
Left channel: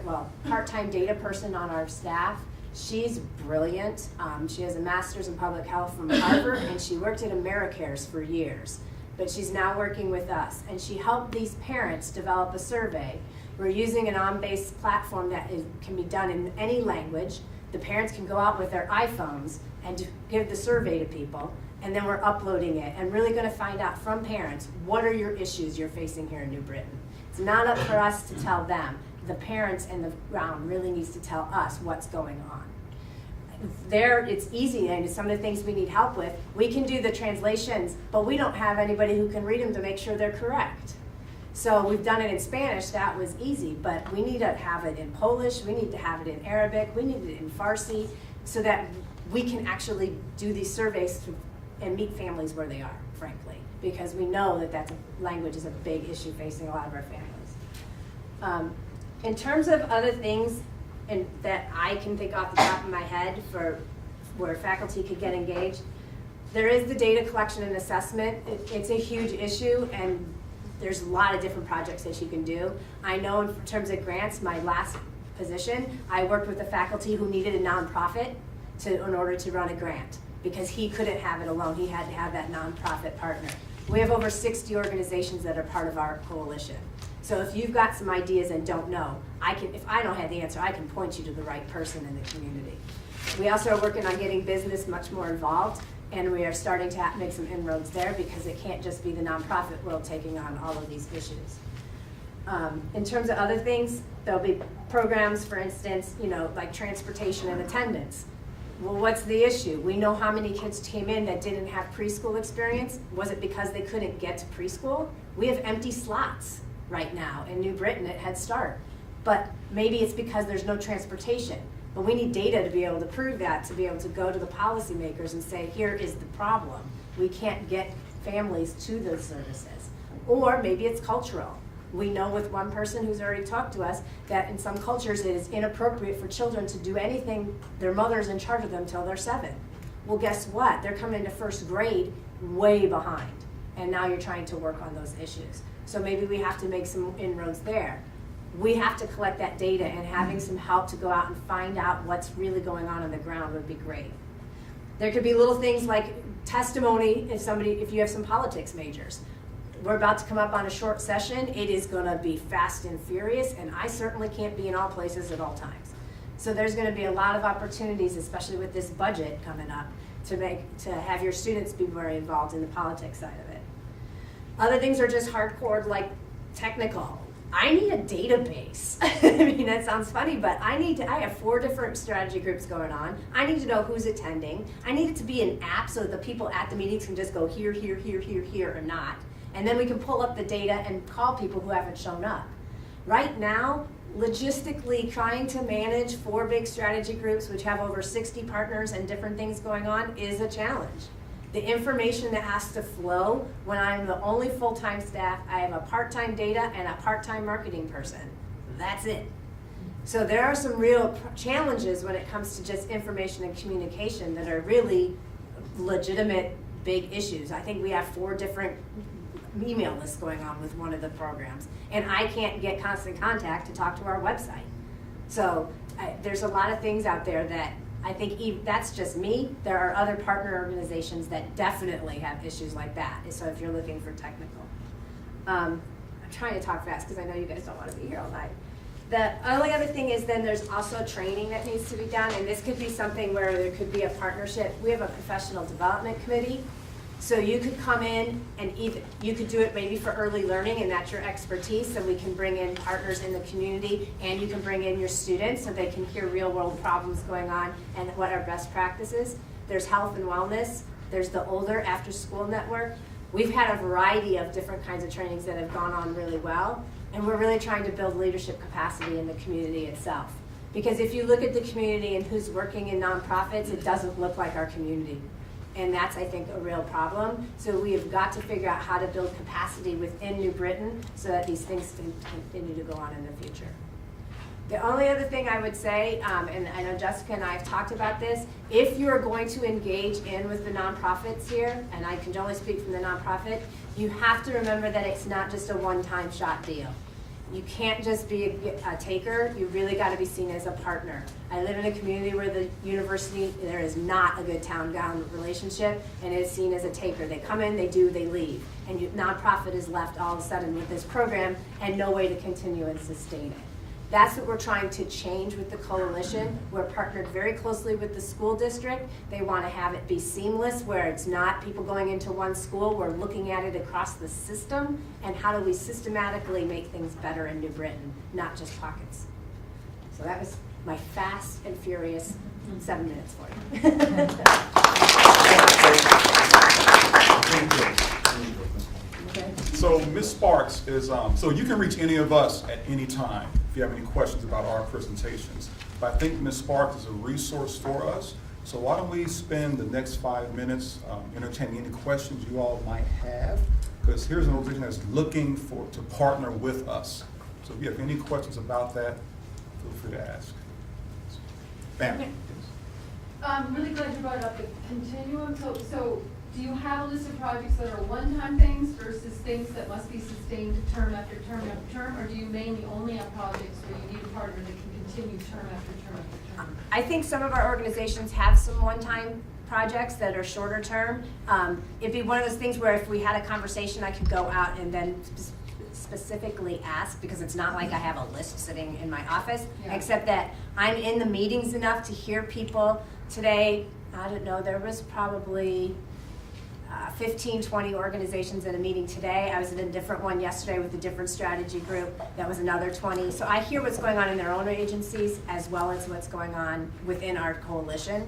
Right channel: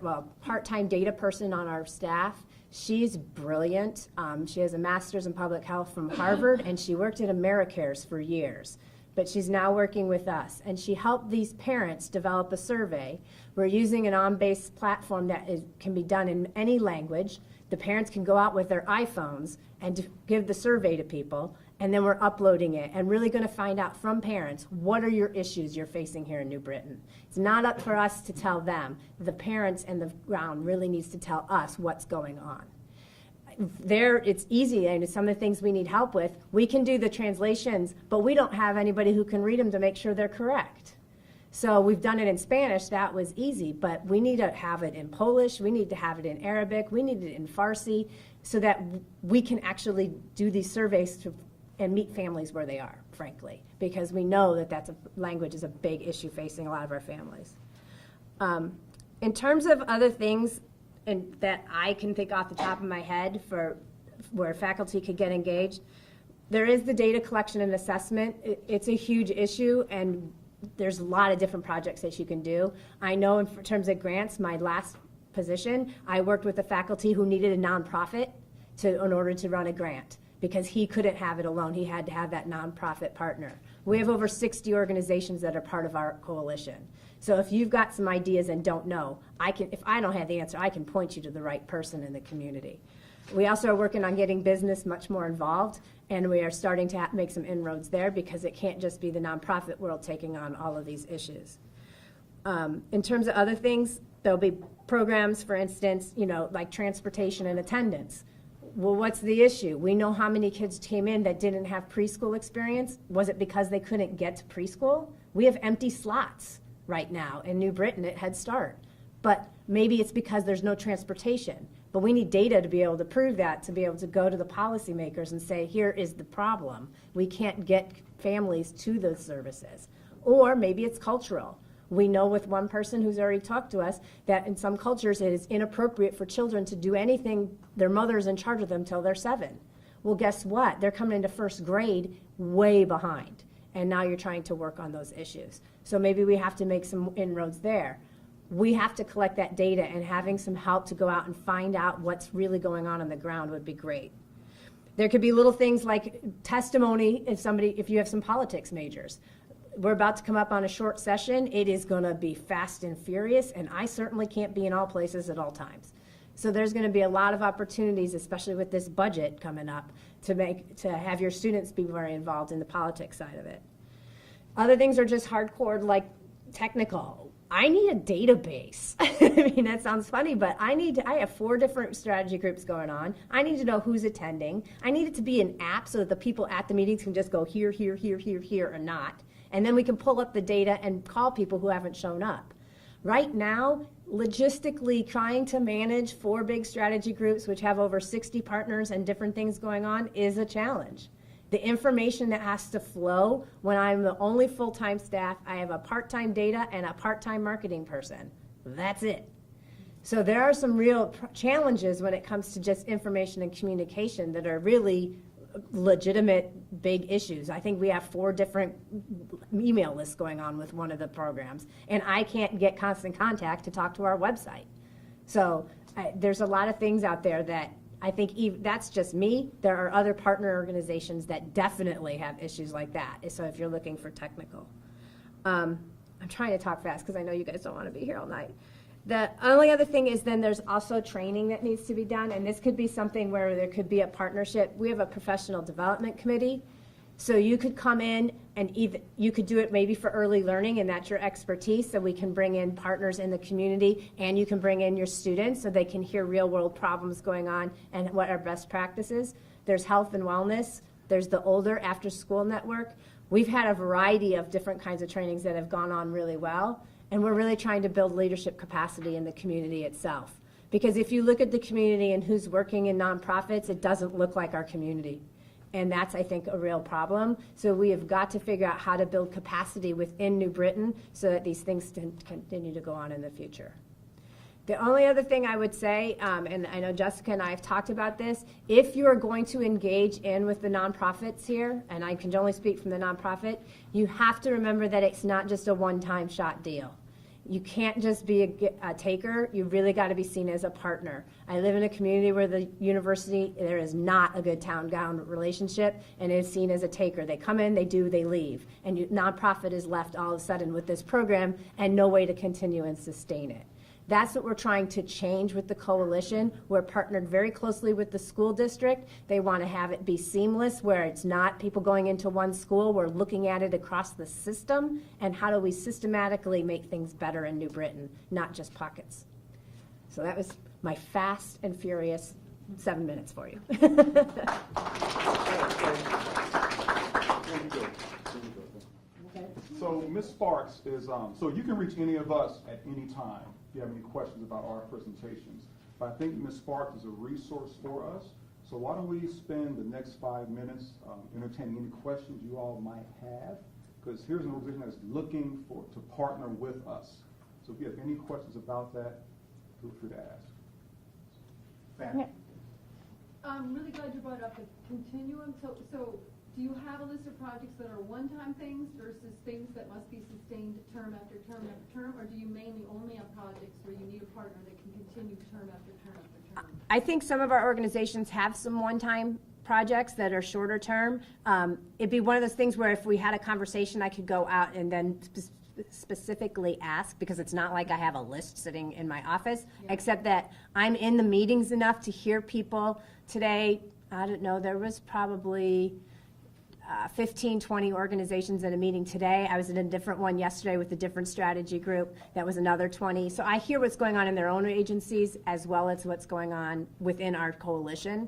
person on our staff. She's brilliant. She has a master's in public health from Harvard, and she worked at AmeriCares for years. But she's now working with us, and she helped these parents develop a survey. We're using an on-base platform that can be done in any language. The parents can go out with their iPhones and give the survey to people, and then we're uploading it and really going to find out from parents, what are your issues you're facing here in New Britain? It's not up for us to tell them. The parents and the ground really needs to tell us what's going on. It's easy, and some of the things we need help with, we can do the translations, but we don't have anybody who can read them to make sure they're correct. So we've done it in Spanish, that was easy, but we need to have it in Polish, we need to have it in Arabic, we need it in Farsi, so that we can actually do these surveys and meet families where they are, frankly, because we know that language is a big issue facing a lot of our families. In terms of other things that I can think off the top of my head for where faculty could get engaged, there is the data collection and assessment. It's a huge issue, and there's a lot of different projects that you can do. I know in terms of grants, my last position, I worked with a faculty who needed a nonprofit in order to run a grant, because he couldn't have it alone. He had to have that nonprofit partner. We have over 60 organizations that are part of our coalition. So if you've got some ideas and don't know, if I don't have the answer, I can point you to the right person in the community. We also are working on getting business much more involved, and we are starting to make some inroads there, because it can't just be the nonprofit world taking on all of these issues. In terms of other things, there'll be programs, for instance, like transportation and attendance. Well, what's the issue? We know how many kids came in that didn't have preschool experience. Was it because they couldn't get to preschool? We have empty slots right now in New Britain at Head Start. But maybe it's because there's no transportation. But we need data to be able to prove that, to be able to go to the policymakers and say, here is the problem. We can't get families to those services. Or maybe it's cultural. We know with one person who's already talked to us that in some cultures it is inappropriate for children to do anything, their mother's in charge of them till they're 7. Well, guess what? They're coming into first grade way behind. And now you're trying to work on those issues. So maybe we have to make some inroads there. We have to collect that data, and having some help to go out and find out what's really going on the ground would be great. There could be little things like testimony if you have some politics majors. We're about to come up on a short session. It is going to be fast and furious, and I certainly can't be in all places at all times. So there's going to be a lot of opportunities, especially with this budget coming up, to have your students be very involved in the politics side of it. Other things are just hardcore, like technical. I need a database. I mean, that sounds funny, but I have 4 different strategy groups going on. I need to know who's attending. I need it to be an app so that the people at the meetings can just go here, here, here, here, here, or not. And then we can pull up the data and call people who haven't shown up. Right now, logistically, trying to manage 4 big strategy groups, which have over 60 partners and different things going on, is a challenge. The information that has to flow when I'm the only full-time staff, I have a part-time data and a part-time marketing person. That's it. So there are some real challenges when it comes to just information and communication that are really legitimate big issues. I think we have 4 different email lists going on with one of the programs, and I can't get constant contact to talk to our website. So there's a lot of things out there that I think that's just me. There are other partner organizations that definitely have issues like that. So if you're looking for technical. I'm trying to talk fast because I know you guys don't want to be here all night. The only other thing is then there's also training that needs to be done, and this could be something where there could be a partnership. We have a professional development committee. So you could come in and you could do it maybe for early learning, and that's your expertise, so we can bring in partners in the community, and you can bring in your students so they can hear real world problems going on and what are best practices. There's health and wellness. There's the older after school network. We've had a variety of different kinds of trainings that have gone on really well, and we're really trying to build leadership capacity in the community itself. Because if you look at the community and who's working in nonprofits, it doesn't look like our community. And that's, I think, a real problem. So we have got to figure out how to build capacity within New Britain so that these things can continue to go on in the future. The only other thing I would say, and I know Jessica and I have talked about this, if you're going to engage in with the nonprofits here, and I can only speak from the nonprofit, you have to remember that it's not just a one-time shot deal. You can't just be a taker. You really got to be seen as a partner. I live in a community where the university, there is not a good town-down relationship, and it is seen as a taker. They come in, they do, they leave. And nonprofit is left all of a sudden with this program and no way to continue and sustain it. That's what we're trying to change with the coalition. We're partnered very closely with the school district. They want to have it be seamless, where it's not people going into one school. We're looking at it across the system, and how do we systematically make things better in New Britain, not just pockets. So that was my fast and furious 7 minutes for you. Thank you. So Ms. Sparks is, so you can reach any of us at any time if you have any questions about our presentations. But I think Ms. Sparks is a resource for us. So why don't we spend the next 5 minutes entertaining any questions you all might have? Because here's an organization that's looking to partner with us. So if you have any questions about that, feel free to ask. Bam. I'm really glad you brought up the continuum. So do you have a list of projects that are one-time things versus things that must be sustained term after term after term? Or do you mainly only have projects where you need a partner that can continue term after term after term? I think some of our organizations have some one-time projects that are shorter term. It'd be one of those things where if we had a conversation, I could go out and then specifically ask, because it's not like I have a list sitting in my office, Yeah. except that I'm in the meetings enough to hear people. Today, I don't know, there was probably 15, 20 organizations in a meeting today. I was in a different one yesterday with a different strategy group. That was another 20. So I hear what's going on in their own agencies as well as what's going on within our coalition.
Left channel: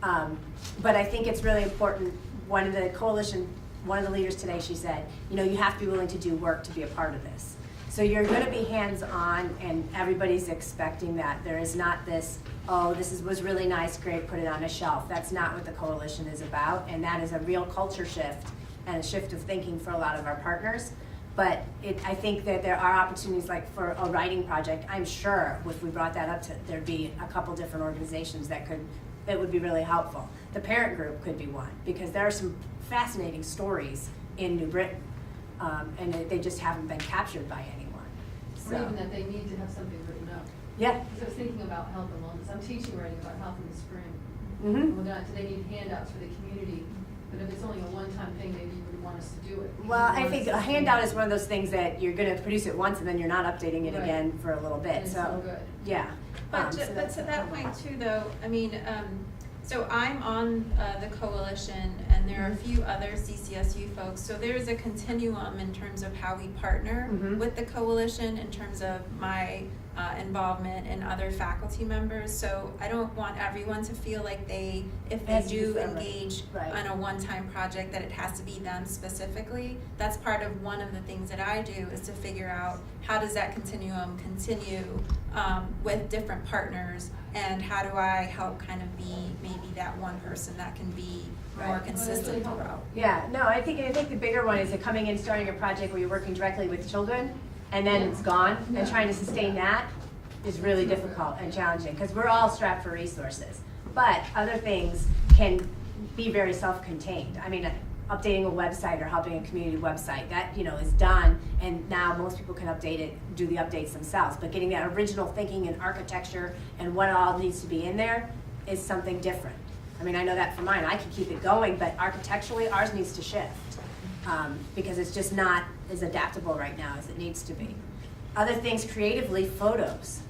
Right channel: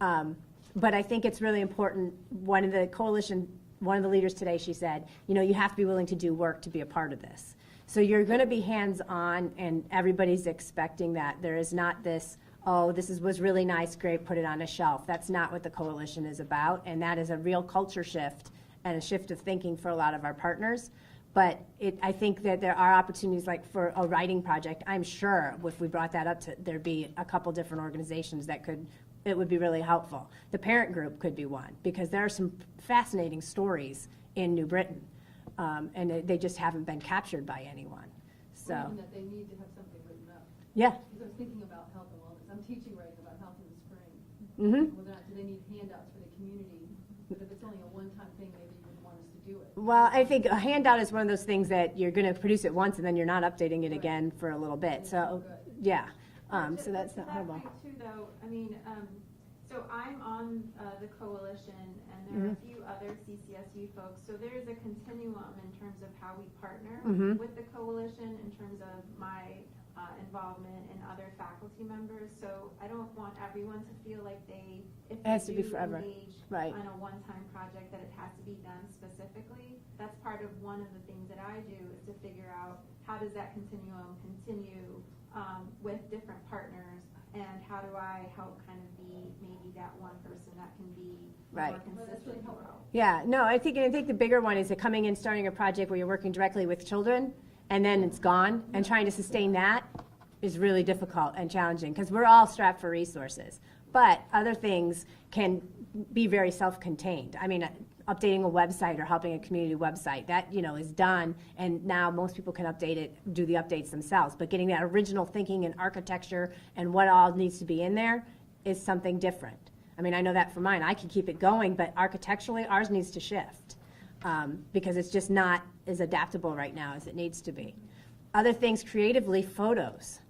But I think it's really important. One of the leaders today, she said, you know, you have to be willing to do work to be a part of this. So you're going to be hands-on, and everybody's expecting that. There is not this, oh, was really nice, great, put it on a shelf. That's not what the coalition is about, and that is a real culture shift and a shift of thinking for a lot of our partners. But I think that there are opportunities, like for a writing project. I'm sure if we brought that up, there'd be a couple different organizations that would be really helpful. The parent group could be one, because there are some fascinating stories in New Britain, and they just haven't been captured by anyone. So, Or even that they need to have something written up. yeah. Because I was thinking about health and wellness. I'm teaching writing about health in the spring. Mm-hmm. Well, do they need handouts for the community? But if it's only a one-time thing, maybe you would want us to do it. Well, I think a handout is one of those things that you're going to produce it once and then you're not updating it Right. again for a little And bit. it's So, so good. yeah. But So to that's that point too, though, I mean, so I'm on the coalition, and there are a few other CCSU folks. So there's a continuum in terms of how we partner Mhm. with the coalition in terms of my involvement and other faculty members. So I don't want everyone to feel like if It they has to be do forever. engage Right. on a one-time project, that it has to be them specifically. That's part of one of the things that I do, is to figure out how does that continuum continue with different partners, and how do I help kind of be maybe that one person that can be more Right. consistent throughout. Yeah, no, I think the bigger one is that coming in, starting a project where you're working directly with children, and then it's gone, and trying to sustain that is really difficult and challenging, because we're all strapped for resources. But other things can be very self-contained. I mean, updating a website or helping a community website, that, you know, is done, and now most people can update it, do the updates themselves. But getting that original thinking and architecture and what all needs to be in there is something different. I mean, I know that for mine, I can keep it going, but architecturally, ours needs to shift, because it's just not as adaptable right now as it needs to be. Other things, creatively, photos.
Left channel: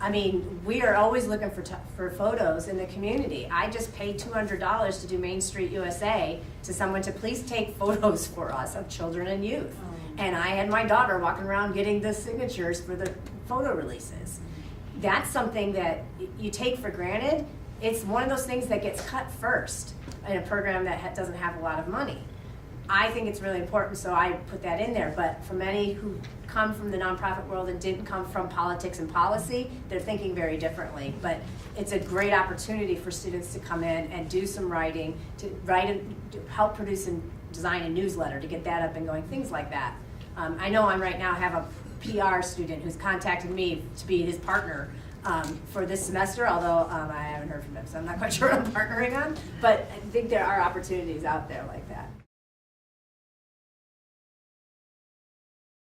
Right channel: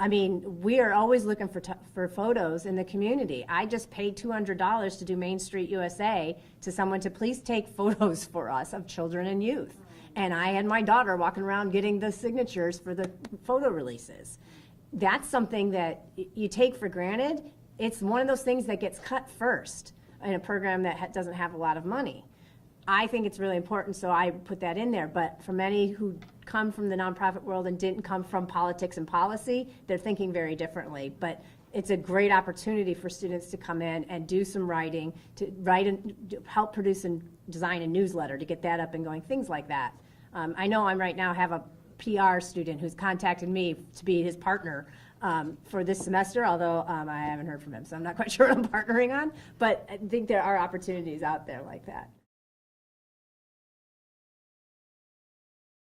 I mean, we are always looking for photos in the community. I just paid $200 to do Main Street USA to someone to please take photos for us of children and youth. And I and my daughter walking around getting the signatures for the photo releases. That's something that you take for granted. It's one of those things that gets cut first in a program that doesn't have a lot of money. I think it's really important, so I put that in there. But for many who come from the nonprofit world and didn't come from politics and policy, they're thinking very differently. But it's a great opportunity for students to come in and do some writing, to write and help produce and design a newsletter to get that up and going, things like that. I know I'm right now have a PR student who's contacted me to be his partner for this semester, although I haven't heard from him, so I'm not quite sure what I'm partnering on. But I think there are opportunities out there like that.